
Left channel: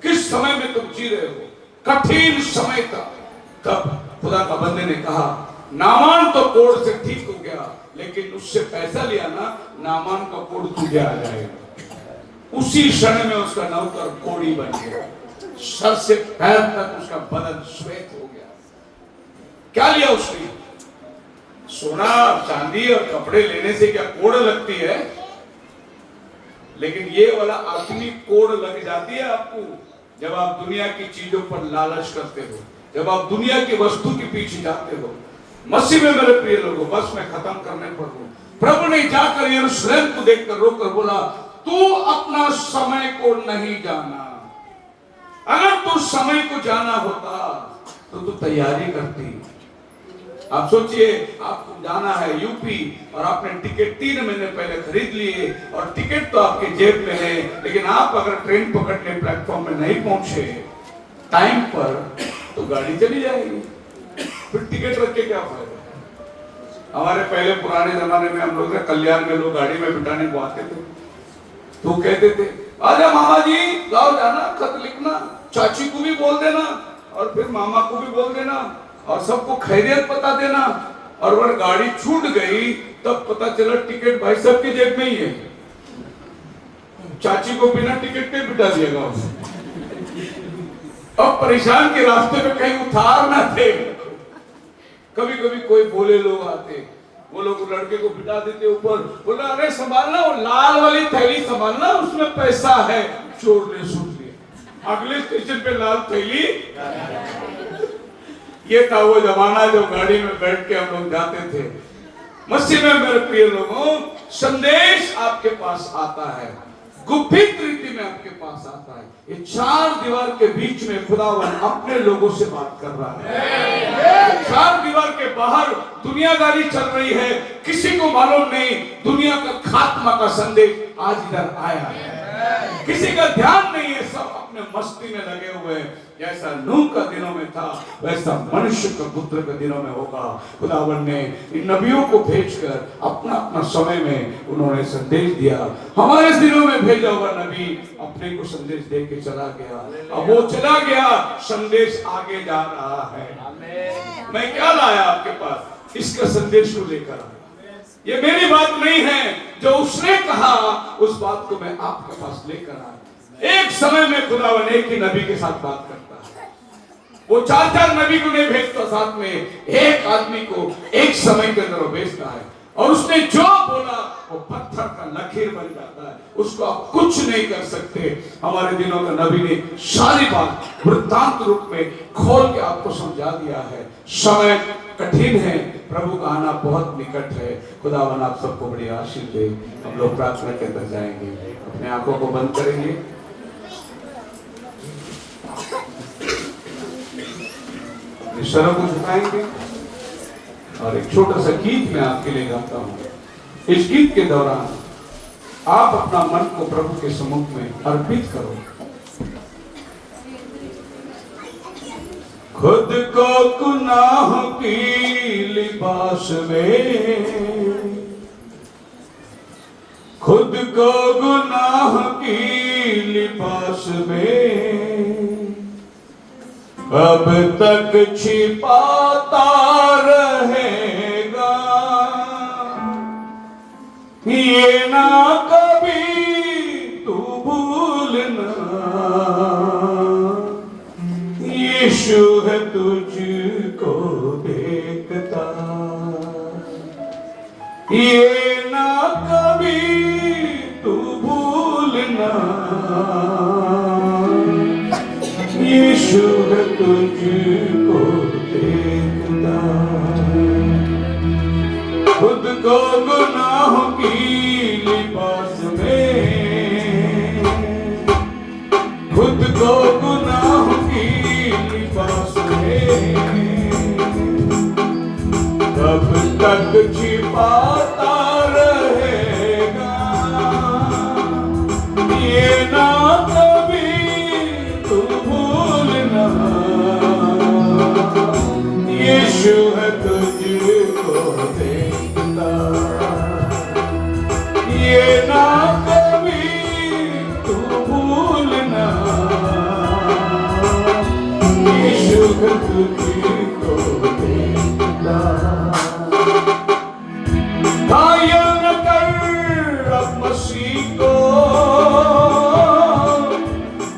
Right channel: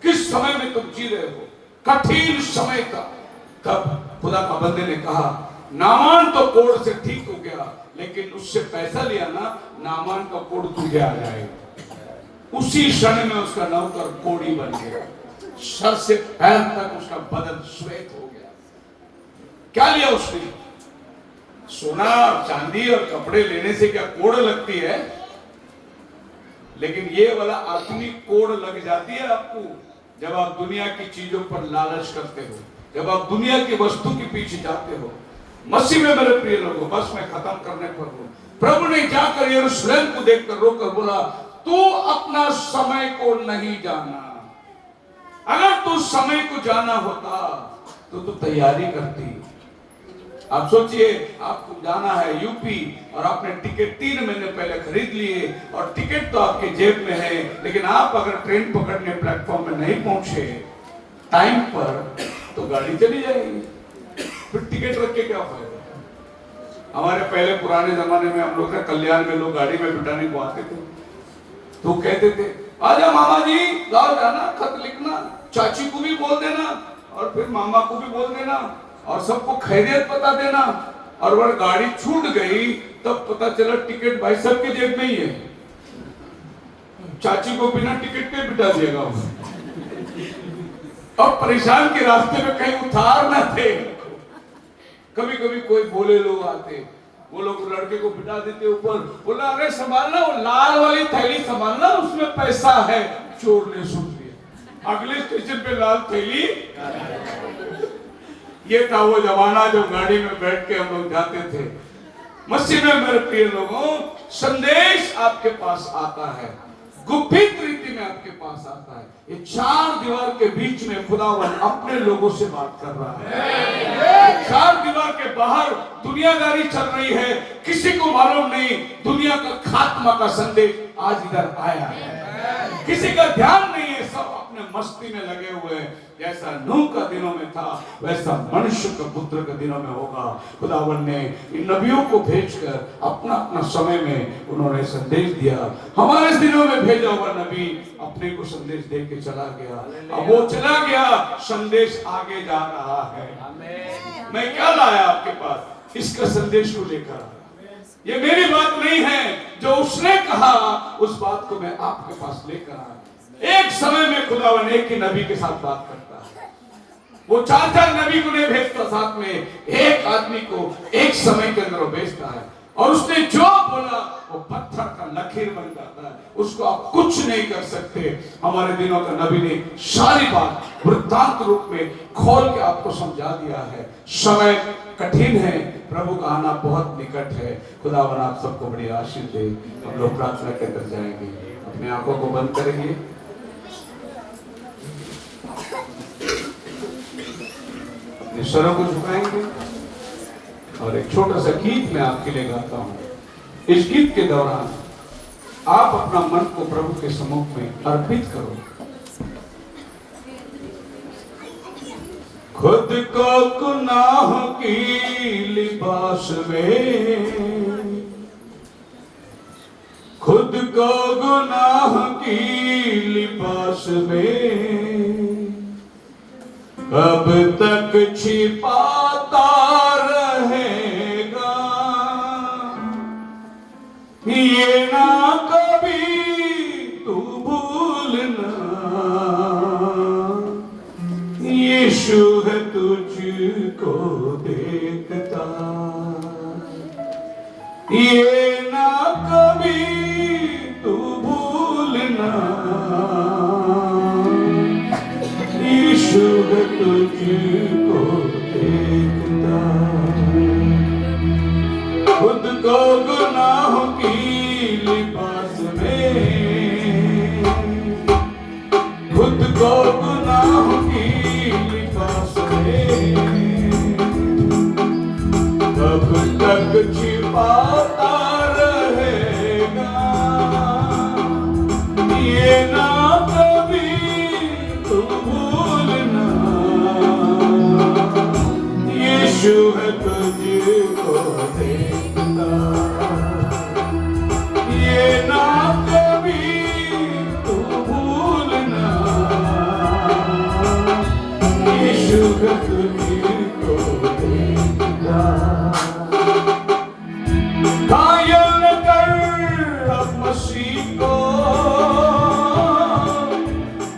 किस समय में तुम जी रहे हो। कठिन समय था, तब खुदा का बंदे ने कहा नामान तो कोड़ से ठीक हो गया, लेकिन उससे पैसा लिया ना, नामान का कोड़ तुझे आ जाएगा। उसी क्षण में उसका नौकर कोड़ी बन गया, सर से पैर तक उसका बदन श्वेत हो गया। क्या लिया उसने? सोना चांदी और कपड़े लेने से क्या कोड़ लगती है? लेकिन ये वाला असली कोड़ लग जाती है आपको जब आप दुनिया की चीजों पर लालच करते हो, जब आप दुनिया की वस्तु के पीछे जाते हो। मसीह में मेरे प्रिय लोगों, बस मैं खत्म करने पर हूं। प्रभु ने जाकर यरूशलेम को देखकर रोकर बोला तू अपना समय को नहीं जाना। अगर तू समय को जाना होता तो तू तैयारी करती। आप सोचिए, आपको जाना है यूपी और आपने टिकट 3 महीने पहले खरीद लिए और टिकट तो आपके जेब में है, लेकिन आप अगर ट्रेन पकड़ने प्लेटफॉर्म में नहीं पहुंचे टाइम पर तो गाड़ी चली जाएगी, फिर टिकट रख के क्या फायदा। हमारे पहले पुराने जमाने में हम लोग कल्याण में लोग गाड़ी में बिठाने को आते थे तो कहते थे, अरे मामा जी लाओ जाना, खत लिखना, चाची को भी बोल देना और फिर मामा को भी बोल देना और सबको खैरियत बता देना। और अगर गाड़ी छूट गई तब पता चला टिकट भाई साहब के जेब में ही है, चाची को बिना टिकट के बिठा दिएगा। अब परेशान के रास्ते में कहीं उतार ना थे। कभी कभी कोई भोले लोग आते, वो लोग लड़के को बिठा देते ऊपर, बोला अरे संभालना, वो लाल वाली थैली संभालना, उसमें पैसा है। चोर ने सुन लिया, अगले स्टेशन पे लाल थैली। ये था वो जमाना जो गाड़ी में बैठ के हम लोग जाते थे। मस्जिद में मेरे प्रिय लोगों, संदेश आपके पास आता है, गुप्त रीति में आपके पास आता है। ये 4 दीवार के बीच में खुदावन अपने लोगों से बात कर रहा है। 4 दीवार के बाहर दुनियादारी चल रही है, किसी को मालूम नहीं दुनिया का खात्मा का संदेश आज इधर आया है। किसी का ध्यान नहीं है, सब अपने मस्ती में लगे हुए हैं। जैसा नूह का दिनों में था वैसा मनुष्य का पुत्र के दिनों में होगा। खुदावन ने इन नबियों को भेजकर अपना अपना समय में उन्होंने संदेश दिया। हमारे दिनों में भेजा हुआ नबी अपने को संदेश दे के चला गया। अब वो चला गया, संदेश आगे जा रहा है। मैं क्या लाया आपके पास, इसका संदेश को लेकर। ये मेरी बात नहीं है, जो उसने कहा उस बात को मैं आपके पास लेकर आया। एक समय में खुदावन एक ही नबी के साथ बात करता है। वो 4 नबी को नहीं भेजता साथ में, एक आदमी को एक समय के अंदर भेजता है और उसने जो बोला वो पत्थर का लकीर बन जाता है, उसको आप कुछ नहीं कर सकते। हमारे दिनों का नबी ने सारी बात वृत्तांत रूप में खोल के आपको समझा दिया है। समय कठिन है, प्रभु का आना बहुत निकट है। खुदावन आप सबको बड़ी आशीष दे। हम लोग प्रार्थना के अंदर जाएंगे, अपने आंखों को बंद करेंगे, अपने सरों को झुकाएंगे और एक छोटा सा गीत मैं आपके लिए गाता हूं। इस गीत के दौरान आप अपना मन को प्रभु के सम्मुख में अर्पित करो। खुद को गुनाह की लिबास में, खुद को गुनाह की लिबास में अब तक छिपाता रहेगा। ये ना कभी तू भूलना, यीशु है तुझको देखता। ये ना कभी तू भूलना, यीशु है तुझको देखता। खुद को गुनाह की लिबास में, खुद को गुनाह की लिबास में तब तक छिपाता रहेगा। ये ना कभी तू भूलना, यीशु है तुझको देखता। ये ना कभी तू भूलना, यीशु है तुझको देखता। घायल न कर अब मसीह को,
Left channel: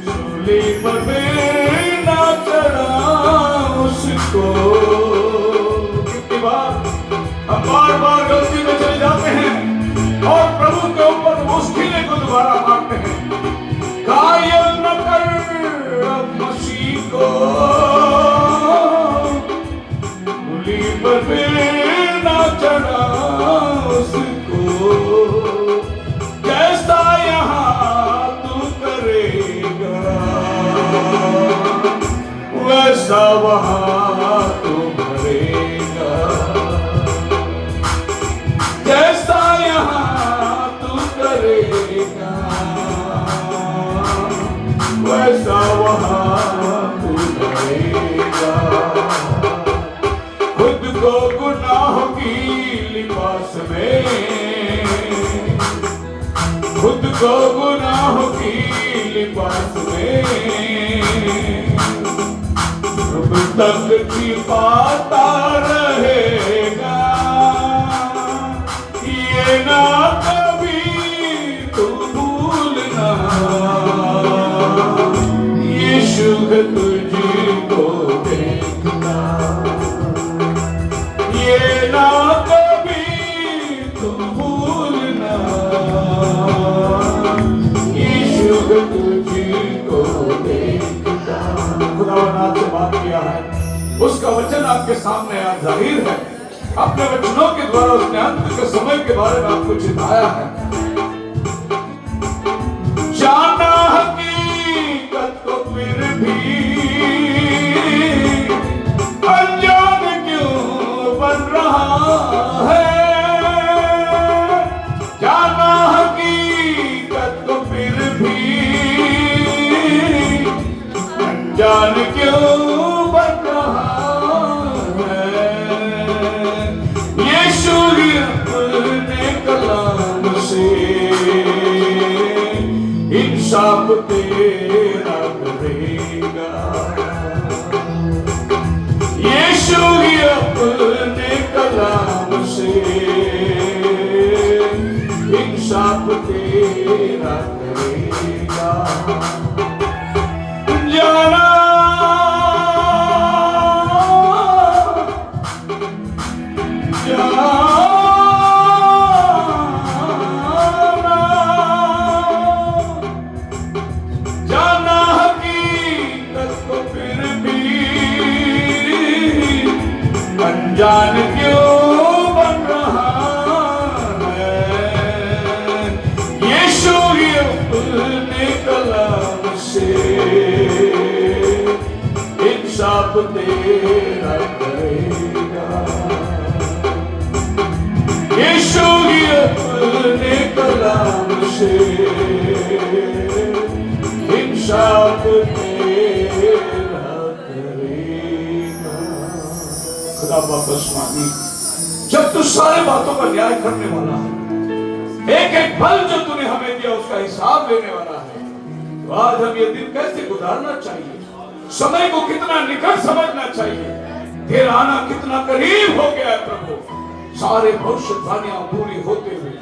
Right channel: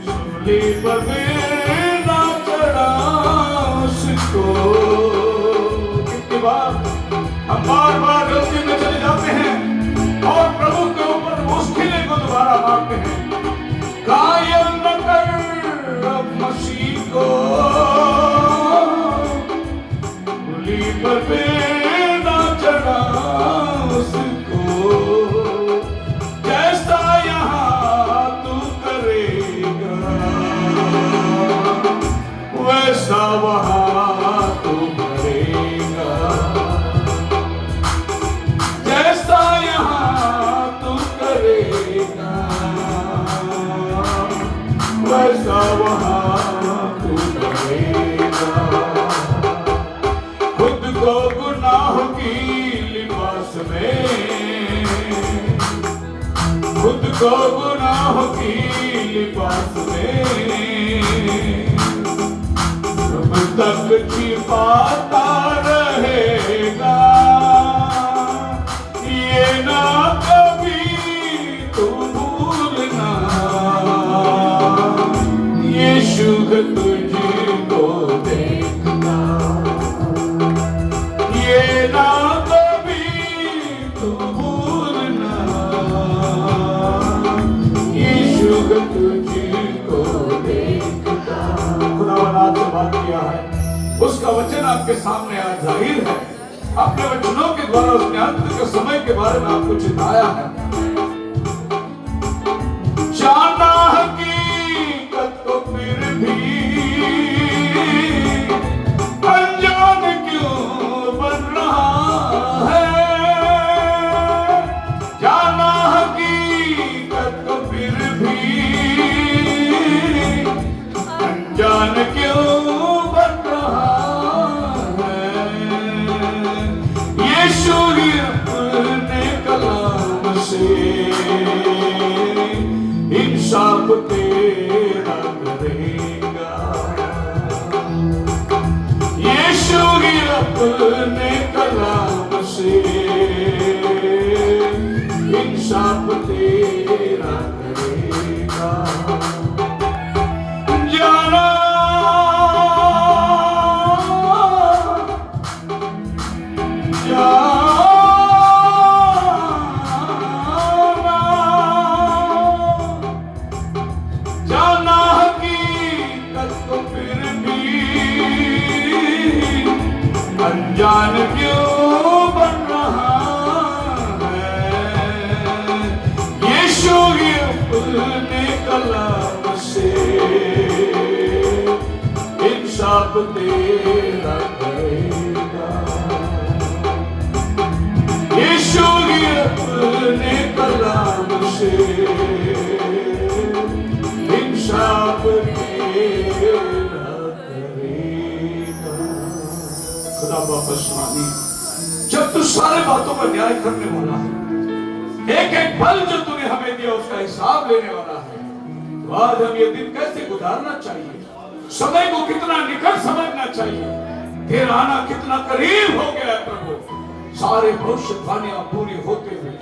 सूली पर ना चढ़ा उसको। कितनी बार हम बार गलती में चले जाते हैं और प्रभु के ऊपर मुश्किलें को दोबारा मारते हैं। घायल न कर अब मसीह को, सूली पर ना चढ़ा उसको। जैसा यहाँ वैसा वहां तू भरेगा, जैसा यहाँ तू करेगा, वैसा वहां तू करेगा। खुद को गुनाह की लिबास में, खुद को गुनाह की लिबास में प्रभु तक छिपाता रहेगा। ये ना कभी तू भूलना, यीशु तुझको देखना। ये ना कभी तू भूलना, यीशु तुझको देखना। खुदावन आपसे बात किया है, उसका वचन आपके सामने आज जाहिर है। अपने वचनों के द्वारा उसने अंत के समय के बारे में आपको चिताया है। जाना हकीकत को फिर भी अनजान क्यों बन रहा है, जाना हकीकत को फिर भी अनजान क्यों बन रहा है। यीशु ही अपने कलाम से इंसाफ तेरा करेगा। यीशु ही अपने कलाम से इंसाफ तेरा करेगा। जाना जाना हकीकत को फिर भी अनजान क्यों बन रहा है। यीशु ही अपने कलाम से इंसाफ तेरा करेगा। यीशु ही अपने कलाम से इंसाफ तेरा करेगा। खुदा वापस मानी, जब तू सारे बातों का न्याय करने वाला है, एक एक पल जो तूने हमें दिया उसका हिसाब लेने वाला है, तो आज हम ये दिन कैसे गुजारना चाहिए, समय को कितना निकट समझना चाहिए, तेरा आना कितना करीब हो गया है प्रभु। सारे भविष्यवाणियां पूरी होते हुए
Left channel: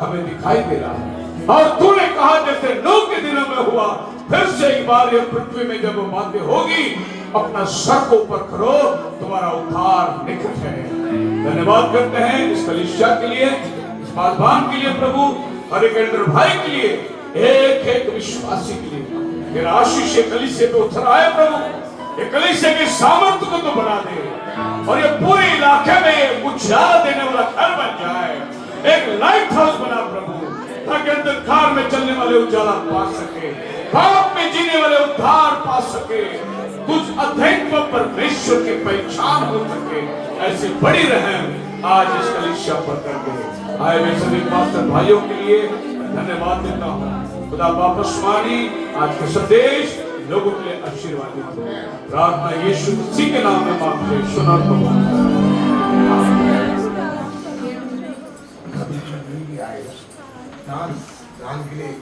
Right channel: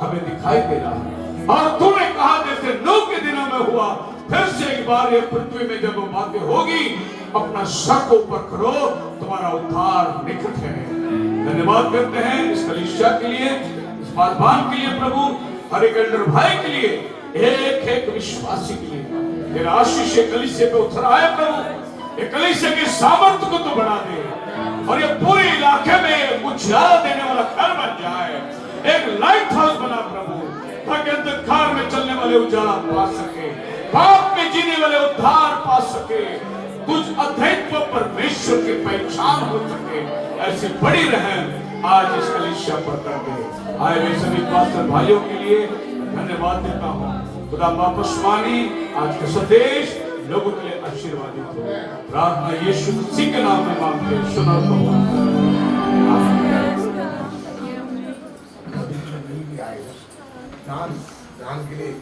हमें दिखाई दे रहा है। और तूने कहा जैसे नूह के दिनों में हुआ, फिर से एक बार ये पृथ्वी में जब वो बातें होगी, अपना सर को ऊपर करो, तुम्हारा उद्धार निकट है। धन्यवाद करते हैं इस कलीसिया के लिए, इस बालबान के लिए प्रभु, हर एक एल्डर भाई के लिए, एक एक विश्वासी के लिए। मेरा आशीष कलीसिया पे उतर आए प्रभु, ये कलीसिया के सामर्थ्य को तो बढ़ा दे, और ये पूरे इलाके में उजाला देने वाला घर बन जाए, एक लाइट हाउस बना प्रभु, ताकि अंधकार में चलने वाले उजाला पा सके, पाप में जीने वाले उद्धार पा सके, कुछ अद्वैत परमेश्वर की पहचान हो सके। ऐसी बड़ी रहम आज इस कलीसिया पर कर दे। आए मैं सभी पास्टर भाइयों के लिए धन्यवाद देता हूँ। खुदा वापस मानी आज का संदेश लोगों के लिए आशीर्वादित हो। प्रार्थना यीशु मसीह के नाम में मांगते हैं, सुना तो दान के लिए